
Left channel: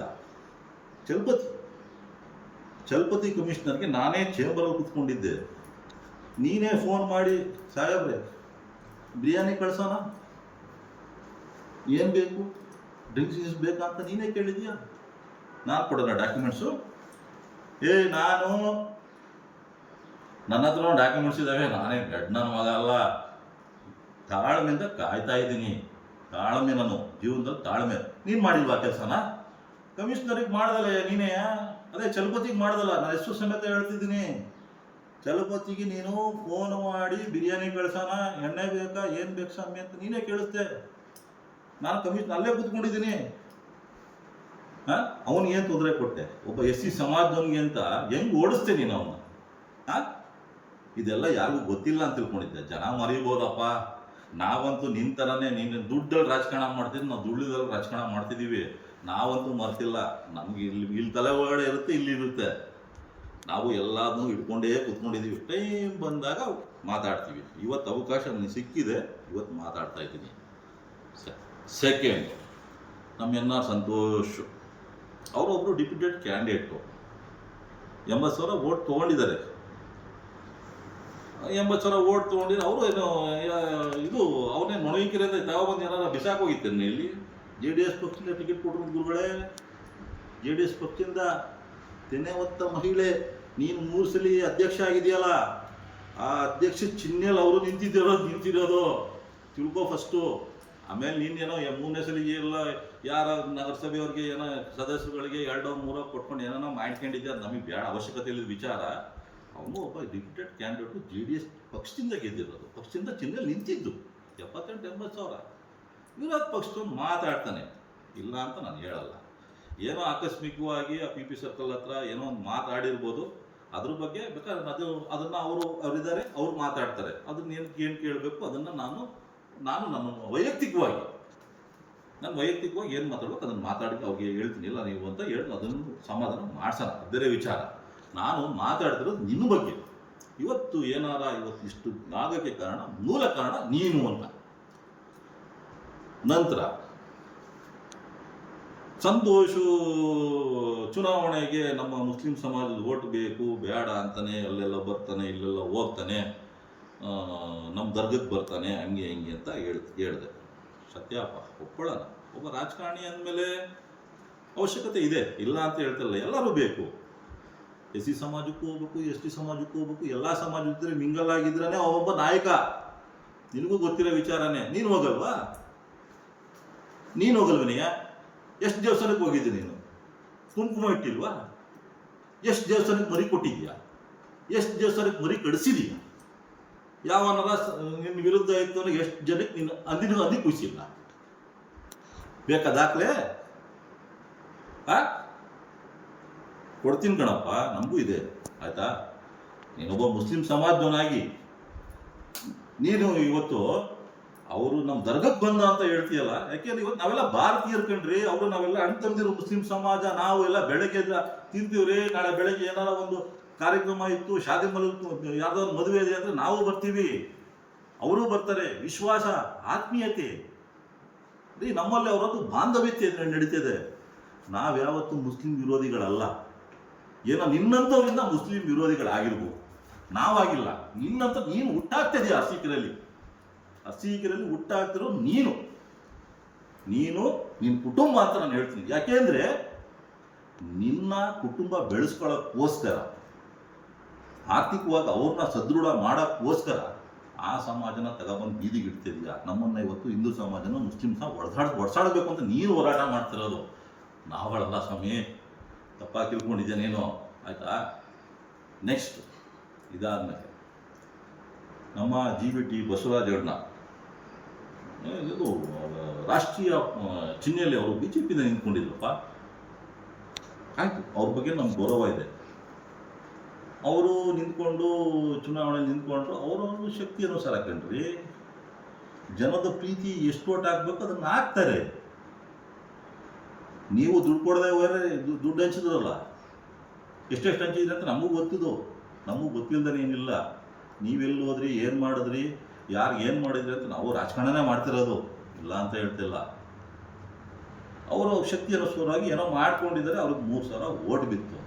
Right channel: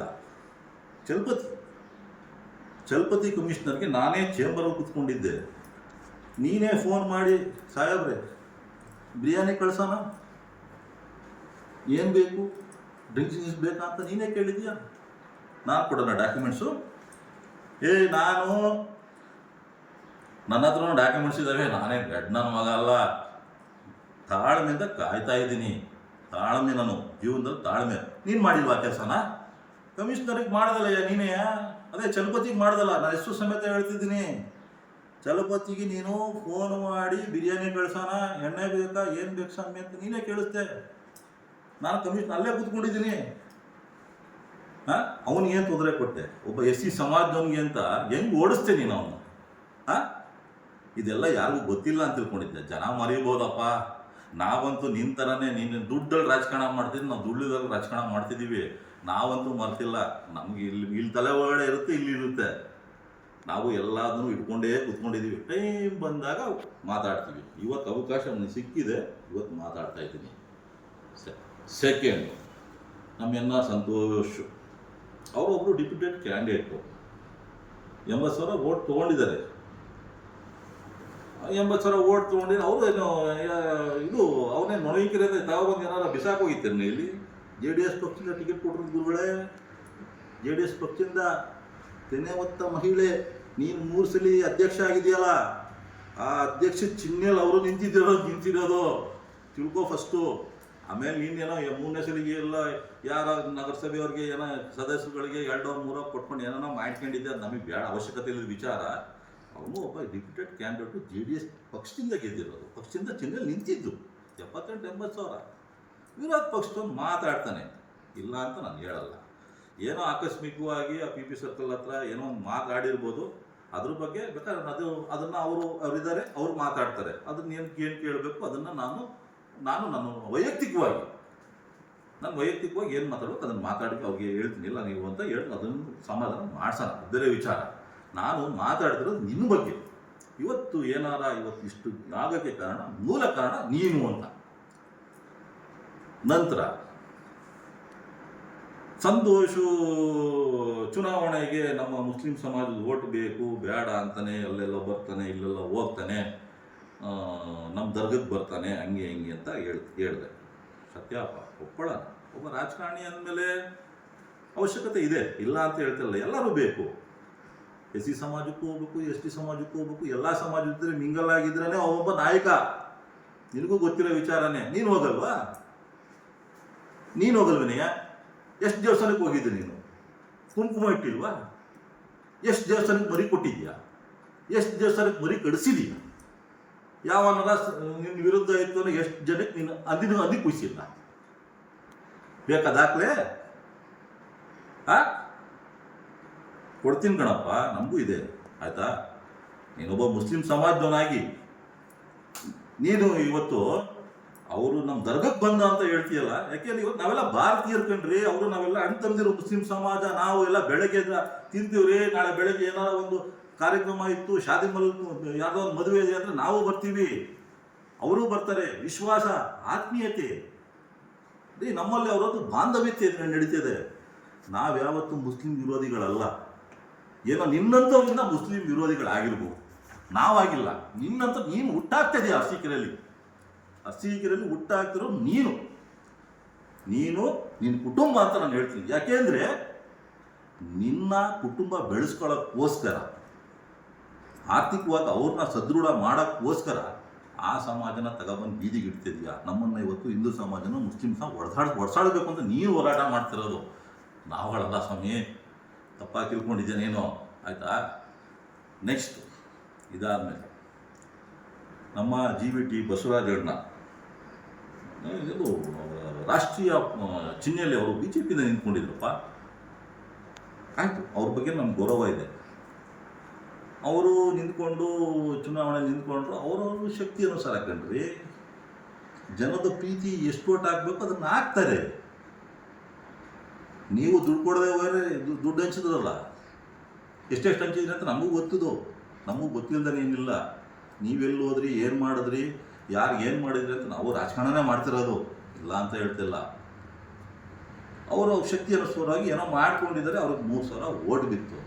ಚಲಪತಿ ಕಮಿಷನರ್ಗೆ ನಾನೇ ಚೇಂಬರಲ್ಲಿ ಕೂತ್ಕೊಂಡಿದ್ದೆ. ನೀನೇ ಫೋನ್ ಮಾಡಿ, ಸಾಹೇಬ್ರೆ ಬಿರಿಯಾನಿ ಕಳ್ಸೋಣ, ಏನು ಬೇಕು, ಡ್ರಿಂಕ್ಸ್ ಬೇಕಾ ಅಂತ ನೀನೇ ಕೇಳಿದ್ಯಾ? ನಾನು ಕೊಡೋಣ ಡಾಕ್ಯುಮೆಂಟ್ಸು? ನನ್ನ ಹತ್ರ ಡಾಕ್ಯುಮೆಂಟ್ಸ್ ಇದ್ದಾವೆ. ನಾನೇ ನನ್ನ ಮಗ ಅಲ್ಲ. ತಾಳ್ಮೆಯಿಂದ ಕಾಯ್ತಾ ಇದ್ದೀನಿ. ತಾಳ್ಮೆ, ನಾನು ಜೀವನದಲ್ಲಿ ತಾಳ್ಮೆ. ನೀನು ಮಾಡಿಲ್ವಾ ಕೆಲಸನ? ಕಮಿಷನರಿಗೆ ಮಾಡ್ದಲ್ಲ ನೀನೇ. ಅದೇ ಚಲಪತಿಗೆ ಮಾಡ್ದಲ್ಲ, ನಾನು ಹೆಸರು ಸಮೇತ ಹೇಳ್ತಿದ್ದೀನಿ. ಚಲಪತಿಗೆ ನೀನು ಫೋನ್ ಮಾಡಿ ಬಿರಿಯಾನಿ ಕಳ್ಸೋಣ, ಎಣ್ಣೆ ಬೇಕಾ, ಏನು ಬೇಕು ಸ್ವಾಮಿ ಅಂತ ನೀನೇ ಕೇಳಿಸ್ದೆ. ನಾನು ಕಮಿಷನ್ ಅಲ್ಲೇ ಕೂತ್ಕೊಂಡಿದ್ದೀನಿ. ಹಾಂ, ಅವನಿಗೇನು ತೊಂದರೆ ಕೊಟ್ಟೆ? ಒಬ್ಬ SC ಸಮಾಜದವನಿಗೆ ಅಂತ ಹೆಂಗೆ ಓಡಿಸ್ತೆ ನೀನು ಅವನು? ಹಾಂ, ಇದೆಲ್ಲ ಯಾರಿಗೂ ಗೊತ್ತಿಲ್ಲ ಅಂತ ತಿಳ್ಕೊಂಡಿದ್ದೆ. ಜನ ಮರಿಬೋದಪ್ಪ. ನಾವಂತೂ ನಿನ್ನ ಥರನೇ, ನೀನು ದುಡ್ಡಲ್ಲಿ ರಾಜಕಾರಣ ಮಾಡ್ತಿದ್ವಿ, ನಾವು ದುಡ್ಡಿದಲ್ಲಿ ರಾಜಕಾರಣ ಮಾಡ್ತಿದ್ದೀವಿ. ನಾವಂತೂ ಮರ್ತಿಲ್ಲ. ನಮಗೆ ಇಲ್ಲಿ ತಲೆ ಒಳಗಡೆ ಇರುತ್ತೆ, ಇಲ್ಲಿರುತ್ತೆ. ನಾವು ಎಲ್ಲದನ್ನೂ ಇಟ್ಕೊಂಡೇ ಕೂತ್ಕೊಂಡಿದ್ದೀವಿ. ಟೈಮ್ ಬಂದಾಗ ಮಾತಾಡ್ತೀವಿ. ಇವತ್ತು ಅವಕಾಶ ನನಗೆ ಸಿಕ್ಕಿದೆ, ಇವತ್ತು ಮಾತಾಡ್ತಾ ಇದ್ದೀನಿ. ಸೆಕೆಂಡ್, ನಮ್ಮ NR ಸಂತೋಷ್ ಅವರೊಬ್ಬರು ಡಿಪ್ಯೂಟೆಡ್ ಕ್ಯಾಂಡಿಡೇಟು. 80,000 ಓಟ್ ತೊಗೊಂಡಿದ್ದಾರೆ. 80,000 ಓಟ್ ತೊಗೊಂಡಿದ್ರೆ ಅವರು ಏನು ಇದು ಅವನೇ ನೊಣವಿಕೆರೆ ತಾವೊಂದು ಏನಾರ ಬಿಸಾಕೋಗಿತ್ತೇನೆ ಇಲ್ಲಿ. JDS ಪಕ್ಷದಿಂದ ಟಿಕೆಟ್ ಕೊಟ್ಟರು ಗುರುಗಳೇ. JDS ಪಕ್ಷದಿಂದ ತೆನೆ ಹೊತ್ತ ಮಹಿಳೆ, ನೀನು 3 ಸಲ ಅಧ್ಯಕ್ಷ ಆಗಿದೆಯಲ್ಲ, ಆ ಅಧ್ಯಕ್ಷ ಚಿಹ್ನೆಯಲ್ಲಿ ಅವರು ನಿಂತಿರೋದು ತಿಳ್ಕೊ ಫಸ್ಟು. ಆಮೇಲೆ ನೀನೇನೋ 3ನೇ ಸಲಿಗೆ ಎಲ್ಲ ಯಾರ ನಗರಸಭೆಯವ್ರಿಗೆ ಏನೋ ಸದಸ್ಯರುಗಳಿಗೆ 2-3 ಕೊಟ್ಕೊಂಡು ಏನೇನೋ ಮಾಡ್ಕೊಂಡಿದ್ದೆ, ಅದು ನಮಗೆ ಬೇಡ, ಅವಶ್ಯಕತೆ ಇಲ್ಲದ ವಿಚಾರ. ಅವನು ಒಬ್ಬ ಡಿಪ್ಯೂಟೆಡ್ ಕ್ಯಾಂಡಿಡೇಟು, JDS ಪಕ್ಷದಿಂದ ಗೆದ್ದಿರೋದು, ಪಕ್ಷದಿಂದ ಚಿಹ್ನೆಯಲ್ಲಿ ನಿಂತಿದ್ದು. 78,000-80,000 ವಿರೋಧ ಪಕ್ಷದವನು ಮಾತಾಡ್ತಾನೆ, ಇಲ್ಲ ಅಂತ ನಾನು ಹೇಳಲ್ಲ. ಏನೋ ಆಕಸ್ಮಿಕವಾಗಿ ಆ PP ಸರ್ಕಲ್ ಹತ್ರ ಏನೋ ಒಂದು ಮಾತಾಡಿರ್ಬೋದು, ಅದ್ರ ಬಗ್ಗೆ ಬೇಕಾದ್ರೆ ಅದನ್ನು ಅವರಿದ್ದಾರೆ, ಅವ್ರು ಮಾತಾಡ್ತಾರೆ. ಅದನ್ನ ಏನು ಕೇಳಬೇಕು ಅದನ್ನು ನಾನು ನನ್ನ ವೈಯಕ್ತಿಕವಾಗಿ ಏನು ಮಾತಾಡಬೇಕು ಅದನ್ನು ಮಾತಾಡಿ ಅವ್ರಿಗೆ ಹೇಳ್ತೀನಿ. ಇಲ್ಲ ನೀವು ಅಂತ ಹೇಳಿ ಅದನ್ನು ಸಮಾಧಾನ ಮಾಡ್ಸೋಣ, ಬೇರೆ ವಿಚಾರ. ನಾನು ಮಾತಾಡ್ತಿರೋದು ನಿನ್ನ ಬಗ್ಗೆ. ಇವತ್ತು ಇಷ್ಟು ಆಗೋಕ್ಕೆ ಮೂಲ ಕಾರಣ ನೀನು ಅಂತ. ನಂತರ ಸಂತೋಷು ಚುನಾವಣೆಗೆ ನಮ್ಮ ಮುಸ್ಲಿಂ ಸಮಾಜದ ಓಟ್ ಬೇಕು ಬೇಡ ಅಂತಾನೆ ಅಲ್ಲೆಲ್ಲ ಬರ್ತಾನೆ, ಇಲ್ಲೆಲ್ಲ ಹೋಗ್ತಾನೆ, ನಮ್ಮ ದರ್ಗಕ್ಕೆ ಬರ್ತಾನೆ, ಹಂಗೆ ಅಂತ ಹೇಳಿದೆ. ಸತ್ಯಪ್ಪ, ಒಪ್ಪಳೋಣ. ಒಬ್ಬ ರಾಜಕಾರಣಿ ಅಂದಮೇಲೆ ಅವಶ್ಯಕತೆ ಇದೆ, ಇಲ್ಲ ಅಂತ ಹೇಳ್ತಿಲ್ಲ. ಎಲ್ಲರೂ ಬೇಕು. SC ಸಮಾಜಕ್ಕೂ ಹೋಗ್ಬೇಕು, ST ಸಮಾಜಕ್ಕೂ ಹೋಗ್ಬೇಕು. ಎಲ್ಲ ಸಮಾಜ ಇದ್ದರೆ ಮಿಂಗಲ್ ಆಗಿದ್ರೇ ಅವನೊಬ್ಬ ನಾಯಕ. ನಿನಗೂ ಗೊತ್ತಿರೋ ವಿಚಾರನೇ. ನೀನು ಹೋಗಲ್ವನೆಯ? ಎಷ್ಟು ದೇವಸ್ಥಾನಕ್ಕೆ ಹೋಗಿದ್ದೆ ನೀನು? ಕುಂಕುಮ ಇಟ್ಟಿಲ್ವಾ? ಎಷ್ಟು ದೇವಸ್ಥಾನಕ್ಕೆ ಮರಿ ಕೊಟ್ಟಿದ್ಯಾ? ಎಷ್ಟು ದೇವಸ್ಥಾನಕ್ಕೆ ಮರಿ ಕಡಿಸಿದೀಯ? ಯಾವನಾರ ನಿನ್ನ ವಿರುದ್ಧ ಇತ್ತು ಅಂದ್ರೆ ಎಷ್ಟು ಜನಕ್ಕೆ ನೀನು ಅಂದಿ ಕುಯ್ಸಿಲ್ಲ? ಬೇಕಾ ದಾಖಲೆ? ಕೊಡ್ತೀನಿ ಕಣಪ್ಪ, ನಮಗೂ ಇದೆ, ಆಯಿತಾ? ನೀನೊಬ್ಬ ಮುಸ್ಲಿಂ ಸಮಾಜದವನಾಗಿ ನೀನು ಇವತ್ತು ಅವರು ನಮ್ಮ ದರ್ಗಕ್ಕೆ ಬಂದ ಅಂತ ಹೇಳ್ತೀಯಲ್ಲ, ಯಾಕೆಂದ್ರೆ ಇವತ್ತು ನಾವೆಲ್ಲ ಭಾರತೀಯರು ಕಣ್ರಿ. ಅವರು ನಾವೆಲ್ಲ ಅಣ್ಣ ತಂದಿರೋ ಮುಸ್ಲಿಂ ಸಮಾಜ. ನಾವು ಎಲ್ಲ ಬೆಳಗ್ಗೆ ತಿಂತೀವ್ರಿ. ನಾಳೆ ಬೆಳಗ್ಗೆ ಏನಾರ ಒಂದು ಕಾರ್ಯಕ್ರಮ ಇತ್ತು, ಶಾದಿ ಯಾರ್ದೋ ಒಂದು ಮದುವೆ ಇದೆ ಅಂದರೆ ನಾವು ಬರ್ತೀವಿ, ಅವರು ಬರ್ತಾರೆ. ವಿಶ್ವಾಸ, ಆತ್ಮೀಯತೆ ರೀ ನಮ್ಮಲ್ಲಿ ಅವರದ್ದು ಬಾಂಧವ್ಯತೆ ನಡೀತಿದೆ. ನಾವ್ಯಾವತ್ತೂ ಮುಸ್ಲಿಂ ವಿರೋಧಿಗಳಲ್ಲ. ಏನೋ ನಿನ್ನಂಥವ್ರಿಂದ ಮುಸ್ಲಿಂ ವಿರೋಧಿಗಳಾಗಿರ್ಬೋದು, ನಾವಾಗಿಲ್ಲ. ನಿನ್ನಂಥ ನೀನು ಹುಟ್ಟಾಗ್ತಿದೆಯಾ ಅರ್ಸೀಕೆರೆಯಲ್ಲಿ ಹುಟ್ಟಾಗ್ತಿರೋ ನೀನು ನಿನ್ನ ಕುಟುಂಬ ಅಂತ ನಾನು ಹೇಳ್ತೀನಿ. ಯಾಕೆಂದರೆ ನಿನ್ನ ಕುಟುಂಬ ಬೆಳೆಸ್ಕೊಳ್ಳೋಕ್ಕೋಸ್ಕರ, ಆರ್ಥಿಕವಾಗಿ ಅವ್ರನ್ನ ಸದೃಢ ಮಾಡೋಕ್ಕೋಸ್ಕರ ಆ ಸಮಾಜನ ತಗೊಬಂದು ಬೀದಿಗೆ ಇಡ್ತಿದ್ಯಾ. ನಮ್ಮನ್ನು ಇವತ್ತು ಹಿಂದೂ ಸಮಾಜನ ಮುಸ್ಲಿಂ ಒಡ್ಸಾಡಬೇಕು ಅಂತ ನೀನು ಹೋರಾಟ ಮಾಡ್ತಿರೋದು. ನಾವು ಹೇಳಲ್ಲ ಸ್ವಾಮಿ, ತಪ್ಪಾಗಿ ತಿಳ್ಕೊಂಡಿದ್ದೆ ನೀನು, ಆಯಿತಾ? ನೆಕ್ಸ್ಟ್ ಇದಾದಮೇಲೆ ನಮ್ಮ GVT ಬಸವರಾಜಣ್ಣ, ಇದು ರಾಷ್ಟ್ರೀಯ ಚಿಹ್ನೆಯಲ್ಲಿ ಅವರು BJPಯಿಂದ ನಿಂತ್ಕೊಂಡಿದ್ರಪ್ಪ. ಆಯಿತು, ಅವ್ರ ಬಗ್ಗೆ ನಮ್ಗೆ ಗೌರವ ಇದೆ. ಅವರು ನಿಂತ್ಕೊಂಡು ಚುನಾವಣೆಯಲ್ಲಿ ನಿಂತ್ಕೊಂಡ್ರು, ಅವರವ್ರ ಶಕ್ತಿ ಅನುಸಾರ ಕಣ್ರಿ. ಜನದ ಪ್ರೀತಿ ಎಷ್ಟು ಓಟ್ ಹಾಕಬೇಕು ಅದನ್ನು ಹಾಕ್ತಾರೆ. ನೀವು ದುಡ್ಡು ಕೊಡದೆ ಹೋದರೆ ದುಡ್ಡು ಹಂಚಿದ್ರಲ್ಲ, ಎಷ್ಟೆಷ್ಟು ಹಂಚಿದ್ರಿ ಅಂತ ನಮಗೂ ಗೊತ್ತಿಲ್ಲದೇ ಏನಿಲ್ಲ. ನೀವೆಲ್ಲಿ ಹೋದ್ರಿ, ಏನು ಮಾಡಿದ್ರಿ, ಯಾರು ಏನು ಮಾಡಿದ್ರಿ ಅಂತ ನಾವು ರಾಜಕಾರಣನೇ ಮಾಡ್ತಿರೋದು, ಇಲ್ಲ ಅಂತ ಹೇಳ್ತಿಲ್ಲ. ಅವರು ಶಕ್ತಿ ಅನುಸಾರವಾಗಿ ಏನೋ ಮಾಡ್ಕೊಂಡಿದ್ದಾರೆ. ಅವ್ರಿಗೆ 3,000 ಓಟ್ ಬಿತ್ತು.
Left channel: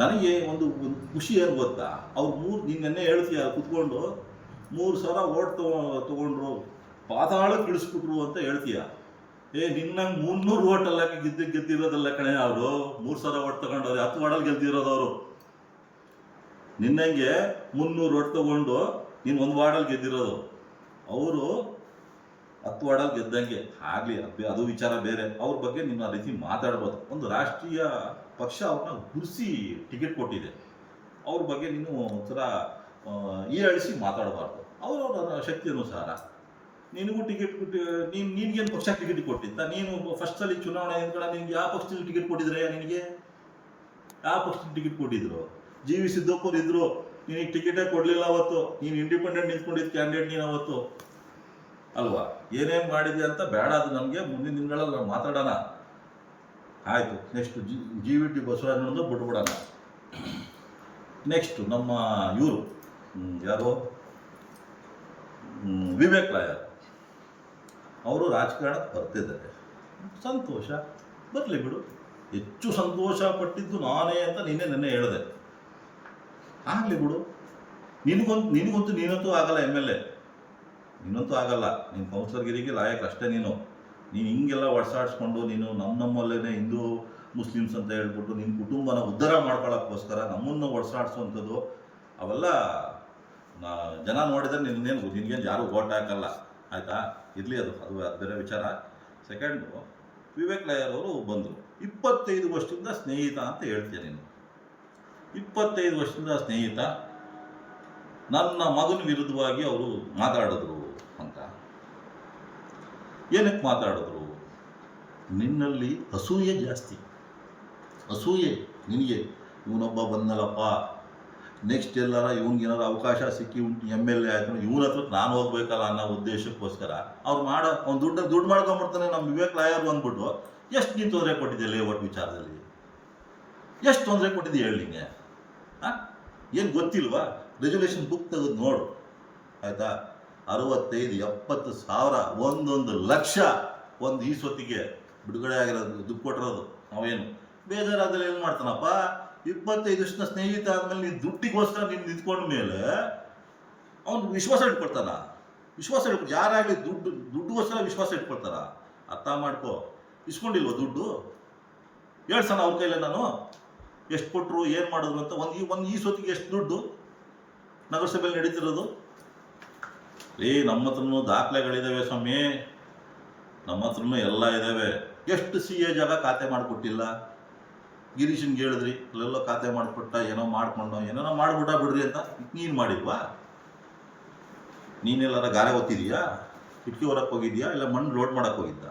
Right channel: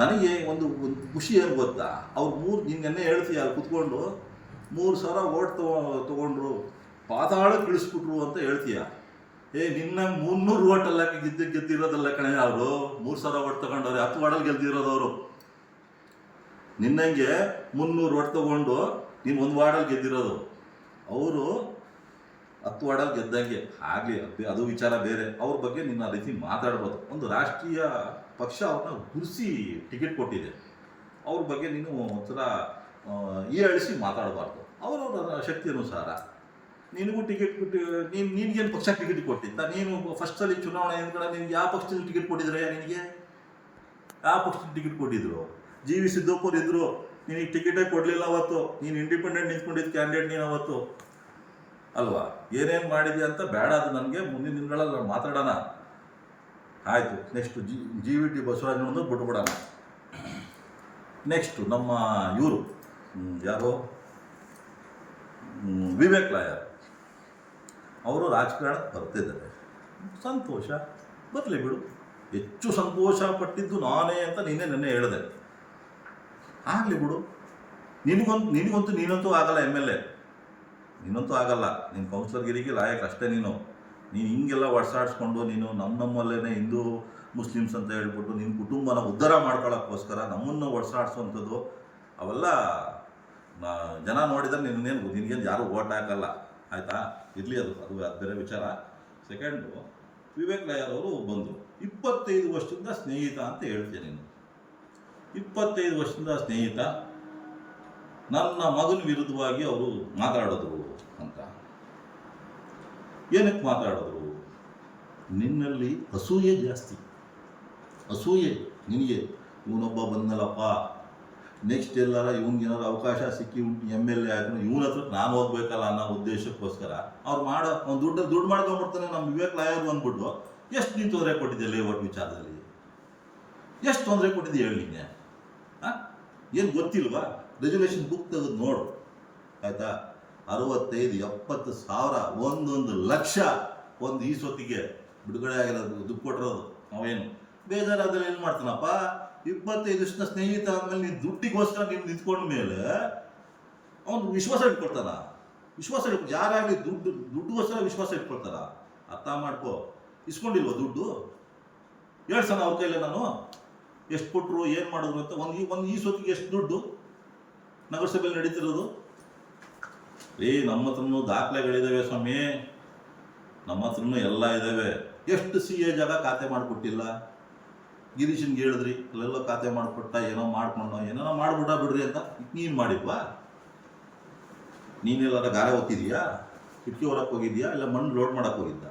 ನನಗೆ ಒಂದು ಖುಷಿ ಏನು ಗೊತ್ತಾ, ಅವ್ರು ನಿನ್ನೆ ಹೇಳ್ತೀಯ ಕುತ್ಕೊಂಡು 3,000 ಓಟ್ ತೊಗೊಂಡ್ರು, ಪಾತಾಳಕ್ಕೆ ಇಳಿಸ್ಬಿಟ್ರು ಅಂತ ಹೇಳ್ತೀಯ. ನಿನ್ನ 300 ಓಟಲ್ಲ ಗೆದ್ದಿರೋದಲ್ಲ ಕಣೆ. ಅವರು 3,000 ಓಟ್ ತೊಗೊಂಡವ್ರೆ, 10 ವಾರ್ಡಲ್ಲಿ ಗೆದ್ದಿರೋದು ಅವರು. ನಿನ್ನಂಗೆ 300 ಓಟ್ ತೊಗೊಂಡು ನೀನು 1 ವಾರ್ಡಲ್ಲಿ ಗೆದ್ದಿರೋದು. ಅವರು 10 ವಾರ್ಡಲ್ಲಿ ಗೆದ್ದಂಗೆ ಆಗಲಿ, ಅದು ವಿಚಾರ ಬೇರೆ. ಅವ್ರ ಬಗ್ಗೆ ನೀನು ಆ ರೀತಿ ಮಾತಾಡ್ಬೋದು. ಒಂದು ರಾಷ್ಟ್ರೀಯ ಪಕ್ಷ ಅವ್ರನ್ನ ಗುರುಸಿ ಟಿಕೆಟ್ ಕೊಟ್ಟಿದೆ. ಅವ್ರ ಬಗ್ಗೆ ನೀನು ಒಂಥರ ಹೀಯಾಳಿಸಿ ಮಾತಾಡಬಾರ್ದು. ಅವರವರ ಶಕ್ತಿ ಅನುಸಾರ ನಿನಗೂ ಟಿಕೆಟ್ ಕೊಟ್ಟು ನಿನ್ಗೇನು ಪಕ್ಷ ಟಿಕೆಟ್ ಕೊಟ್ಟಿದ್ದ? ನೀನು ಫಸ್ಟ್ ಸಲ ಚುನಾವಣೆ ನಿಂತ್ಕೊಂಡ ನಿನ್ಗೆ ಯಾವ ಪಕ್ಷದಲ್ಲಿ ಟಿಕೆಟ್ ಕೊಟ್ಟಿದ್ರೆ? ನಿನಗೆ ಯಾವ ಪಕ್ಷದಲ್ಲಿ ಟಿಕೆಟ್ ಕೊಟ್ಟಿದ್ರು? ಜಿ ವಿ ಸಿದ್ದಪ್ಪವ್ರು ಇದ್ದರು, ನಿನಗೆ ಟಿಕೆಟೇ ಕೊಡಲಿಲ್ಲ ಅವತ್ತು. ನೀನು ಇಂಡಿಪೆಂಡೆಂಟ್ ನಿಂತ್ಕೊಂಡಿದ್ದ ಕ್ಯಾಂಡಿಡೇಟ್ ನೀನು ಅವತ್ತು ಅಲ್ವಾ? ಏನೇನು ಮಾಡಿದ್ಯಾ ಅಂತ ಬೇಡ, ಅದು ನನಗೆ ಮುಂದಿನ ದಿನಗಳಲ್ಲಿ ಮಾತಾಡೋಣ. ಆಯಿತು, ನೆಕ್ಸ್ಟು ಜಿ ವಿ ಟಿ ಬಸವರಾಜನನ್ನು ಬಿಟ್ಬಿಡೋಣ. ನೆಕ್ಸ್ಟು ನಮ್ಮ ಇವರು ಯಾರು, ವಿವೇಕ್ ಲಾಯರ್ ಅವರು ರಾಜಕಾರಣಕ್ಕೆ ಬರ್ತಿದ್ದಾರೆ. ಸಂತೋಷ, ಬರಲಿ ಬಿಡು. ಹೆಚ್ಚು ಸಂತೋಷ ಪಟ್ಟಿದ್ದು ನಾನೇ ಅಂತ ನೆನ್ನೆ ಹೇಳಿದೆ. ಆಗಲಿ ಬಿಡು. ನಿನಗಂತೂ ನೀನಂತೂ ಆಗಲ್ಲ MLA, ನೀನಂತೂ ಆಗಲ್ಲ. ನೀನು ಕೌನ್ಸಿಲರ್ಗಿರಿಗೆ ಲಾಯಕ್ ಅಷ್ಟೇ. ನೀನು ಹಿಂಗೆಲ್ಲ ಒಡ್ಸಾಡಿಸ್ಕೊಂಡು ನೀನು ನಮ್ಮಲ್ಲೇ ಹಿಂದೂ ಮುಸ್ಲಿಮ್ಸ್ ಅಂತ ಹೇಳ್ಬಿಟ್ಟು ನಿನ್ನ ಕುಟುಂಬನ ಉದ್ಧಾರ ಮಾಡ್ಕೊಳ್ಳೋಕ್ಕೋಸ್ಕರ ನಮ್ಮನ್ನು ಒಡ್ಸಾಡಿಸೋವಂಥದ್ದು ಅವೆಲ್ಲ ಜನ ನೋಡಿದರೆ ನಿನಗೇನು ಯಾರೂ ಓಟ್ ಹಾಕಲ್ಲ, ಆಯಿತಾ? ಇರಲಿ, ಅದು ಬೇರೆ ವಿಚಾರ. ಸೆಕೆಂಡು, ವಿವೇಕ್ ಲಾಯರ್ ಅವರು ಬಂದರು. 25 ವರ್ಷದಿಂದ ಸ್ನೇಹಿತ ಅಂತ ಹೇಳ್ತೀಯ ನೀನು. 25 ವರ್ಷದಿಂದ ಸ್ನೇಹಿತ, ನನ್ನ ಮಗನ ವಿರುದ್ಧವಾಗಿ ಅವರು ಮಾತಾಡಿದ್ರು ಅಂತ. ಏನಕ್ಕೆ ಮಾತಾಡಿದ್ರು? ನಿನ್ನಲ್ಲಿ ಅಸೂಯೆ ಜಾಸ್ತಿ, ಅಸೂಯೆ ನಿನಗೆ. ಇವನೊಬ್ಬ ಬಂದನಲ್ಲಪ್ಪ, ನೆಕ್ಸ್ಟ್ ಎಲ್ಲಾರ ಇವನಿಗೇನಾರು ಅವಕಾಶ ಸಿಕ್ಕಿ MLA ಆಯ್ತು, ಇವನ ಹತ್ರಕ್ಕೆ ನಾನು ಹೋಗ್ಬೇಕಲ್ಲ ಅನ್ನೋ ಉದ್ದೇಶಕ್ಕೋಸ್ಕರ ಅವ್ನು ದುಡ್ಡು ಮಾಡ್ಕೊಂಬಿಡ್ತಾನೆ ನಮ್ಮ ವಿವೇಕ್ ಲಾಯರು ಅಂದ್ಬಿಟ್ಟು. ಎಷ್ಟು ನೀನು ತೊಂದರೆ ಕೊಟ್ಟಿದ್ದೆ ಲೇಔಟ್ ವಿಚಾರದಲ್ಲಿ? ಎಷ್ಟು ತೊಂದರೆ ಕೊಟ್ಟಿದ್ದೆ ಹೇಳಿ ನಿಂಗೆ? ಏನು ಗೊತ್ತಿಲ್ವಾ? ರೆಜುಲೇಷನ್ ಬುಕ್ ತೆಗೆದು ನೋಡು, ಆಯಿತಾ? 65, 70 ಸಾವಿರ, 1 ಲಕ್ಷ ಒಂದು ಈ ಸೊತ್ತಿಗೆ ಬಿಡುಗಡೆ ಆಗಿರೋದು, ದುಡ್ಡು ಕೊಟ್ಟಿರೋದು. ಅವೇನು ಬೇಜಾರಾದಲ್ಲಿ ಏನು ಮಾಡ್ತಾನಪ್ಪ? 25 ವರ್ಷದ ಸ್ನೇಹಿತ ಆದಮೇಲೆ ನೀನು ದುಡ್ಡಿಗೋಸ್ಕರ ನೀನು ನಿಂತ್ಕೊಂಡ ಮೇಲೆ ಅವನು ವಿಶ್ವಾಸ ಇಟ್ಕೊಳ್ತಾನ? ಯಾರಾಗಲಿ ದುಡ್ಡುಗೋಸ್ಕರ ವಿಶ್ವಾಸ ಇಟ್ಕೊಳ್ತಾರ? ಅರ್ಥ ಮಾಡ್ಕೋ. ಇಸ್ಕೊಂಡಿಲ್ವ ದುಡ್ಡು? ಹೇಳ್ಸಣ ಅವ್ರ ಕೈಲೇ ನಾನು ಎಷ್ಟು ಕೊಟ್ಟರು, ಏನು ಮಾಡಿದ್ರು ಅಂತ. ಒಂದು ಈ ಸೊತ್ತಿಗೆ ಎಷ್ಟು ದುಡ್ಡು ನಗರಸಭೆಯಲ್ಲಿ ನಡೀತಿರೋದು? ನಮ್ಮ ಹತ್ರನೂ ದಾಖಲೆಗಳಿದ್ದಾವೆ ಸ್ವಾಮಿ, ನಮ್ಮ ಹತ್ರನೂ ಎಲ್ಲ ಇದ್ದಾವೆ. ಎಷ್ಟು CA ಜಾಗ ಖಾತೆ ಮಾಡಿಕೊಟ್ಟಿಲ್ಲ? ಗಿರೀಶನ್ಗೆ ಹೇಳಿದ್ರಿ, ಅಲ್ಲೆಲ್ಲ ಖಾತೆ ಮಾಡಿಕೊಟ್ಟ, ಏನೋ ಮಾಡಿಬಿಟ್ಟ ಬಿಡ್ರಿ ಅಂತ. ನೀನು ಮಾಡಿಲ್ವಾ? ನೀನೆಲ್ಲಾರ ಗಾರೆ ಒತ್ತಿದೀಯಾ? ಕಿಟಕಿ ಹೊರಕ್ಕೆ ಹೋಗಿದ್ಯಾ? ಇಲ್ಲ ಮಣ್ಣು ಲೋಡ್ ಮಾಡೋಕ್ಕೆ ಹೋಗಿದ್ದ?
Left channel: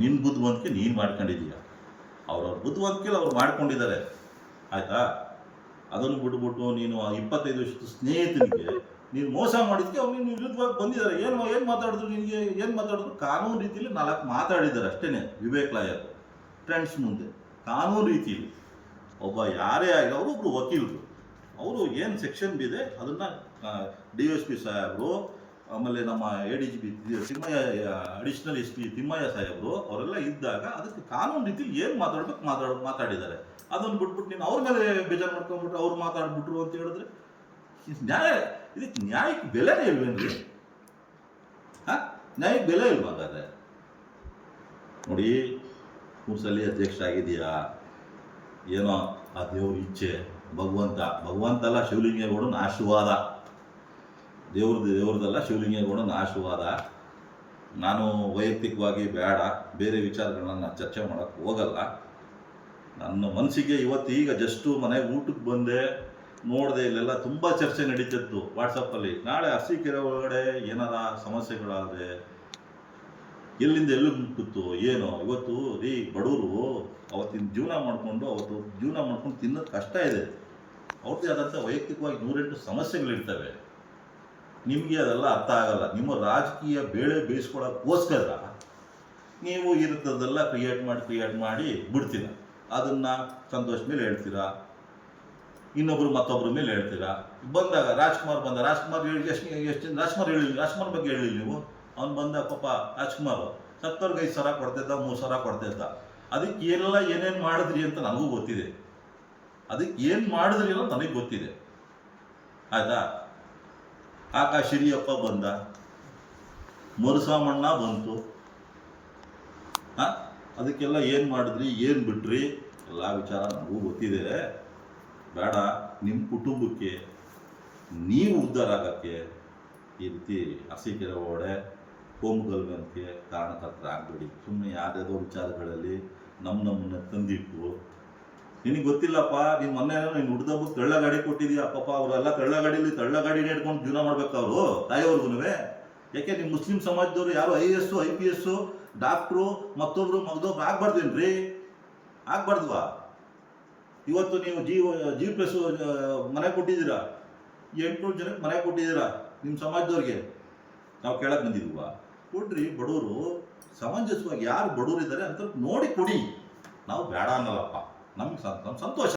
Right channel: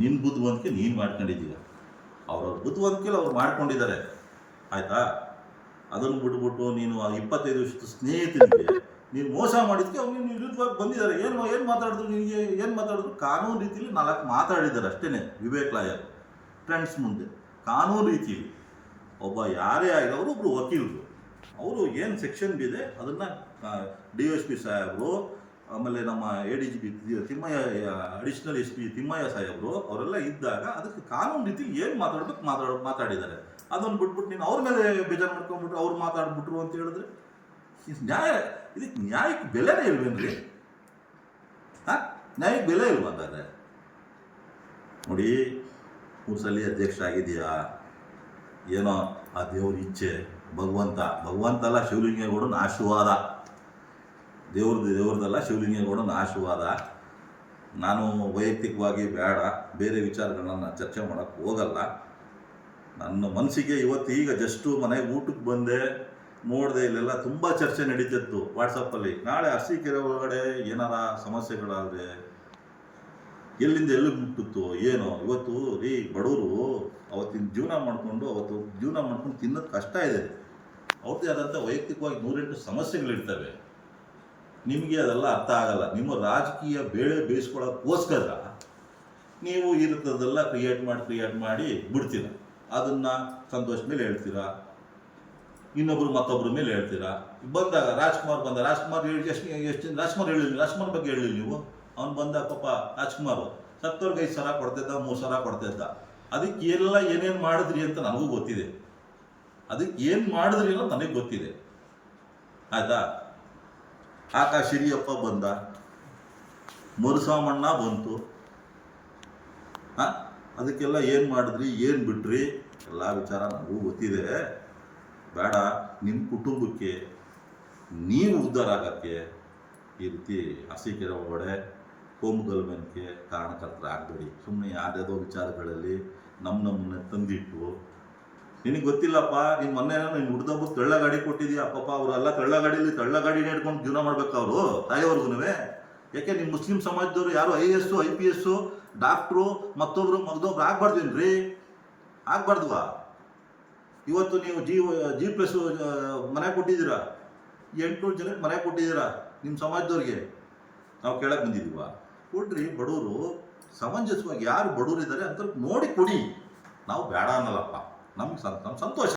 ನಿನ್ನ ಬುದ್ಧಿವಂತಿಕೆ ನೀನು ಮಾಡ್ಕೊಂಡಿದ್ದೀಯ. ಅವ್ರವ್ರ ಬುದ್ಧಿವಂತಿಕೆಲ್ಲ ಅವ್ರು ಮಾಡ್ಕೊಂಡಿದ್ದಾರೆ, ಆಯಿತಾ? ಅದನ್ನು ಬಿಟ್ಬಿಟ್ಟು ನೀನು 25 ವರ್ಷದ ಸ್ನೇಹಿತನಿಗೆ ನೀನು ಮೋಸ ಮಾಡಿದ್ದಕ್ಕೆ ಅವ್ರು ನೀನು ವಿರುದ್ಧವಾಗಿ ಬಂದಿದ್ದಾರೆ. ಏನು ಮಾತಾಡಿದ್ರು ನಿನಗೆ? ಏನು ಮಾತಾಡಿದ್ರು? ಕಾನೂನು ರೀತಿಯಲ್ಲಿ 4 ಮಾತಾಡಿದ್ದಾರೆ ಅಷ್ಟೇ ವಿವೇಕ್ ಲಾಯರ್ ಫ್ರೆಂಡ್ಸ್ ಮುಂದೆ. ಕಾನೂನು ರೀತಿಯಲ್ಲಿ ಒಬ್ಬ ಯಾರೇ ಆಗಲಿ, ಅವರೊಬ್ಬರು ವಕೀಲರು, ಅವರು ಏನು ಸೆಕ್ಷನ್ ಬಿದೆ ಅದನ್ನು DSP ಸಾಹೇಬರು, ಆಮೇಲೆ ನಮ್ಮ ADGP Thimmaiah, additional SP Thimmaiah ಸಾಹೇಬರು ಅವರೆಲ್ಲ ಇದ್ದಾಗ ಅದಕ್ಕೆ ಕಾನೂನು ರೀತಿಯಲ್ಲಿ ಏನು ಮಾತಾಡಿದ್ದಾರೆ. ಅದನ್ನು ಬಿಟ್ಬಿಟ್ಟು ನೀನು ಅವ್ರ ಮೇಲೆ ಬೇಜಾರು ಮಾಡ್ಕೊಂಡ್ಬಿಟ್ರು, ಅವ್ರು ಮಾತಾಡ್ಬಿಟ್ರು ಅಂತ ಹೇಳಿದ್ರೆ ಇದಕ್ಕೆ ನ್ಯಾಯಕ್ಕೆ ಬೆಲೆನೇ ಇಲ್ವೇನ್ರಿ? ನ್ಯಾಯಕ್ಕೆ ಬೆಲೆ ಇಲ್ವ ಹಾಗಾದ್ರೆ? ನೋಡಿ, 3 ಸಲ ಅಧ್ಯಕ್ಷ ಆಗಿದೆಯಾ, ಏನೋ ಆ ದೇವ್ರ ಇಚ್ಛೆ, ಭಗವಂತ ಅಲ್ಲ, ಶಿವಲಿಂಗೇಗೌಡನ ಆಶೀರ್ವಾದ. ದೇವ್ರದ್ದಲ್ಲ, ಶಿವಲಿಂಗೇಗೌಡನ ಆಶೀರ್ವಾದ. ನಾನು ವೈಯಕ್ತಿಕವಾಗಿ ಬೇರೆ ವಿಚಾರಗಳನ್ನ ನಾನು ಚರ್ಚೆ ಮಾಡೋಕ್ಕೆ ಹೋಗಲ್ಲ. ನನ್ನ ಮನಸ್ಸಿಗೆ ಈಗ ಜಸ್ಟು ಮನೆಗೆ ಊಟಕ್ಕೆ ಬಂದೆ, ನೋಡಿದೆ, ಇಲ್ಲೆಲ್ಲ ತುಂಬ ಚರ್ಚೆ ನಡೀತಿತ್ತು ವಾಟ್ಸಪ್ಪಲ್ಲಿ. ನಾಳೆ ಅರಸೀಕೆರೆ ಒಳಗಡೆ ಏನಾರ ಸಮಸ್ಯೆಗಳಾದರೆ ಎಲ್ಲಿಂದ ಎಲ್ಲಿ ಮುಟ್ಟುತ್ತೋ ಏನೋ. ಇವತ್ತು ಬಡವರು ಅವತ್ತಿನ ಜೀವನ ಮಾಡ್ಕೊಂಡು ತಿನ್ನೋದು ಕಷ್ಟ ಇದೆ. ಅವ್ರದ್ದೇ ಆದಂಥ ವೈಯಕ್ತಿಕವಾಗಿ 108 ಸಮಸ್ಯೆಗಳಿರ್ತವೆ. ನಿಮಗೆ ಅದೆಲ್ಲ ಅರ್ಥ ಆಗಲ್ಲ. ನಿಮ್ಮ ರಾಜಕೀಯ ಬೇಳೆ ಬೇಯಿಸ್ಕೊಳ್ಳೋಕ್ಕೋಸ್ಕರ ನೀವು ಇರುತ್ತದೆಲ್ಲ ಕ್ರಿಯೇಟ್ ಮಾಡಿ ಬಿಡ್ತೀರ. ಅದನ್ನು ಸಂತೋಷ್ ಮೇಲೆ ಹೇಳ್ತೀರಾ, ಮತ್ತೊಬ್ಬರ ಮೇಲೆ ಹೇಳ್ತೀರಾ. ಬಂದಾಗ ರಾಜ್ಕುಮಾರ್ ರಾಜ್ಕುಮಾರ್ ಬಗ್ಗೆ ಹೇಳಿಲ್ಲ ನೀವು. ಅವ್ನು ಬಂದಾಗ ಪಾಪ ರಾಜ್ಕುಮಾರ್ ಸತ್ತವ್ರಿಗೆ 5 ಸಾವಿರ ಕೊಡ್ತಿದ್ದ, 3 ಸಾವಿರ ಕೊಡ್ತಿದ್ದ. ಅದಕ್ಕೆ ಏನೇನು ಮಾಡಿದ್ರಿ ಅಂತ ನನಗೂ ಗೊತ್ತಿದೆ. ಅದಕ್ಕೆ ಏನು ಮಾಡಿದ್ರಿ ಅನ್ನೋದು ನನಗೆ ಗೊತ್ತಿದೆ, ಆಯಿತಾ? ಆಕಾಶ್ ಹಿರಿಯಪ್ಪ ಬಂದ, ಮರುಸಾಮಣ್ಣ ಬಂತು. ಅದಕ್ಕೆಲ್ಲ ಏನು ಮಾಡಿದ್ರಿ, ಏನು ಬಿಟ್ರಿ, ಎಲ್ಲ ವಿಚಾರ ನನಗೂ ಗೊತ್ತಿದೆ. ಬೇಡ, ನಿಮ್ಮ ಕುಟುಂಬಕ್ಕೆ ನೀವು ಉದ್ಧಾರ ಆಗೋಕ್ಕೆ ಈ ರೀತಿ ಅರಸೀಕೆರೆ ಒಳಗಡೆ ಕೋಮುಗಲಭೆಗೆ ಕಾರಣಕರ್ತರಾಗಬೇಡಿ. ಸುಮ್ಮನೆ ಯಾವುದ್ಯಾವುದೋ ವಿಚಾರಗಳಲ್ಲಿ ನಮ್ಮನ್ನ ತಂದಿಟ್ಟು ನಿನಗೆ ಗೊತ್ತಿಲ್ಲಪ್ಪ, ನೀನು ಮೊನ್ನೆ ನೀನು ಹುಡ್ದಬ್ಬಕ್ಕೆ ತಳ್ಳ ಗಾಡಿ ಕೊಟ್ಟಿದ್ಯಾ ಪಾಪ, ಅವರೆಲ್ಲ ತಳ್ಳ ಗಾಡಿನೇ ಹಿಡ್ಕೊಂಡು ಜೀವನ ಮಾಡ್ಬೇಕು ಅವರು ತಾಯಿಯವ್ರಿಗೂ. ಯಾಕೆ ನಿಮ್ಮ ಮುಸ್ಲಿಂ ಸಮಾಜದವರು ಯಾರು IAS IPS ಡಾಕ್ಟ್ರು ಮತ್ತೊಬ್ರು ಮಗದೊಬ್ರು ಆಗ್ಬಾರ್ದೇನ್ರಿ? ಆಗ್ಬಾರ್ದುವಾ? ಇವತ್ತು ನೀವು G+ ಮನೆ ಕೊಟ್ಟಿದ್ದೀರಾ, 800 ಜನಕ್ಕೆ ಮನೆ ಕೊಟ್ಟಿದ್ದೀರಾ ನಿಮ್ಮ ಸಮಾಜದವ್ರಿಗೆ. ನಾವು ಕೇಳಕ್ಕೆ ಬಂದಿದ್ದೀವ? ಕೊಡ್ರಿ, ಬಡವರು ಸಮಂಜಸವಾಗಿ ಯಾರು ಬಡವರು ಇದ್ದಾರೆ ಅಂತ ನೋಡಿ ಕೊಡಿ. ನಾವು ಬೇಡ ಅನ್ನಲ್ಲಪ್ಪ, ನಮ್ಗೆ ಸಂತೋಷ.